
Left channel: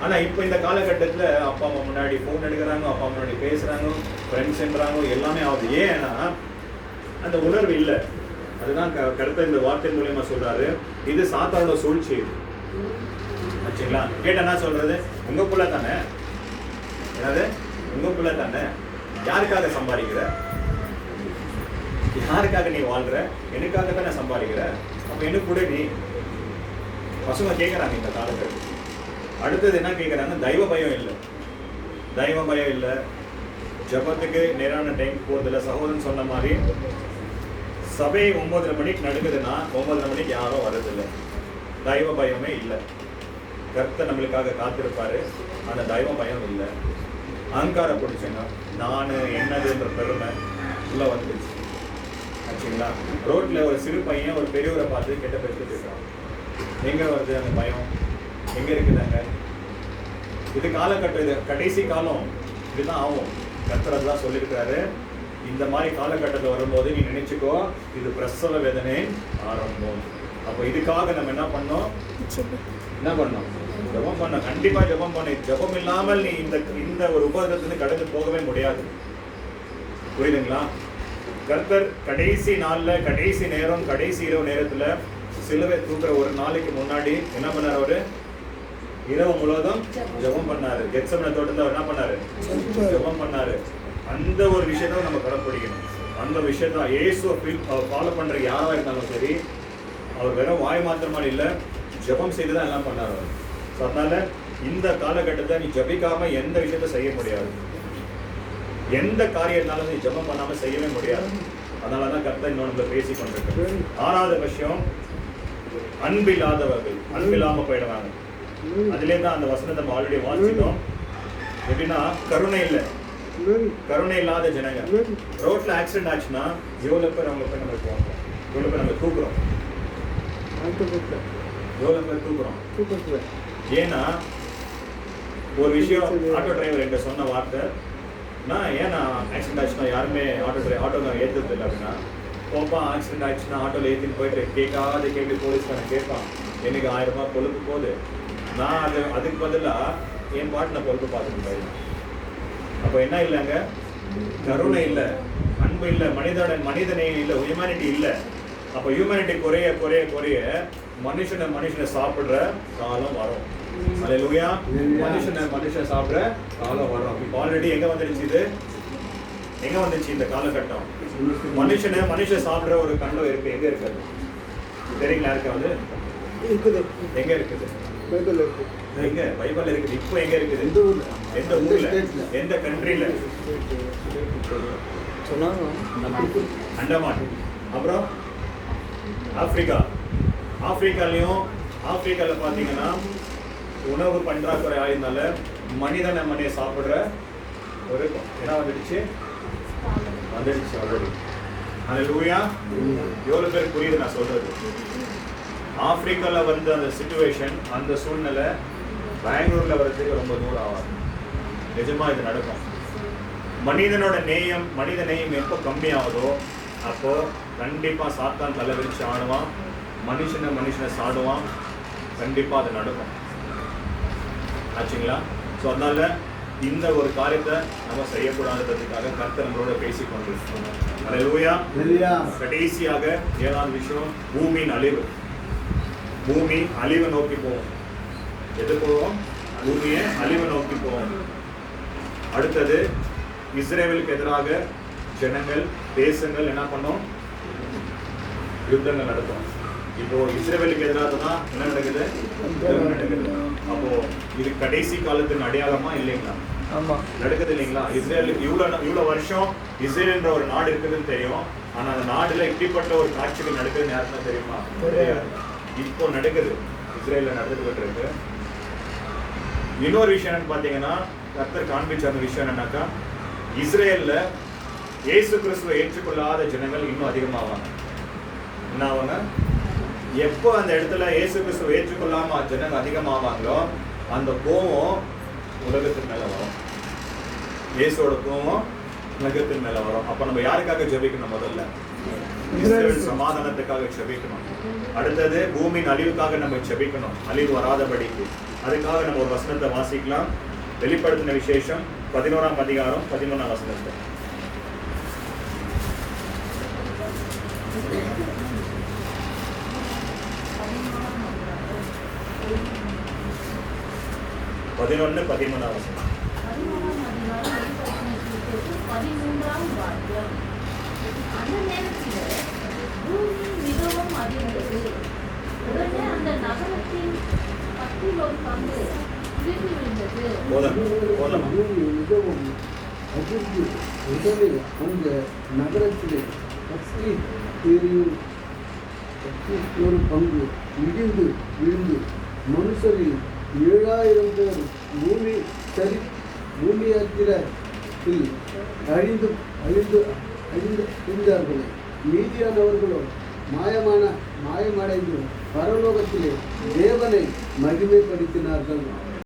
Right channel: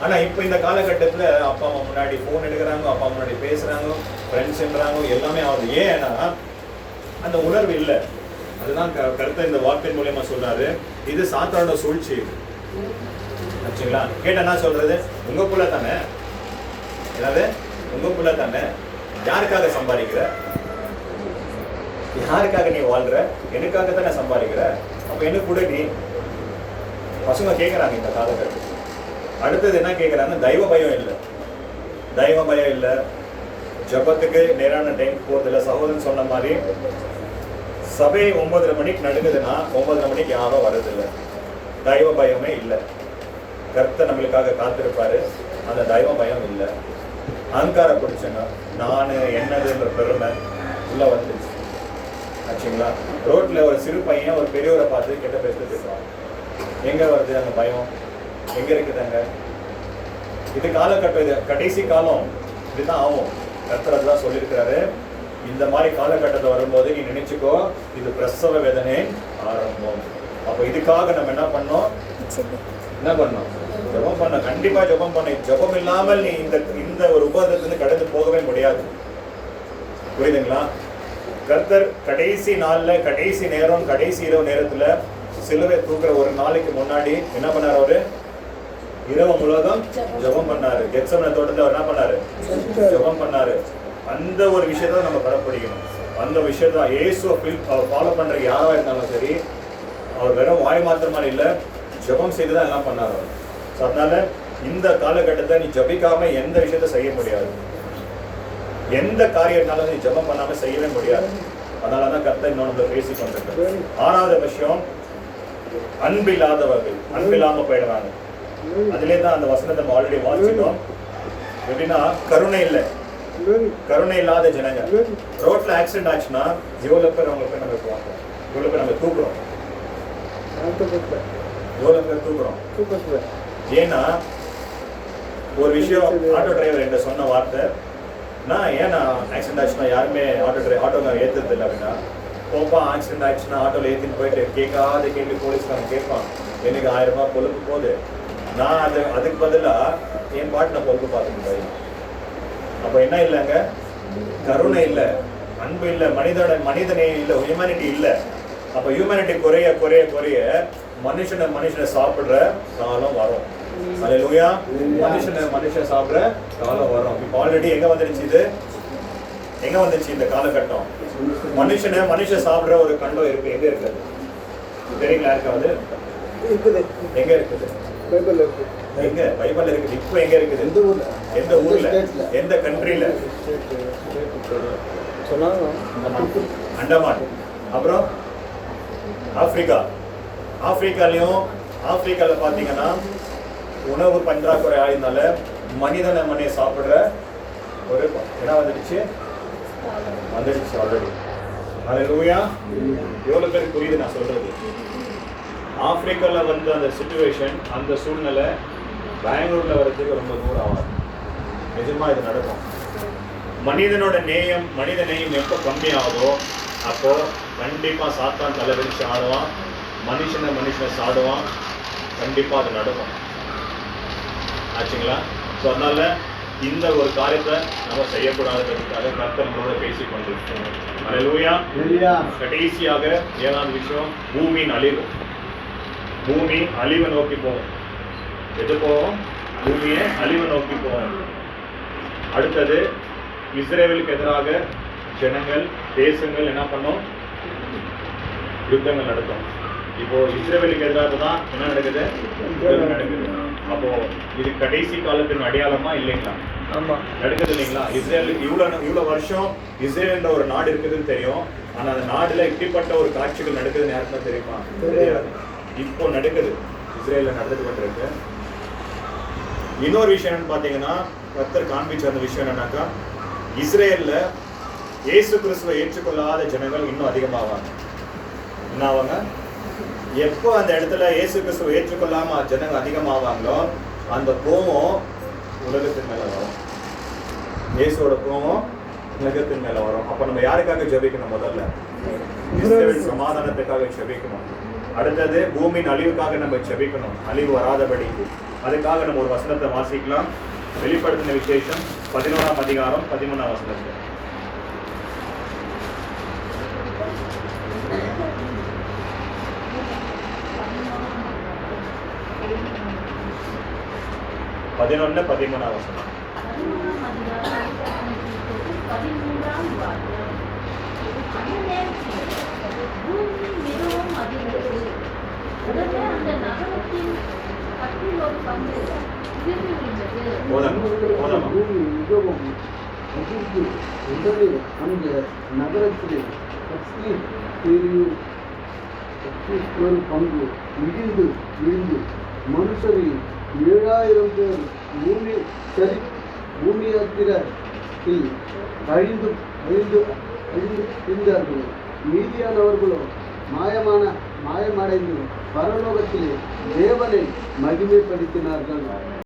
ஆனா இப்போ இந்த காலகட்டத்தில் அப்பா அம்மா முன்னாடி ஃபோன் எடுக்கிறாங்க, அப்பா முன்னாடி பேசுறாங்க, ஃப்ரெண்ட்ஸ்ன்றாங்க, எல்லாமே ஆகுது. ஏன்னா அந்த உணர்வு இல்லை. அதுதான் கருத்தை இந்த வாக்கின் மூலியமா சொல்றாரு. இது சாத்தானோட சூழ்ச்சி ஆச்சுங்களா? கேட்ட என்ன சொல்றது? உங்க புள்ள தானே, அதாவது உங்க புள்ள தானே, யாருக்காக சம்பாதிக்கிற, யாருக்காக நீ வாழ்ற, எனக்காக தானே சம்பாதிக்கிற, அப்ப எனக்கு கூட நீ. பசங்க கேட்கறாங்க இந்த காலகட்டத்தில். அடுத்தது என்ன கேட்கறாங்க? தெய்வ பயம் இல்லை, தெய்வ பயம் இல்லை, ஜபத்துக்கு நேரான டைம் போறதில்லை. சகோதரன் சொன்ன மாதிரி சபை 9:30 மணிக்கு நடக்குதுன்னா 9:30 மணிக்கு யாரும் வர்றதில்லை. தெய்வ பயமே இல்லை. கர்த்தர் நம்மளுக்காக காத்திருப்பாரு, அந்த தெய்வ பயம் இல்லை. அகங்கார பிடிச்சங்க, நான் என்னதுன்ற பெருமை உள்ள வந்துருச்சு ஆச்சுங்களா? ரோட்ல ஒரு சிறு பையன் ஒரு பெரியவரை பார்த்து கெட்ட பேசிட்டு இருக்கான். எங்க வருது அந்த பயம்? எங்க இருக்குதாங்க? இது காலகட்டம், இது கடைசி காலம், இதுதான் ஆகும். கர்த்தர் தான் சொல்லியிருக்கிறாரு. இந்த மாதிரி காலகட்டத்தில் வரும்போது நீ நினைச்சுக்கோ, இது பிரசவ வேதனை ஆரம்பம். அப்போ இதுக்காக நம்ம என்ன பண்ணோம்? ஜபம் பண்ண, கண்டிப்பா ஜபம் பண்ண. ஜபம் இல்லாமல் நீ இந்த ஒரு உபதத்திலிருந்து கடந்து போகவே முடியாது. புரியுதுங்களா? கர்த்தர் கடைசி நாள்ல, கடைசி நேரம், கடைசி இரவு நேரத்துல சிலுவை தூக்குற ஒரு நாளைக்கு முன்னாடி என்ன பண்ணாரு? அவரு இரவு முழுவதும் ஜபம் பண்ணாரு. கெத்செமனே தோட்டத்துல அவர் என்ன பண்ணாரு? ஜபம் பண்ணாரு. அந்த ஒரு விஷயத்த நம்ம கடைப்பிடிக்கணும். அந்த விஷயத்த இயேசுவை ஃபாலோ பண்ற யாரா இருந்தாலும் சரி, அவர் வெறும் வாய் மாத்திரமா இல்லை, ஜபம் செய்துதான் எல்லாம் பண்ணார் அவர். அதனால இந்த காலகட்டத்தை நீ ஜபிக்காம எந்த விஷயத்த செய்ய முடியாது. எந்த காரியம்னாலும் நீ ஜபம் பண்ணாம செய்யவே முடியாது. அதனாலதான் கர்த்தர் இன்னொன்று பேசி கொண்டிருக்க. 6வது விஷயம், அன்பில்லாதவர்கள் அன்பில்லாம போயிடுவாங்க. அதுலேயே தான் அந்த வசனத்தை நம்ம ஆல்ரெடி வாசிச்சோம். எப்படின்னா, கருணை இல்லை. கருணை இல்லாத ஜனங்க. ரோட்ல ஆக்சிடென்ட் ஆச்சுன்னா எவ்வளவு பேர் அவங்க போய் நம்ம பார்ப்போம், எவ்வளவு பேர் நம்ம தூக்குறோம், எவ்வளவு பேர் தூக்குறோம். ஏன்னா ஒரு விஷயம் ஆட்டோ டிரைவர் என்கிட்ட சொன்ன வார்த்தை, நான் ஏன்னா ஆக்சிடென்ட் ஆச்சுன்னா யாருமே ஆட்டோக்காரர் ஏற்றுறது இல்லை அப்படின்னா, போப்பா ஆக்சிடென்ட் ஆயிடுச்சுன்னா ஆட்டோவில் ஏற்றின்னு போயிட்டு கேட்காத கேள்வி போலீஸ்காரன் கேட்பான், எனக்கு 1000 ரூபாய் பொழுப்பு போகுது. நான் அதுக்கு பதிலாக என் பாட்டு நான் பொழுப்பு பார்த்துட்டு போயிடலாம். அப்போ என்ன இல்லைங்க, கருணை இல்லை, அன்பு இல்லை, மனிதனே இல்லை, ஹியூமனிட்டி இல்லை. அப்போ ஹியூமனிட்டி குறைய குறைய குறைய மனுஷனை சாப்பிடுற காலம் வரும். அல்லேலூயா. மனுஷன் சாப்பிடுற காலம் வரும். இப்போ ஆல்ரெடி எங்க வந்துச்சு இந்த காலகட்டம். மனுஷன் சாப்பிடுற ஒரு கண்டம் இருக்கு. எங்க இருக்குது தெரியுங்களா? இருக்காது இருக்குது. எங்க இருக்குது? எங்க பைபிள்ல இருக்குது. இப்போ எங்க இருக்குது? எந்த ஊர்ல, எந்த கண்ட்ரில? அண்டமான். அப்புறம் ஆப்பிரிக்கால பாத்தீங்கன்னா உணவு பற்றாக்குறை ஆயிருந்தால மனிதனை சாப்பிடுற ஒரு என்ன வந்துடுச்சு ஆல்ரெடி. அல்லேலூயா. எவ்வளவு பேர் புரியுது நான் சொல்றது? ஆப்பிரிக்கால வந்து அந்த சிச்சுவேஷன், அந்த சூழ்நிலை பெங்களூர்ல வர்றதுக்கு ரொம்ப தூரம் ஆகாது. நிஜமா இது நடக்கும். மனித நேயம் எப்போ கம்மியாகுதோ அப்போ கண்டிப்பா சாத்தான் தலை விரிச்சு ஆடுவான், மனுஷனை சாடுவான். கண்டிப்பா அது நடக்கும். ஆச்சுங்களா? ஸோ அதனால இந்த ஒரு காரியத்தை நம்ம செய்யக்கூடாதுன்றதுக்காக கர்த்தர் நம்மளோட பேசிக் கொண்டிருக்கோம். அல்லேலூயா. கடைசியாக 7வது விஷயம், பூமியின் அழிவு. பூமி அழிவை நோக்கி போகும். எது போவோம்? பூமியை அழிவை நோக்கி போவோம். அடுத்தது இஸ்ரேலுக்கு எதிராக ஜனங்கள், தேசங்கள் என்ன பண்ணும்? யுத்தங்கள் நடக்கும். இப்போ இஸ்ரேலுக்கு எதிராக தான் என்ன நடக்குது? யுத்தங்கள் நடக்குது. அப்போ இது கடைசி காலத்தின் அடையாளமா இல்லைங்களா? ஆமா, நடக்குது இல்லைங்களா? இஸ்ரேலுக்கு இவ்வளவு வருஷம் இஸ்ரேல்ன்ற ஒரு நாடு இருக்குதுன்னு தெரியும். ஆனா அந்த நாடுல இப்படிப்பட்ட ஒரு காட்சிகள் நடக்குதுன்னு யாருக்கும் தெரியுமா? தெரியாது. இப்போ நடக்குது, இஸ்ரேல்ல நடந்துட்டு கொண்டிருக்கு. இன்னொரு விஷயம் என்னன்னு பாத்தீங்கன்னா, கர்த்தர் காண்பிச்ச அந்த விஷயம் என்னன்னாக்கா, இஸ்ரேல்ல இயேசு கிறிஸ்துவை ஏற்றுக்கொள்ளாத ஜனங்கள் இன்னும் அதிகமாவாங்க. என்ன ஆவாங்க? எப்போ அந்த இடத்துல இயேசு கிறிஸ்துவை ஏற்றுக்கொள்ளாம ஜனங்கள் அதிகமாவாங்களோ அந்த கோபம் உலகத்தின் மேல வரும். இயேசுவோட கோபம் உலகத்தின் மேல வரும். அப்ப நம்ம யாருக்காக ஜெபிக்கணும்? முதல்ல இஸ்ரேல் சமாதானத்துக்காக ஜெபிக்கணும். அடுத்தது பூமியின் அழிவுக்காக நம்ம ஜெபிக்கணும், அழிவு வராதபடிக்கு. அதுக்காக நம்ம ஒரு வசனத்தை வாசிக்கலாம். வெளிப்படுத்தின விசேஷம் 11ஆம் அதிகாரம் 13ஆம் வசனத்தை. பதினொன்னு 13ஆம் வசனம். அந்த நகரத்திலே ஒரு பங்கு இடிந்து விழுந்து மனுஷரில் 7000 பேர் பூமியாத்திரத்தில் அழிந்து இருந்தார்கள். மீதியானவர்களோ மாயமடைந்து பரலோகத்திலே தேவனை மகிமைப்படுத்தினார்கள்.